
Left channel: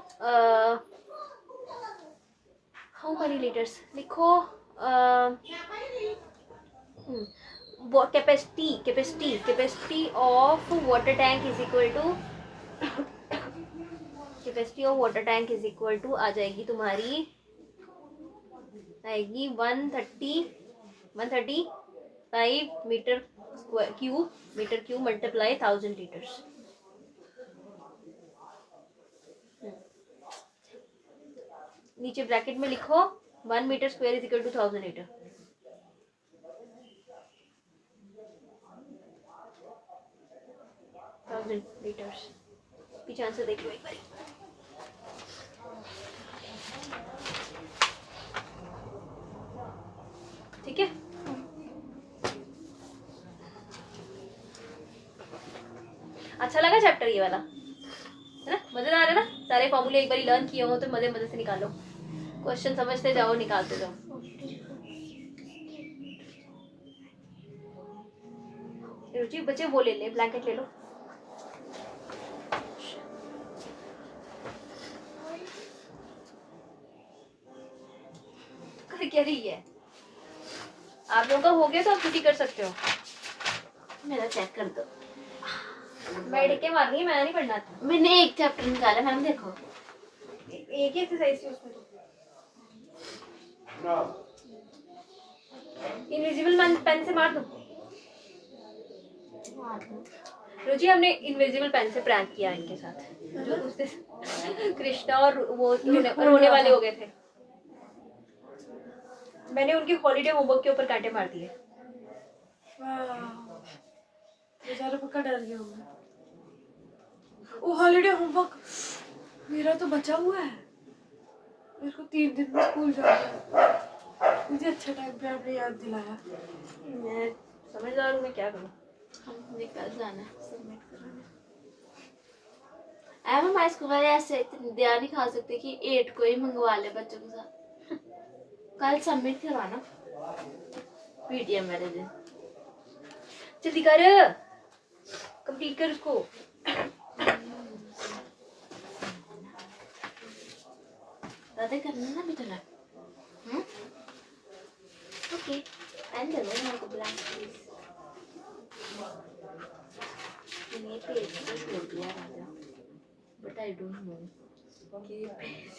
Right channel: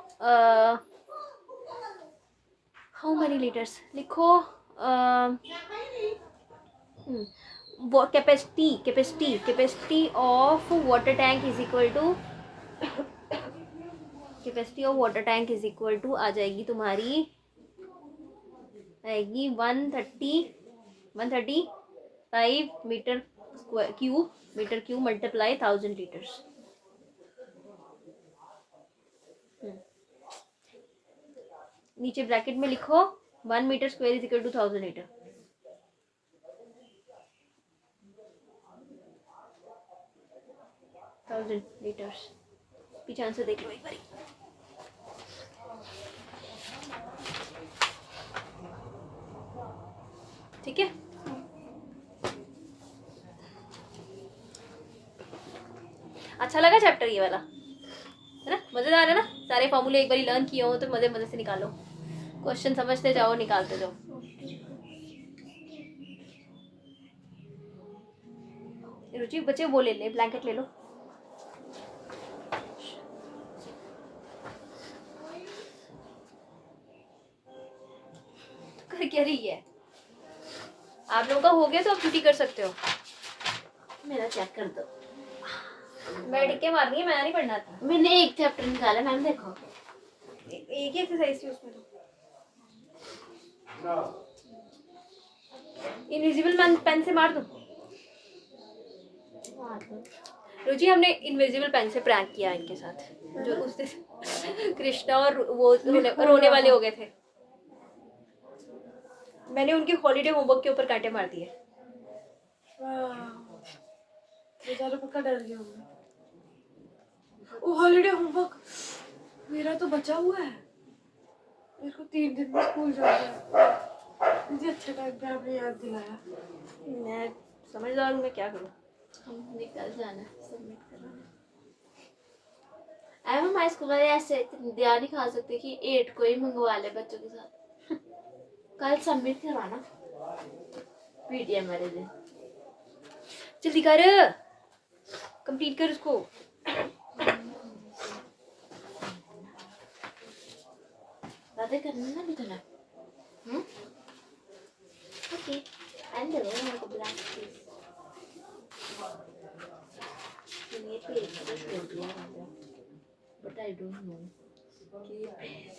हाउ मेनी लीटर्स, लिखो capacity of water tank is equal to, capacity of water tank is equal to आ जाएगी तुम्हारी, आएगी 135 मीटर क्यूब मल्टीप्लाई 1000 लीटर्स। नीचे ब्रैकेट में लिखो 1 metre square is equal to 1000 litre. 1000 litres. पीछे आंसर देख लो एक बार। ठीक है, अच्छा लगा चैप्टर ये वाला, है ना? मजेदार है ना? सारे फॉर्मूले एक बार लर्न किए हो तो मजे मजे से निकालो, क्वेश्चन समझते जाओ, निकालते जाओ। रुचि बच्चे वो ले ले, ब्लैंकेट ले लो। कर क्या रही है? आप लोगों का हो गया तो आप छुट्टी कर सकते हो। मेरा चेक कर दो। बैठ के मारनी है, मैंने नहीं पढ़ना था। मैंने एक चैप्टर निकाला मैम, देखो एक ही एक्सरसाइज थी उसमें। इनविजिबल पेन से मार दो। रुचि हमने इनविजिबल पेन से प्रैंक किया इनके साथ, जो उस दिन कृष्णा और वो रोने वाले हो गए थे। मैंने उनके हॉलीडे होमवर्क के ऊपर कांटे मार दिए। बेचारे पक्का डर गए होंगे। ओ हॉलीडे होमवर्क मेरा तो बचा हुआ है, मेरे को 3 दिन में स्कूल जाना है। मुझे अच्छा टाइम पे आपने याद दिलाया। मैं समझदार हूँ, मैं क्या करूँ। हम निकल जाना सबमिट कराना। एम हमारे स्कूल वाले ऐसे इतनी ध्यान नहीं खा सकते कि 8 को ही मंगवा ले बच्चों के साथ। कल सबमिट करवाना पीटीएम वाले दिन। जल्दी कर, कंप्लीट कर उसको। राधे करना ना बेटा। ओके एंड दे दो मेरे को ब्लैंक प्लीज। मैंने पेज को छोड़ दिया राजा, बट आई डोंट नो कि पेज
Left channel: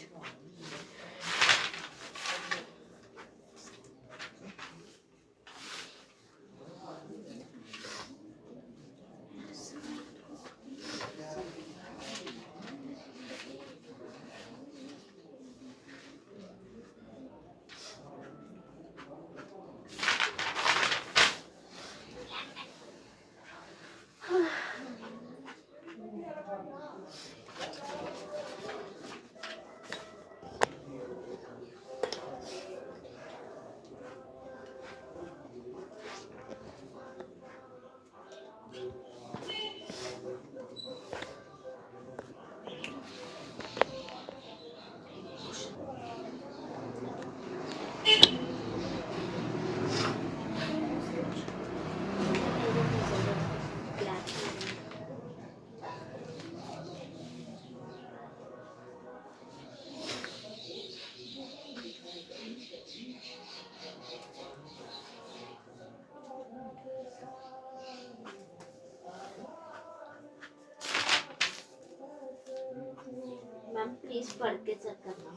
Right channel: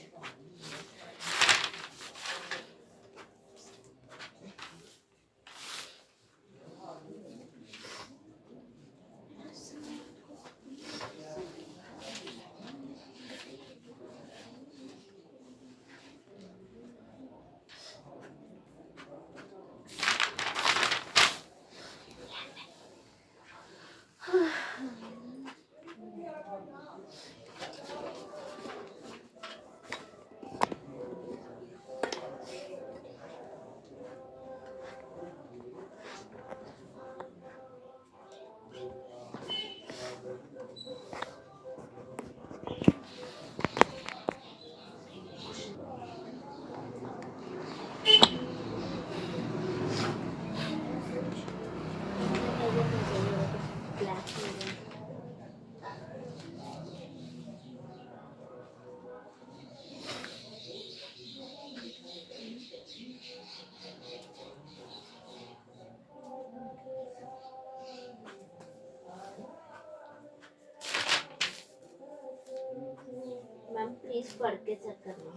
मैम प्लीज पढ़ के चेक करना।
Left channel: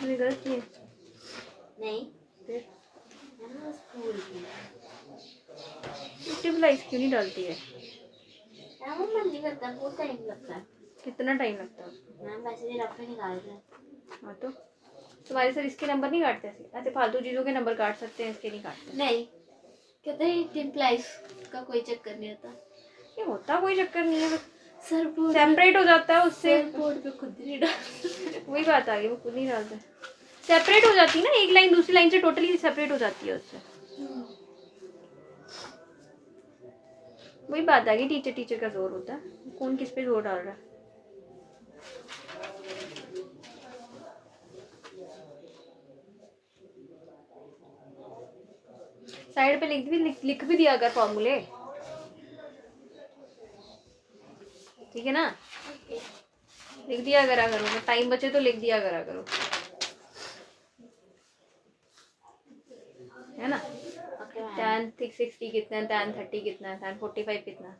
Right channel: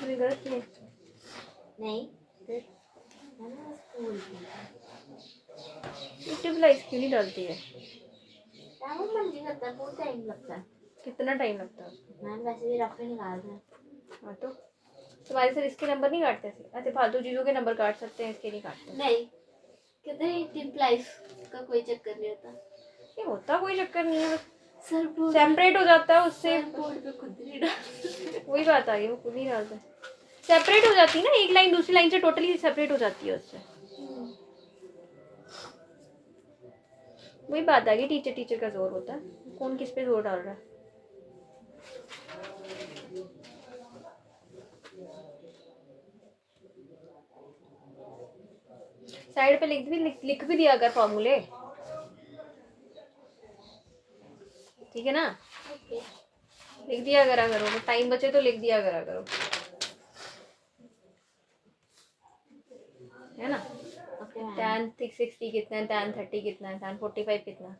मैंने गलत किया नहीं फिर मैम स्कूल की स्टेबलाइज क्यों नहीं डालती है? मैम मन नहीं करता, बहुत टाइम लगता है। कितना टाइम लगता है उसको? मैम वैसे भी रफ में निकाल रहे हैं। हाँ तो तुम्हारे सर इसके नंबर नहीं काटते ऐसे फालतू चीज़ों के नंबर काट सकते हैं, इसके नहीं काटते। नहीं कहते हैं इम्प्लाइज का कोई चक्कर नहीं होता। ये होता कोई चक्कर नहीं है, सर बोर्ड सेपरेट हो जाता है उससे। बोर्ड पे खुद नहीं डाल। वही बात आ गई, वो खुद ही डालते हैं। सेपरेट हो जाती है ना, एक लाइन दूसरी लाइन से टोटली सेपरेट हो जाती है उससे। वही बात आ गई, टीचर टीचर का जोर होता है, कौन किस पे जोर डाल रहा है। साइड पे लिख भी दिया अगर फॉर्मूले, ठीक है ना? लिख दिया करा करो, टाइम बचे तो लिख दिया करा करो, है ना? tan 60 कितना है, tan 30 कितना है, tan 45 कितना है।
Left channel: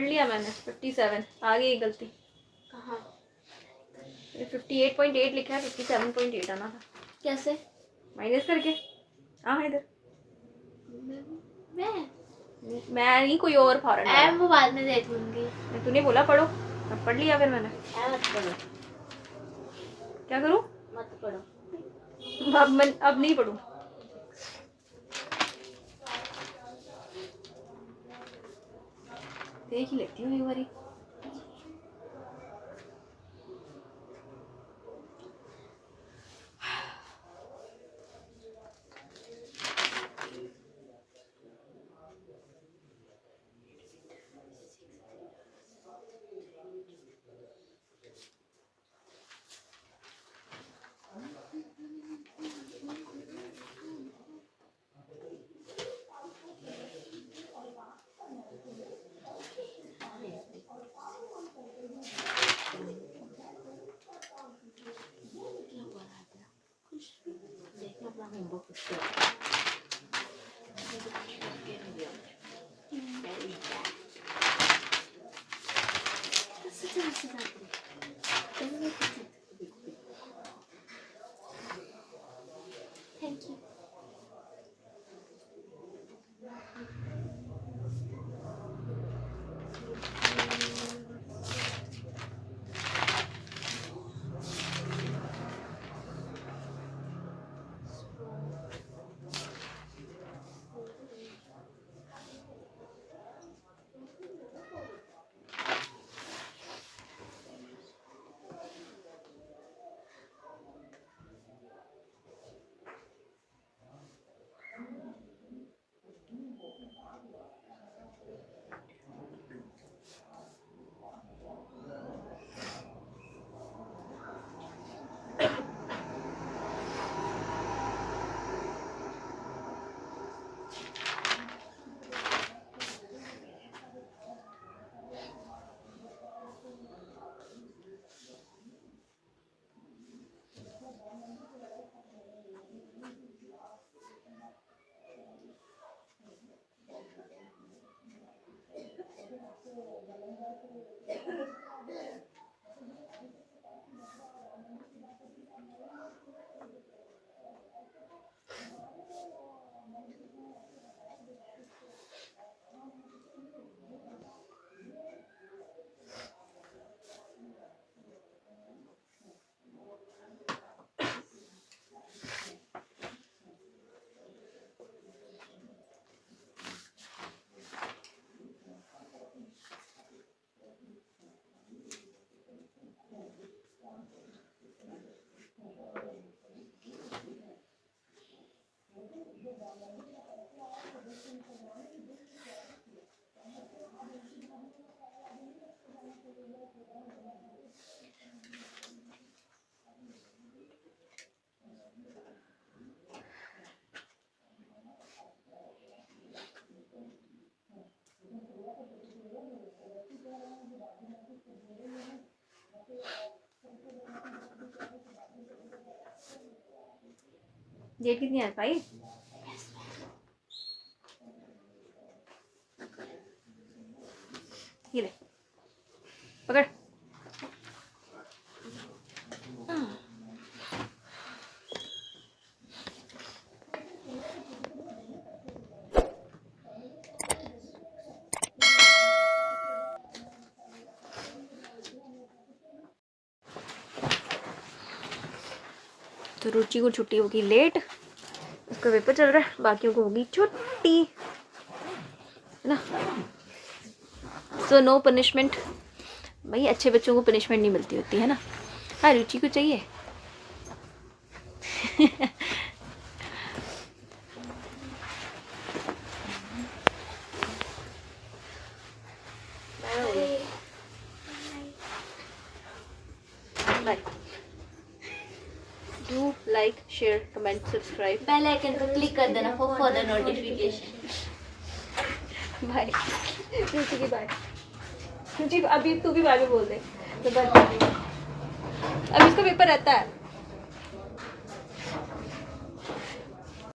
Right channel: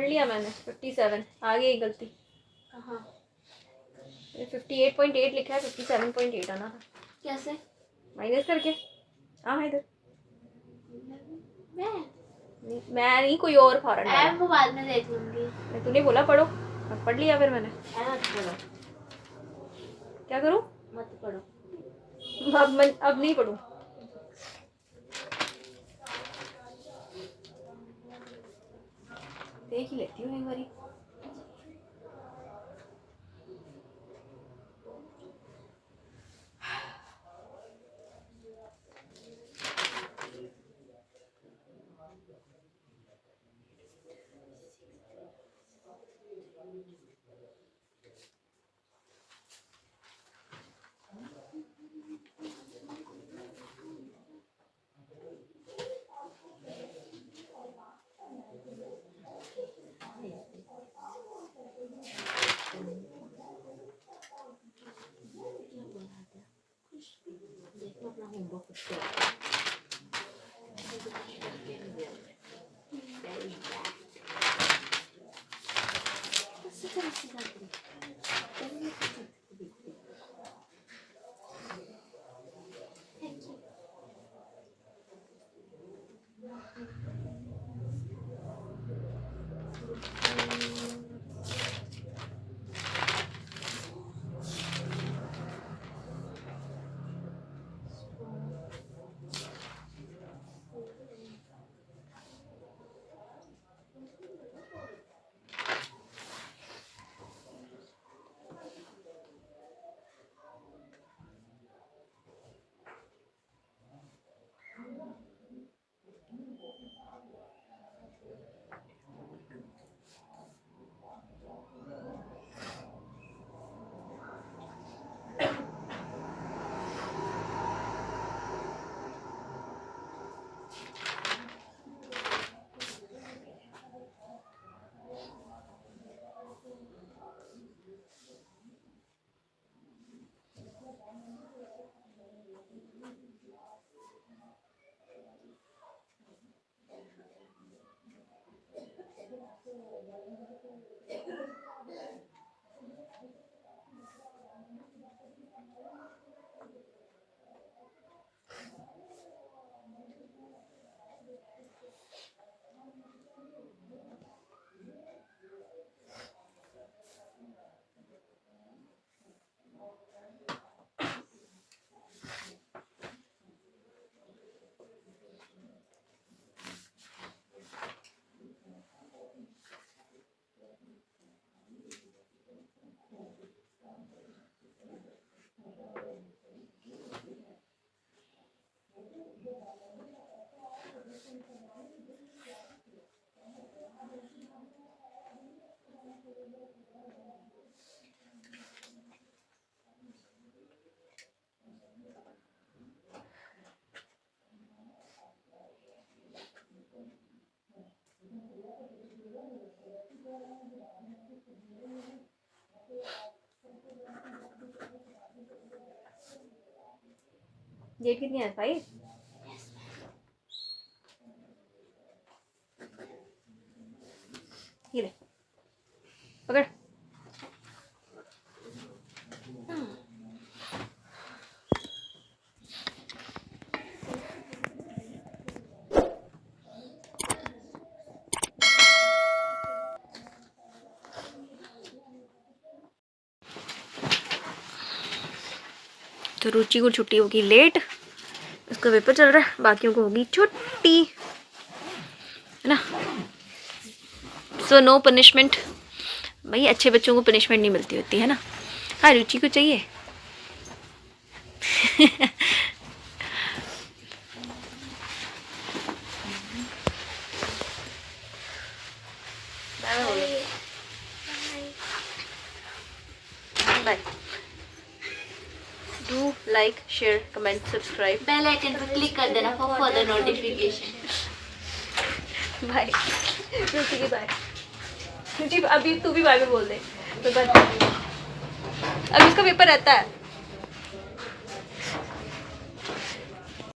पढ़ लिया मैंने 57 आ गई गलती। कहाँ? 58.8 लिखा है, 57.8 आना था। कैसे? माइनस करके। हाँ इधर मैं मैं नहीं, कोई और फॉरन वाला। वो बाद में देख लूंगी। मैं तूने बोला पढ़ो, अब पढ़ लिया फिर मैंने। मत पढ़ो, क्या करूँ मत पढ़ो। अब नहीं पढ़ूँ। देख ही लेती हूँ एक बारी। देखना अपना होमवर्क करते हैं। Thank you. डेट कितनी है भाई? ये ले पकड़। तो रुचि को छुट्टी होगी लेट, उसका पेपर चल रहा है, बाकियों को होगी छुट्टी, है ना। सो नो पनिशमेंट भाई, अच्छे बच्चों को पनिशमेंट नहीं मिलती होती है ना। हाँ रुचि को चाहिए। Bye. Do like share comment subscribe, bell icon पर क्लिक कर देना for further notification. Bye. Ruchi की बाय। रुचि अभी तू भी बाय बोल दे, मैं बंद कर दूँ। अब इसका पेपर रहता है।